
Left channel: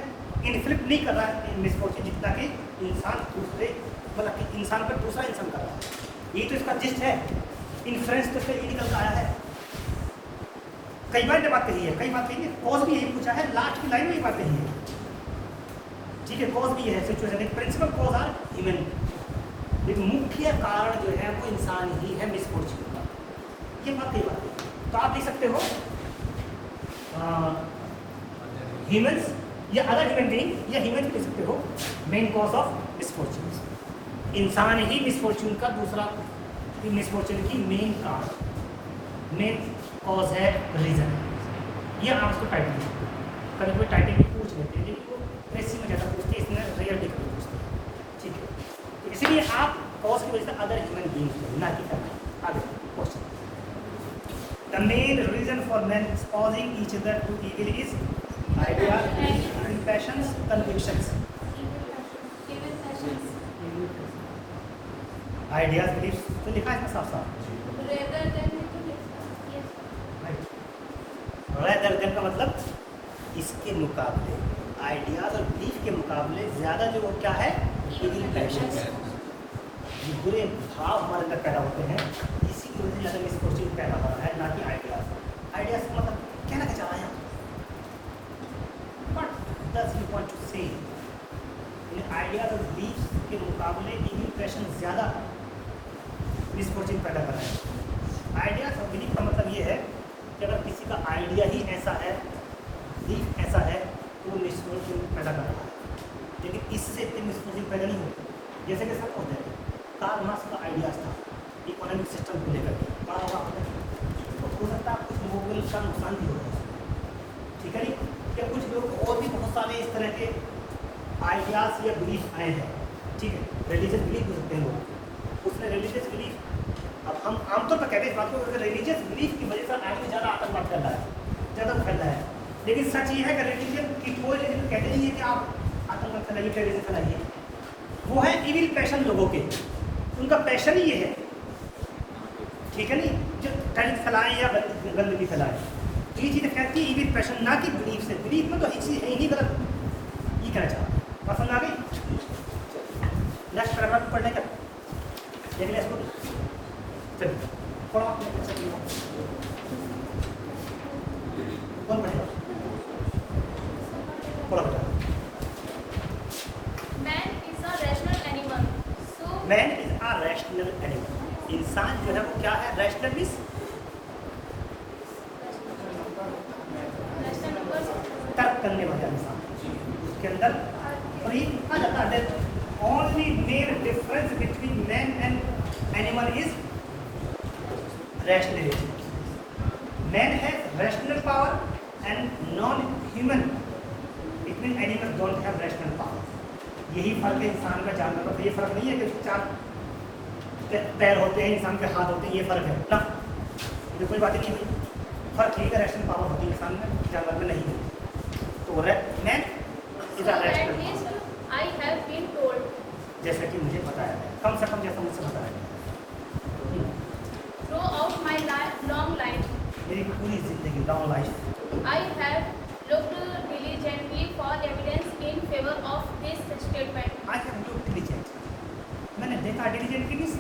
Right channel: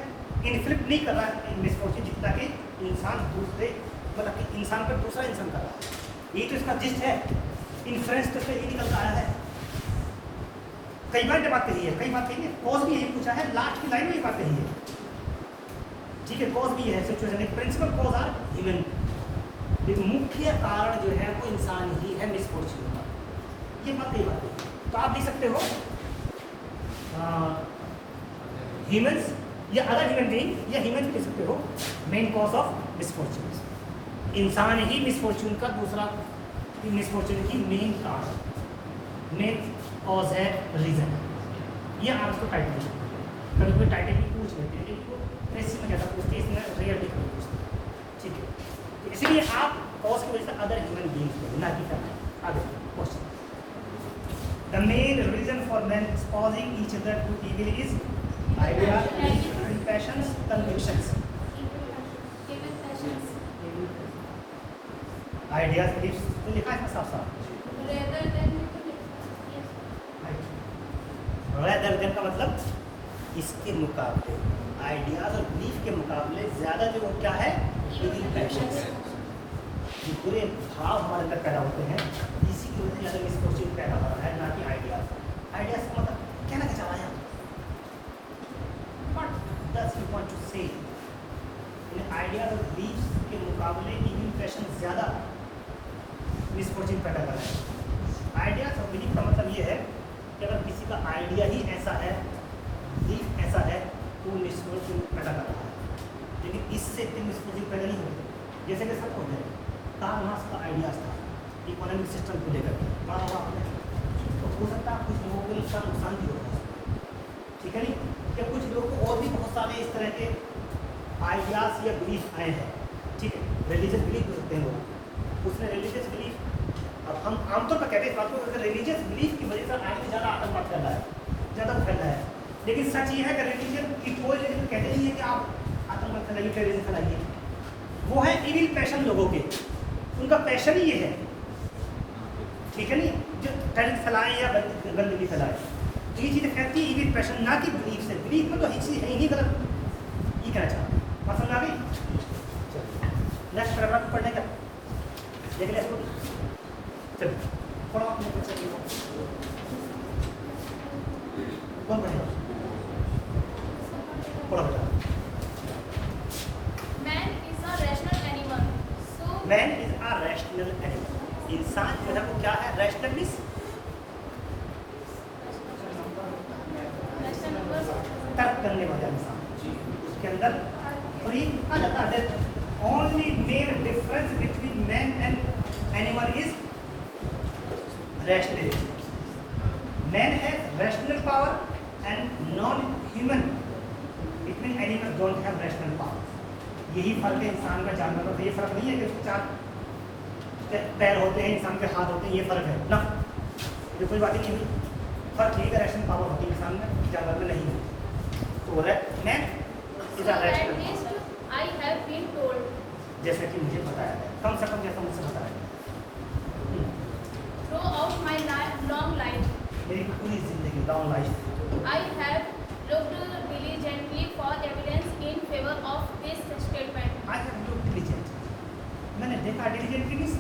इन्फ्लिक्ट नहीं कर रहा है मिसफॉर्चून, जितना कि इंसान दूसरे, मतलब कि इंसान पर दूसरा इंसान कर रहा है। ये तो इसका जिस्ट है, इन्फ्लुएंस तो इसका ये निकल आया है। कई बार ये बात कही है, कई बात कही है, कॉज भी यही पूछा है, लास्ट की लाइन में ये बात कही है। ठीक है, कॉज भी है सिचुएशन, एक प्रिंसिपल कॉज आर ह्यूमन। एक मुख्य कारण जो है वो इंसान ही है मिसफॉर्चून का। ये बात है। तो आप लिख सकते हो ह्यूमंस या अदर ह्यूमन बीइंग, या ह्यूमन लिख सकते हो मेन कॉज ऑफ मिसफॉर्चून। इंसान ही मिसफॉर्चून का दूसरा, मिसफॉर्चून की मेन कारण, मेन कॉज है, रीजन है। ये आप इसको टाइटल लिख सकते हो। कभी कोई टाइटल भी पूछ लेते हैं, इनको ऐसी में ज़्यादा पूछते हैं, इसमें रियल लिख सकते हैं। ठीक है, तो इसलिए आप कॉज की वजह से अदर ह्यूमन बीइंग्स ना कि करना है। आगे question, the main reason for men exposing each other to evil is idea, passions, convictions. Ideas, beliefs, तो लिखा है साफ साफ। rather than का मतलब इसके मुकाबले, आइडियाज और बिलीफ के मुकाबले ज़्यादा जो क्या है, evil passions। ये बुरे भाव हमारे अंदर पैदा होते हैं, इसी की वजह से इस क्वेश्चन पैदा हो रहा है, ना कि आइडियाज। आइडियाज का मतलब क्या लगा जा रहा है, what does you want to say. Ideas और बिलीव्स के मुकाबले इम्प्रेशन ज़्यादा इस क्वेश्चन पैदा कर रहा है। आइडियाज और बिलीव का मतलब ये है कि अगर किसी का आइडिया ही ऐसा है, बिलीफ ऐसा है, तो वो मिसक्वेश्चन पैदा कर रहा है। लेकिन इससे कोई मिसक्वेश्चन पैदा नहीं होता। जैसे कि सब होता है, कार्ल मार्क्स का आइडियाज था इकोनॉमिक सिस्टम को लेकर के, बात होगा तो हो सकता है कुछ लोगों को इसका नुकसान भी होगा, ठीक है नहीं, क्या कुछ लोग और भी बहुत सारे इस तरह के आइडियाज या बिलीफ आए हैं, ठीक है, रिलीजियस बिलीफ हो सकते हैं लोग, उसमें रिलीजियस बिलीफ, अब हम आमतौर पर कहते हैं इस बात को, अगर रिलीजियस बिलीफ की वजह से आदमी ज़्यादा आतंकवाद कर रहा है, ज़्यादा फैल रहा है। लेकिन सच ये है कि रिलीजन की कोई कहते नहीं है कि आप आतंकवाद फैलाइए, टेररिज्म फैलाइए, वो है इविल पैशन लोगों के, उनका पैशन ही ये है, ठीक है नहीं, जो टेररिज्म फैलाए या गंदगी फैलाए, ये चीज़ कहती है इविल पैशन, ना कि बिलीफ से। बिलीफ में तो ये चीज़ है ही गलत, ये कहना चाहता हूँ। बात समझ आ गई? नेक्स्ट पैराग्राफ पढ़ने का अगले चलिए कौन पढ़ेगा? बोला बेटा। Man is a rational animal. So man is a rational animal, इंसान जो है वो क्या है, रैशनल मींस rational numbers. तर्क करने वाला इंसान, उसके अंदर free only main difference between man and animal is rationality. Man has rational power and non-human. It means animals don't have rational power. यही फर्क है इंसान का जानवर का। ये फर्क नहीं है कि उसके चार पैर होते हैं, इंसान के हाथ होते हैं, ये फर्क है ना, ये कोई बात ही नहीं है। फर्क नहीं है, रैशनल पावर होती है इंसान में, जानवर में नहीं है। तो man is a At rational least power, I have been told. जैसे कि मुझे बताया है, कम से कम जैसा मुझसे बताया है। Throughout my long life, मेरी पूरी जिंदगी, long life, I have looked diligently for evidence in favor of this statement. I have looked diligent, मैंने देखा डिलीजेंट की मींस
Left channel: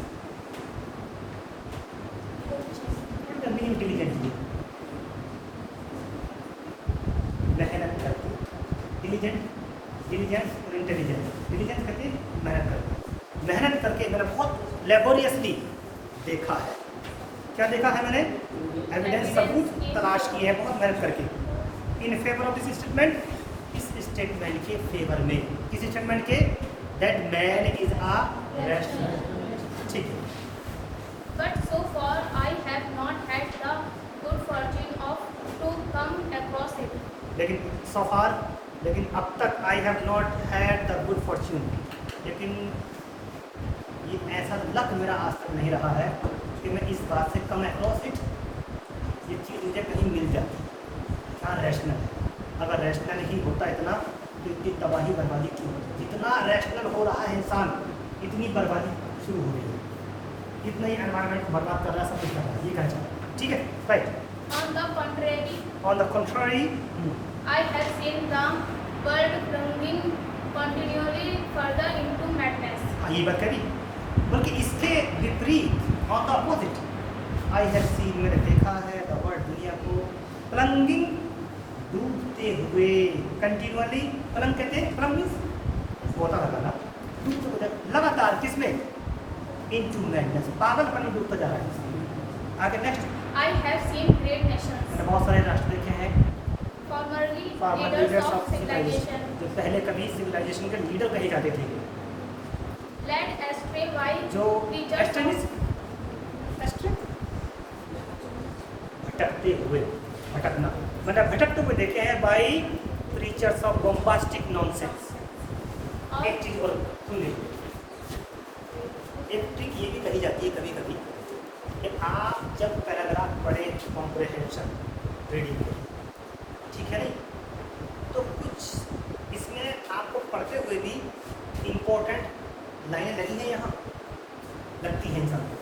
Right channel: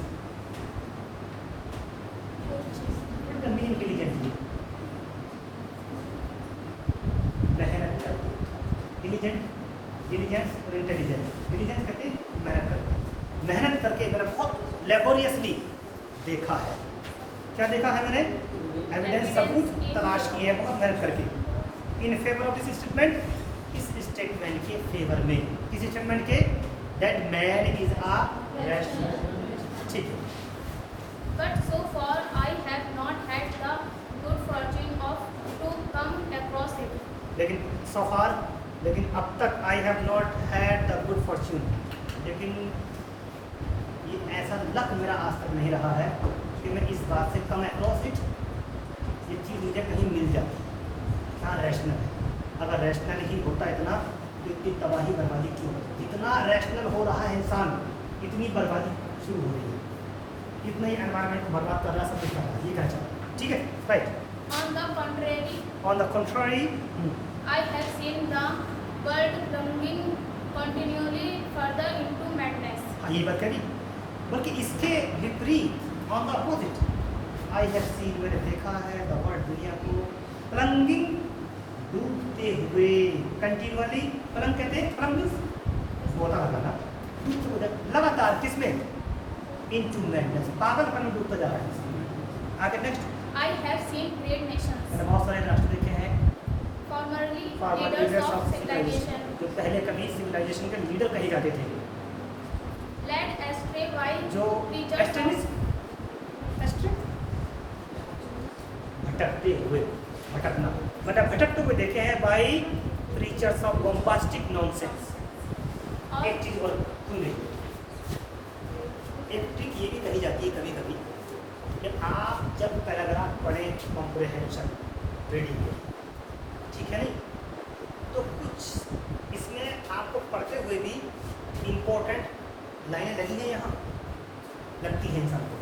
का मीनिंग डिलीजेंट की मेहनत करके, डिलीजेंट, डिलीजेंस और इंटेलिजेंस। डिलीजेंस कहते हैं मेहनत करके, मेहनत करके मैंने बहुत लेबोरियसली देखा है। क्या देखा है मैंने? एविडेंस, सबूत तलाश किए हैं बहुत मेहनत करके। In favour of this statement, इस स्टेटमेंट के फेवर में, किस स्टेटमेंट के? That man is a rational, ठीक है। But so far I have not had the good fortune of to come across it. लेकिन so far, लेकिन अब तक I have not had the good Fortune, लेकिन ये ऐसा लक मेरा आज तक नहीं रहा है कि मैं इस बात से कम अक्रॉस इट, ये चीज़ मुझे कहीं मिल जाती। हाँ रैशनल, अगर रैशनल ही होता इतना तो इतनी तबाही बर्बादी क्यों होती? जितना रैशनल हो रहा है इंसान, इतनी बर्बादी शुरू हो रही है, इतना ही एनवायरनमेंट को बर्बाद कर रहा है, सब कुछ कर रहा है, ये कहना चाहता हूँ, ठीक है, right. On the contrary, contrary, I have seen the world plunging continually further into madness. हाँ ये बात करी, बल्कि इसके विपरीत, on the opposite, I have seen, मैंने देखा है, द वर्ल्ड, दुनिया को प्लंगिंग, डूबते हुए, कंटिन्यूअली, प्लंग कहते हैं, प्लंग मींस होता रहता ना, डूबते हुए लगातार, किसमें? इनटू मैडनेस, पागलपन में डूबता जा रहा है इंसान। आगे next, I have seen great nations, मैंने बहुत सारे राष्ट्र देखे हैं, formerly farmer leaders leaders of of civilization, जो पहले कभी सिविलाइजेशन के लीडर कहे जाते थे, led astray by जो preachers of एक्सट्रीमिस्ट, भटकते हुए, भटकना मतलब भटकते हुए देखे हैं by preachers of bombastic nonsense. और एक चीज और सुन लीजिए, एक ट्रिक ये भी कही जाती है कभी कभी कि आप जब पैराग्राफ पढ़े कॉम्प्रिहेंशन रीडिंग, ठीक है नहीं, तो कुछ इसमें आपको पढ़ते हुए भी इम्पोर्टेंट लाइन लगी है, यहाँ लगती है इंसान को,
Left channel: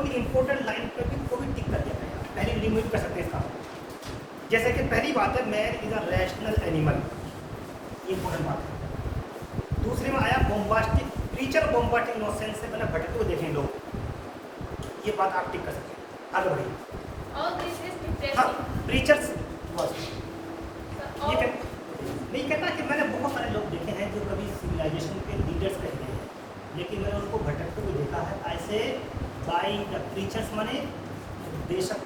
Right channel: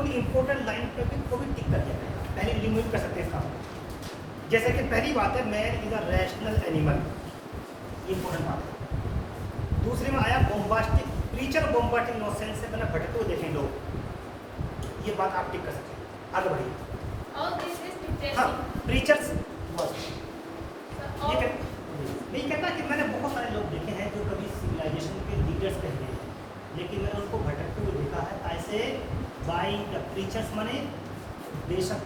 उन इम्पोर्टेंट लाइन पर भी को भी टिक कर दिया है, पहले रिमूव कर सकते हैं इसका मतलब। जैसे कि पहली बात है man is a rational animal, ये इम्पोर्टेंट बात है। दूसरे में आया बॉम्बास्टिक प्रीचर बॉम्बार्डिंग नॉनसेंस से पहले भटकते हुए देखें लोग, ये बात आप टिक कर सकते हैं। आगे बढ़िए। All this is हाँ, depressing. प्रीचर्स All, नहीं कहता कि मैंने बहुत सारे लोग देखे हैं जो कभी सिविलाइजेशन के लीडर्स कहते हैं, लेकिन मैंने उनको भटकते हुए देखा है ऐसे बाई द प्रीचर्स, माने बेशक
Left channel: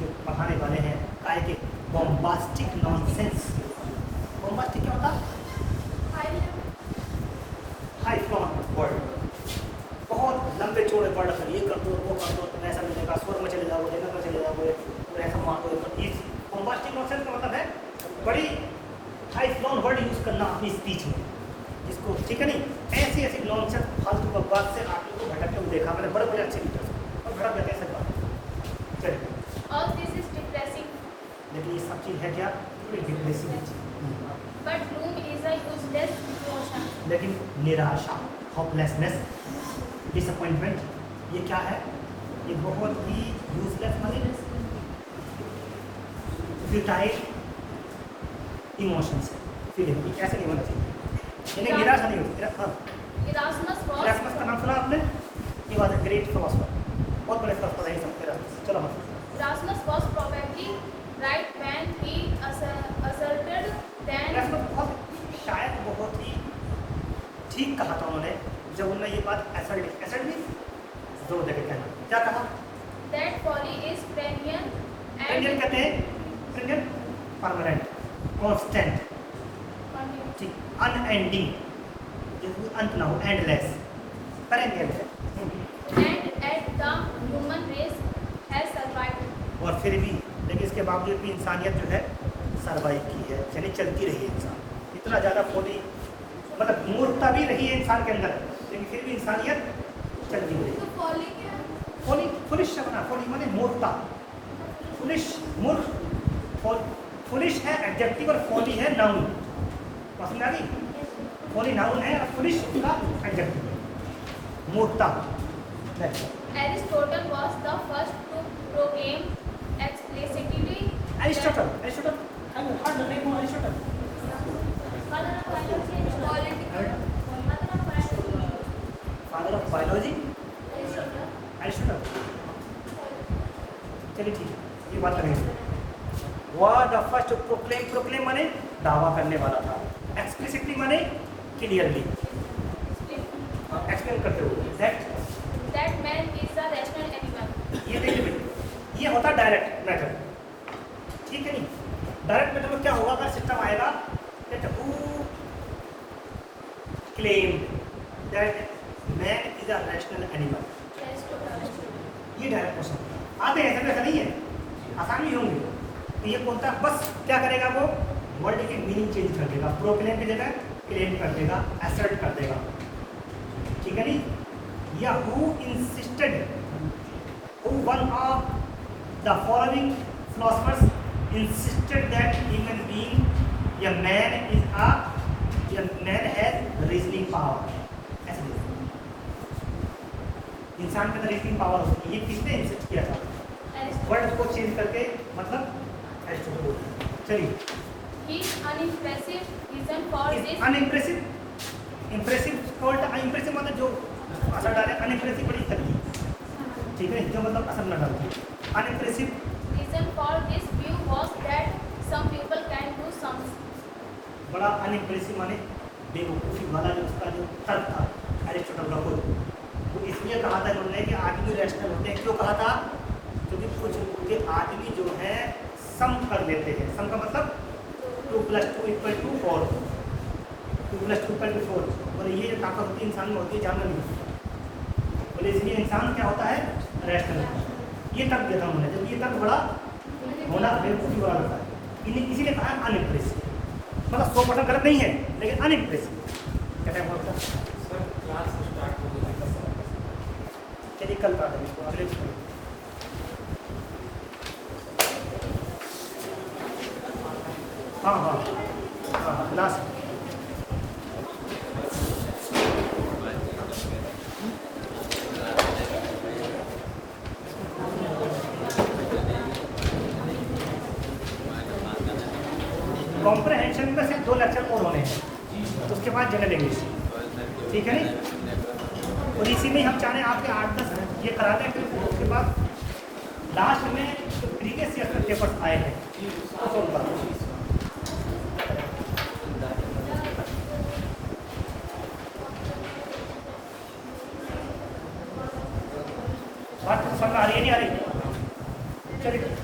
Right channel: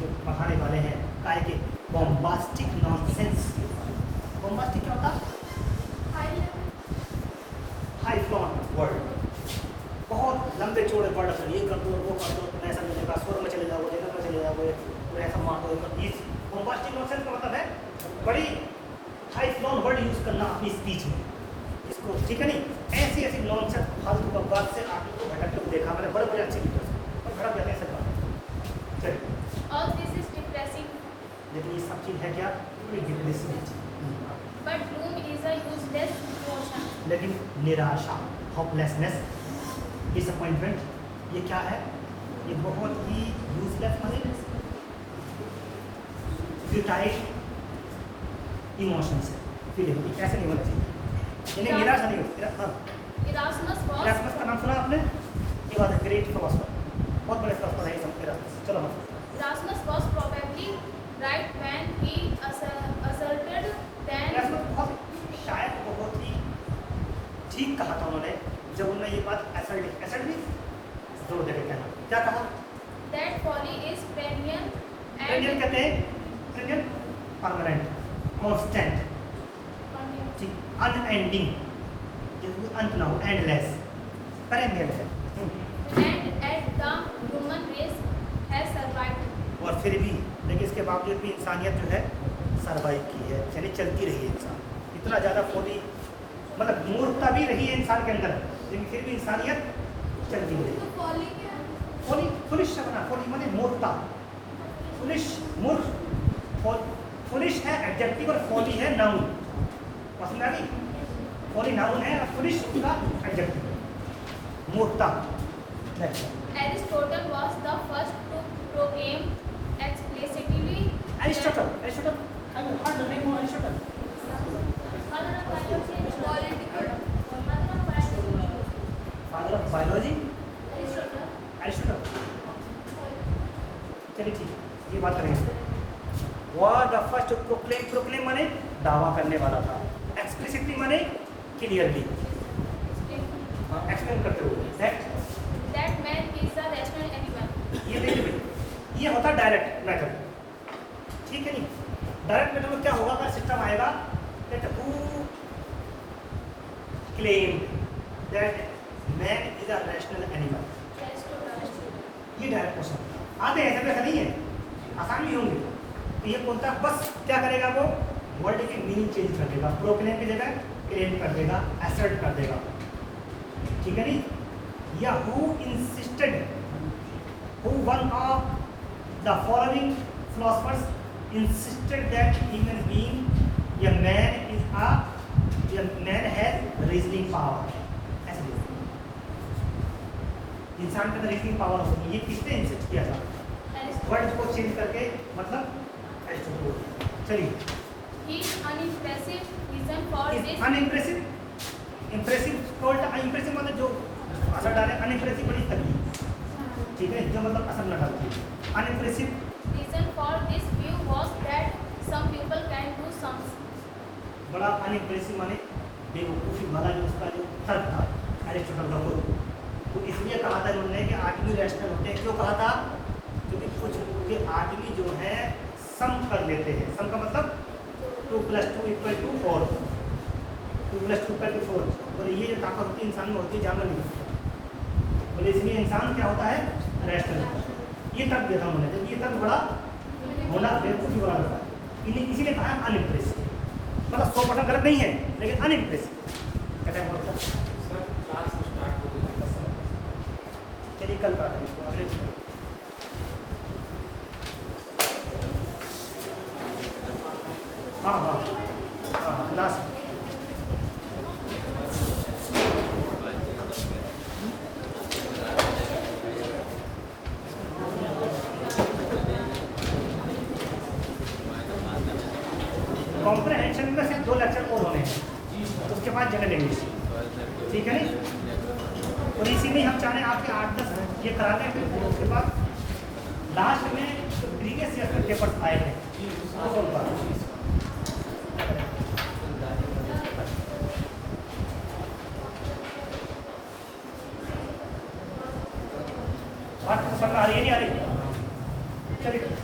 जो पढ़ाने वाले हैं काय के बॉम्बास्टिक नॉनसेंस। बॉम्बास्टिक क्या होता है? हाई फ्लोन वर्ड, बहुत लंबे चौड़े वर्ड है, ये कर दो वो कर दो, ऐसा मिलेगा, स्वर में चले जाओ, देखा में चले जाओ, ऐसा मार दो। इस बॉम्बास्टिक नॉनसेंस का मतलब है बड़ी हाई फ्लोन वर्ड यूज करना अपनी स्पीच में, इसको ठीक है नहीं। ऐसी ऐसी नॉनसेंस फालतू बकवास से आप लोग को भटकते हुए देखा मैंने, बड़े बड़े अच्छे लीडर्स और भटक जाते हैं सब बात। चलिए, all this is depressing. लेकिन ये सब चीज़ है क्या? But gloom is a useless emotion. लेकिन निराशा, होपलेसनेस, डिसअपॉइंटमेंट, ये क्या है? ये बहुत ही यूजलेस माने फ्यूटाइल इमोशंस, फीलिंग, ऐसे नहीं होना चाहिए। यानी निराशा नहीं होती। हाँ, Erasmus was एरास्मस का नाम सुना आपने? ये बात है, ग्रेट फिलोसोफर, बहुत बड़े फिलोसोफर है एरास्मस। चलो मतलब Erasmus was probably right when he asserted that शायद बहुत ही ठीक कहा था उन्होंने जब उन्होंने ये बात असल्ट जोर देकर कहना। क्या कहा? that folly is perennial parent and कहते हैं पेरेंट परमानेंट, कांस्टेंट, ठीक, अनएंडिंग, जिसमें अंत ना हो, एंडलेस, पेरेनियल है। and at the human race has survived. और फिर भी लेकिन इसके बावजूद भी इंसानियत जो है सरवाइव की है, यानी चलती रही है। इंसान इतना ज़्यादा फोली, मतलब मूर्खता भी रही है इंसान के अंदर, लेकिन फिर भी इंसानियत चलती रही। तो folly क्या है? फोली, फुलिश बना, फोली माने मूर्खता, फुलिश मूर्ख, फुलिश है एडजेक्टिव और फोली है नाउन। पसंद आ रही? फोली नाउन है और फुलिश उसका एडजेक्टिव, मूर्खता। Aristotle was the first to proclaim explicitly Aristotle, Aristotle, हर लोग देखो Aristotle. father of biology, political, father of biology, father of biology Aristotle. Aristotle. चलिए ठीक है, ये बात करेंगे। वह द फर्स्ट प्रोक्लेम, प्रोक्लेम माने दावा करने वाला था, एक्सप्लिसिटली माने क्लियरली, एक्सप्लेन करते हुए। That man is a rational animal. ये देखिए, ये होता डायरेक्ट मेथड, ठीक है नहीं? डायरेक्ट मेथड में क्या होगा? का सिस्टम आएगा that who claim that man is a rational animal, ये डायरेक्ट क्वेश्चन आते हैं। ऐसा नहीं है, आसान भी होंगे। तो ये बोलता है बस क्या करेगा वो? वर्ड की मीनिंग चेंज कर देगा, प्रोक्लेम की जगह क्लेम कर देगा, असर्ट कर देगा, ठीक है नहीं? या who insisted, who one of the following philosophers insisted that human being, a man has reasoning power. ऐसे बोलते हैं। इंसान के रीजनिंग पावर होती है। ये किसने इंसिस्ट किया था? वर्ड को चेंज करके, मतलब एरिस्टोटल। चलिए, His unimpressive reason for this unimpressive, impressive called impressive मतलब जो असर डाले, अनइम्प्रेसिव बड़ी तभी, ठीक है, जो मतलब असर न डालते। Unimpressive reason for this view was that some people can do some. बड़ा अनइम्प्रेसिव माने बेवकूफ़ी वाला जो उसका जो तर्क था एरिस्टोटल का खुद, तो इसलिए कहा था उन्होंने कि आदमी रैशनल होते हैं। क्यों कहा था? क्योंकि कुछ के आदमी जो है सम कर लेते हैं। सम का मतलब 2 + 2 = 4, 2 + 2 = 4, और ये ताकत होती है इंसान में, होती है जानवर में। बोले इसलिए इंसान क्या होता है? रैशनल होता है। ये तर्क देता उन्होंने, जबकि ये तर्क बड़ा होना बेवकूफ़ी वाला होता है। इसीलिए कहा अनइम्प्रेसिव, मतलब 100% गलत नहीं है, लेकिन अनइम्प्रेसिव कहते हैं। बोलते चलिए कल का है इसको अगले दिन। हाँ हाँ हाँ, लास्ट कॉम्प्रहेंशन में सिर्फ 2 लेक्चर और होने हैं, उसके बाद जनरल इंग्लिश, ठीक है नहीं? और इसी में हम चाहें आपके 8-10 ये करा दें, फिर उसके बाद लास्ट में प्रीवियस ईयर के पेपर्स आए हैं बात समझ आ रही है नहीं आ रही? चलिए